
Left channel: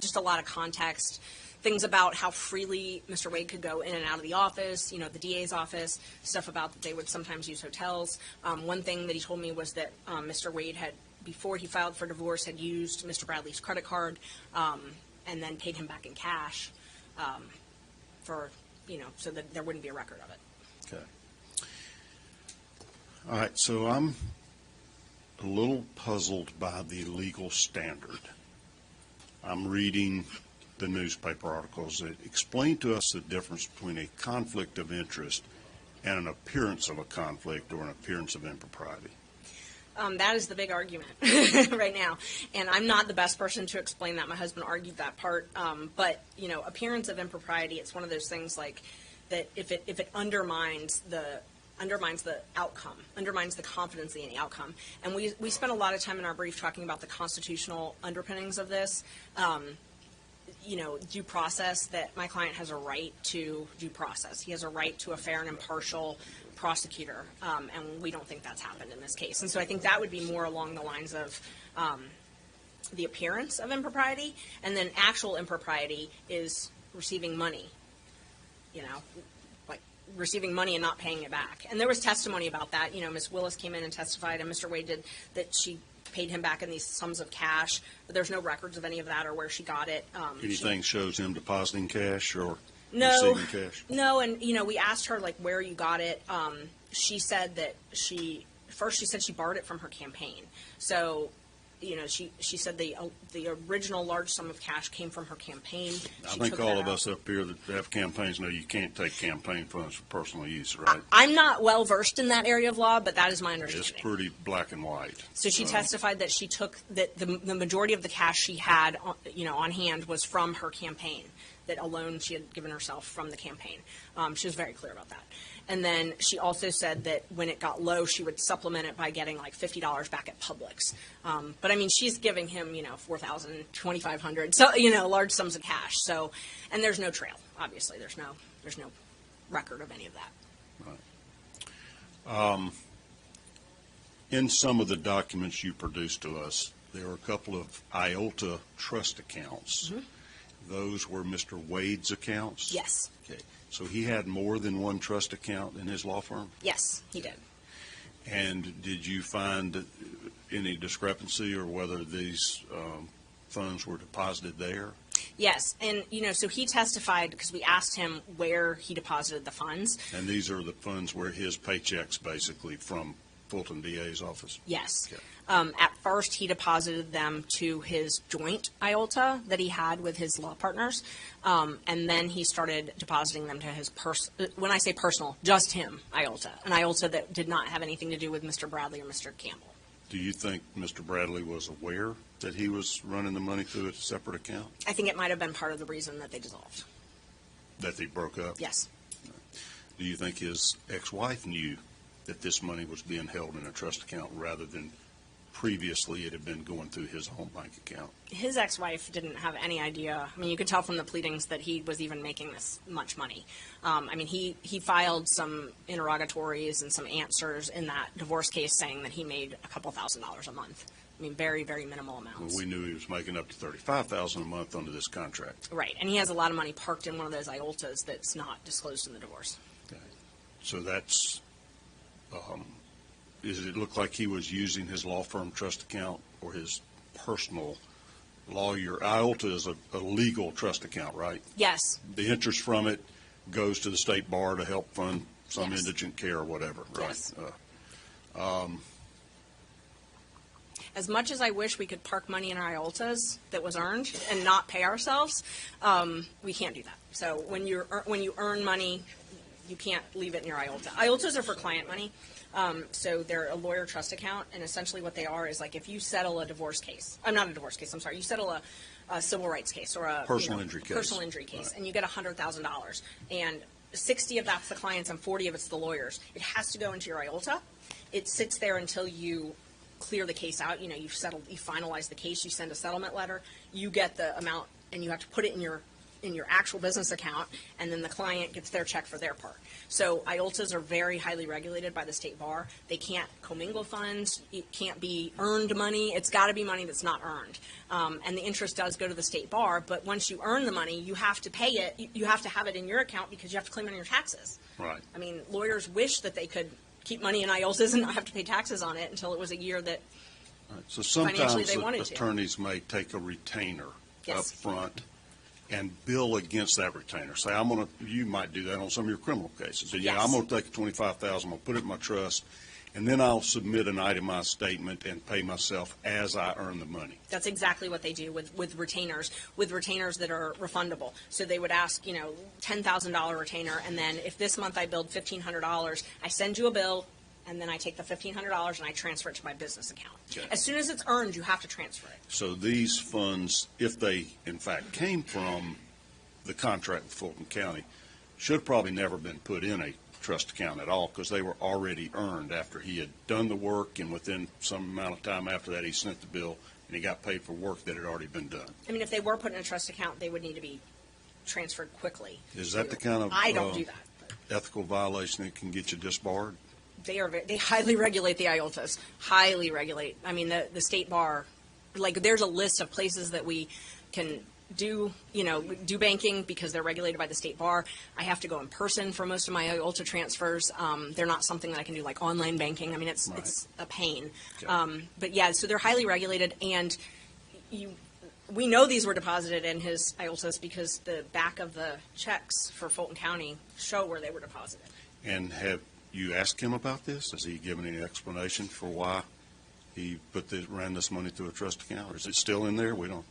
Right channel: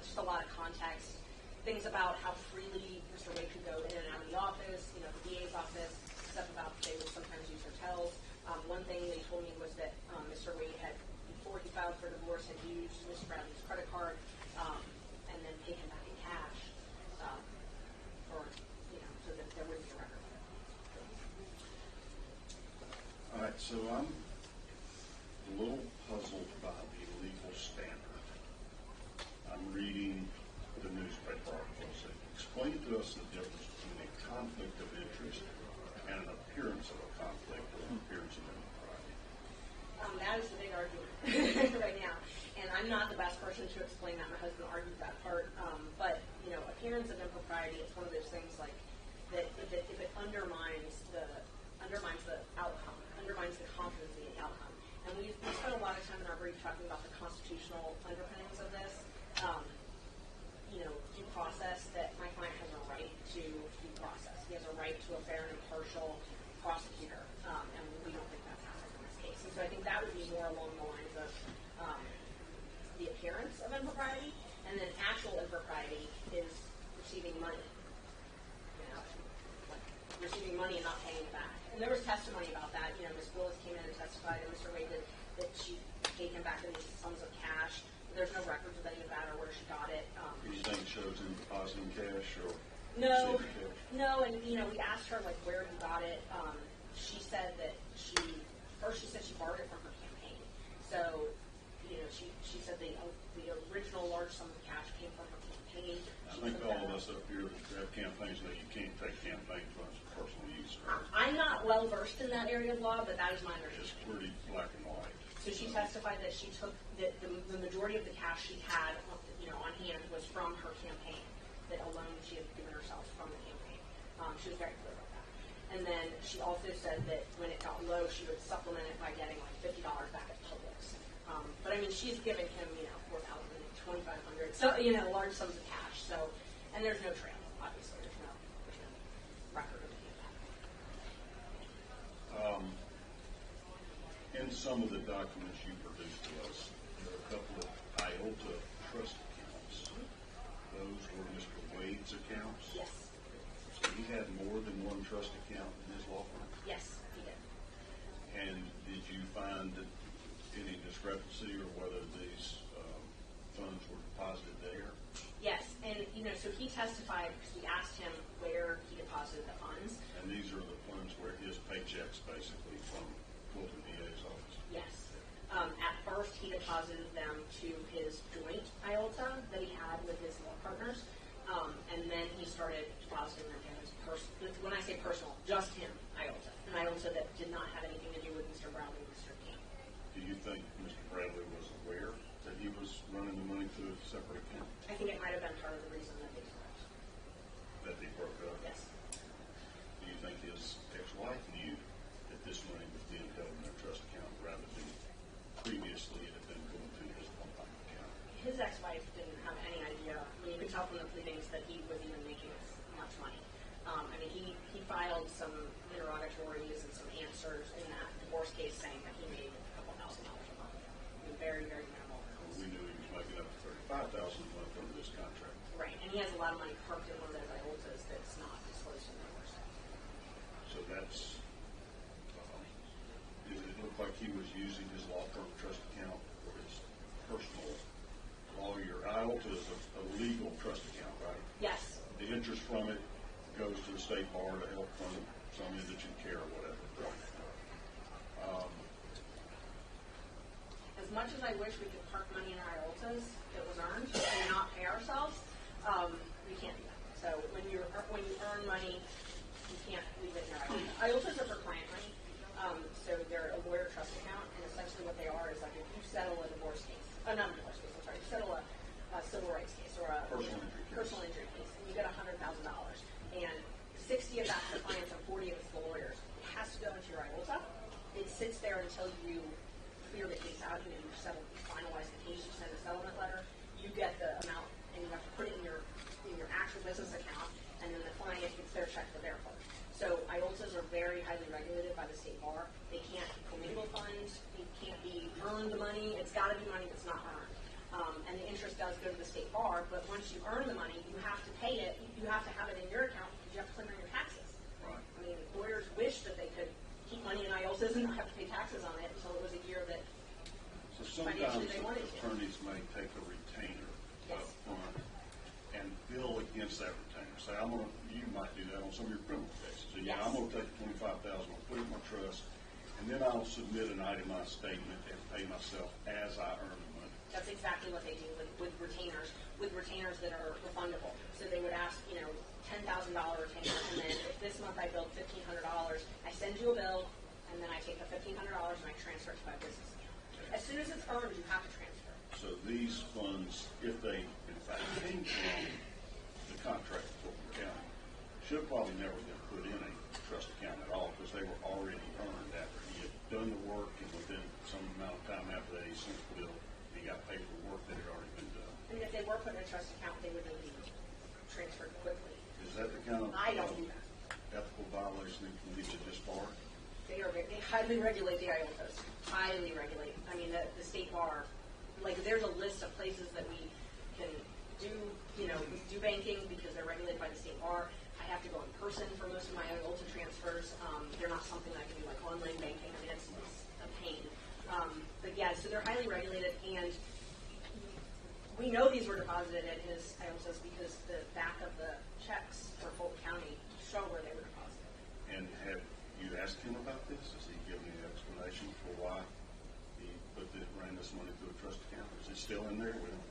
just a lot of context, things about how freely Mr. Wade could go in and out of the office, the DA's office, stuff about that they would sometimes use hotels. One thing that he told me was that Mr. Wade had, before he filed for divorce, had used Mr. Bradley's credit card and then paid him back in cash so that there wouldn't be a record of it. Okay. All right, so I'm a little puzzled by the legal standard. I'm reading the newspaper articles that explain to us the difference between a conflict of interest and an appearance of a conflict or an appearance of impropriety. That is the big argument right now, and I'm not the best person to explain that. My husband argued that part, but appearance of impropriety. It's one of those things like that. If it undermines the outcome, undermines the confidence in the outcome, and we spent a lot of time in our brief talking about the constitutional underpinnings of this. Due process, that my client has a right to due process. He has a right to a fair and impartial prosecutor, and we don't think that's happened in this case. And so I think that would be more along the lines of the appearance of impropriety, and then actual impropriety is receiving money, like receiving money and not paying it back. And there was testimony about that. Ms. Willis came in and testified, and Mr. Wade did, that she paid him back in these sums of cash, but there's no records of any of that or where she got it. Anything shows him depositing cash or No, receiving cash? no, and we asked her like where you got it. She said that she said she borrowed it from her campaign. So, she said the original large sum of cash came from her campaign. I She think took all that of out. us up here that have campaigns know you can't take campaign funds for personal use, right? I'm not well versed in that area of law, but that is my It's understanding. pretty black and white. So she testified that she took that the majority of the cash she had, on hand was from her campaign. That a loan she had given herself from the campaign. She was very clear about that. And then she also said that when it got low, she would supplement it by getting like $50 back at Publix. But she's giving him, $4,000, $2,500, so large sums of cash. So, and there's no trail. Obviously, there's no record of any of that. In some of the documents you produced to us, there were a couple of IOLTA trust accounts. Mm-hmm. Those were Mr. Wade's accounts? Yes. Okay. So he had more than one trust account in his law firm? Yes, he did. And did you find any discrepancy or whether these funds were deposited there? Yes, and so he testified because we asked him where he deposited the funds. And these are the funds where his paychecks basically from Fulton DA's office? Yes. Okay. At first, he deposited them to his joint IOLTA that he had with his law partners, and then he started depositing them to his when I say personal, just him IOLTA, an IOLTA that did not have anything to do with Mr. Bradley or Mr. Campbell. Do you think Mr. Bradley was aware that he was running the money through a separate account, I think it might have been part of the reason that they dissolved. that they broke up? Yes. Do you think his ex-wife knew that this money was being held in a trust account rather than previously it had been going through his home bank account? His ex-wife didn't have any idea. I mean, you could tell from the pleadings that he was even making this much money. I mean, he filed some interrogatories and some answers in that divorce case saying that he made a couple $1,000s a month. I mean, very, very minimal amounts. Well, we knew he was making up to $35,000 a month under this contract. Right, and he has a lot of money parked in one of those IOLTAs that's not disclosed in the divorce. So that's, does it look like he was using his law firm trust account or his personal lawyer? IOLTA is a legal trust account, right? Yes. The interest from it goes to the state bar to help fund some Yes. indigent care or whatever, right? Yes. As much as I wish we could park money in our IOLTAs that was earned and not pay ourselves, we can't do that. So when you earn money, you can't leave it in your IOLTA. IOLTAs are for client money, so they're a lawyer trust account, and essentially what they are is like if you settle a divorce case, not a divorce case, I'm sorry, you settle a civil rights case or a Personal injury case. Personal injury case, Right. and you get $100,000, and 60 of that's the clients and 40 of it's the lawyers. It has to go into your IOLTA. It sits there until you clear the case out. You know, you've settled, you finalize the case, you send a settlement letter, you get the amount, and you have to put it in your actual business account, and then the client gets their check for their part. So IOLTAs are very highly regulated by the state bar. They can't commingle funds. It can't be earned money. It's got to be money that's not earned. And the interest does go to the state bar, but once you earn the money, you have to pay it. You have to have it in your account because you have to claim it on your taxes. Right. I mean, lawyers wish that they could keep money in IOLTAs and not have to pay taxes on it until it was a year that So Financially, sometimes they wanted to. attorneys may take a retainer up Yes. front and bill against that retainer. Say, you might do that on some of your criminal cases. Yeah, Yes. I'm gonna take $25,000, I'm gonna put it in my trust, and then I'll submit an itemized statement and pay myself as I earn the money. That's exactly what they do with retainers that are refundable. So they would ask, $10,000 retainer, and then if this month I billed $1,500, I send you a bill, and then I take the $1,500 and I transfer it to my business account. Okay. As soon as it's earned, you have to transfer it. So these funds, if they in fact came from the contract with Fulton County, should probably never been put in a trust account at all because they were already earned after he had done the work, and within some amount of time after that he sent the bill and he got paid for work that had already been done. I mean, if they were put in a trust account, they would need to be transferred quickly. Is that the kind of I don't do that. ethical violation that can get you disbarred? They highly regulate the IOLTAs, highly regulate. I mean, the state bar, like there's a list of places that we can do banking because they're regulated by the state bar. I have to go in person for most of my IOLTA transfers. They're not something that I can do like online banking. I mean, it's a pain. Okay. But yeah, so they're highly regulated, and we know these were deposited in his IOLTAs because the back of the checks for Fulton County show where they were deposited. And have you asked him about this? Has he given any explanation for why he ran this money through a trust account? Or is it still in there? We don't.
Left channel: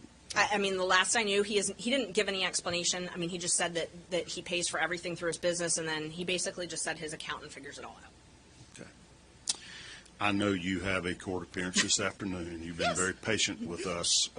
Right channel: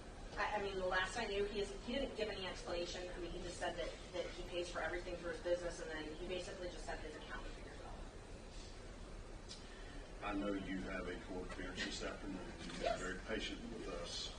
I mean, the last I knew, he didn't give any explanation. I mean, he just said that he pays for everything through his business, and then he basically just said his accountant figures it all out. Okay. I know you have a court appearance this afternoon. You've been Yes. very patient with us.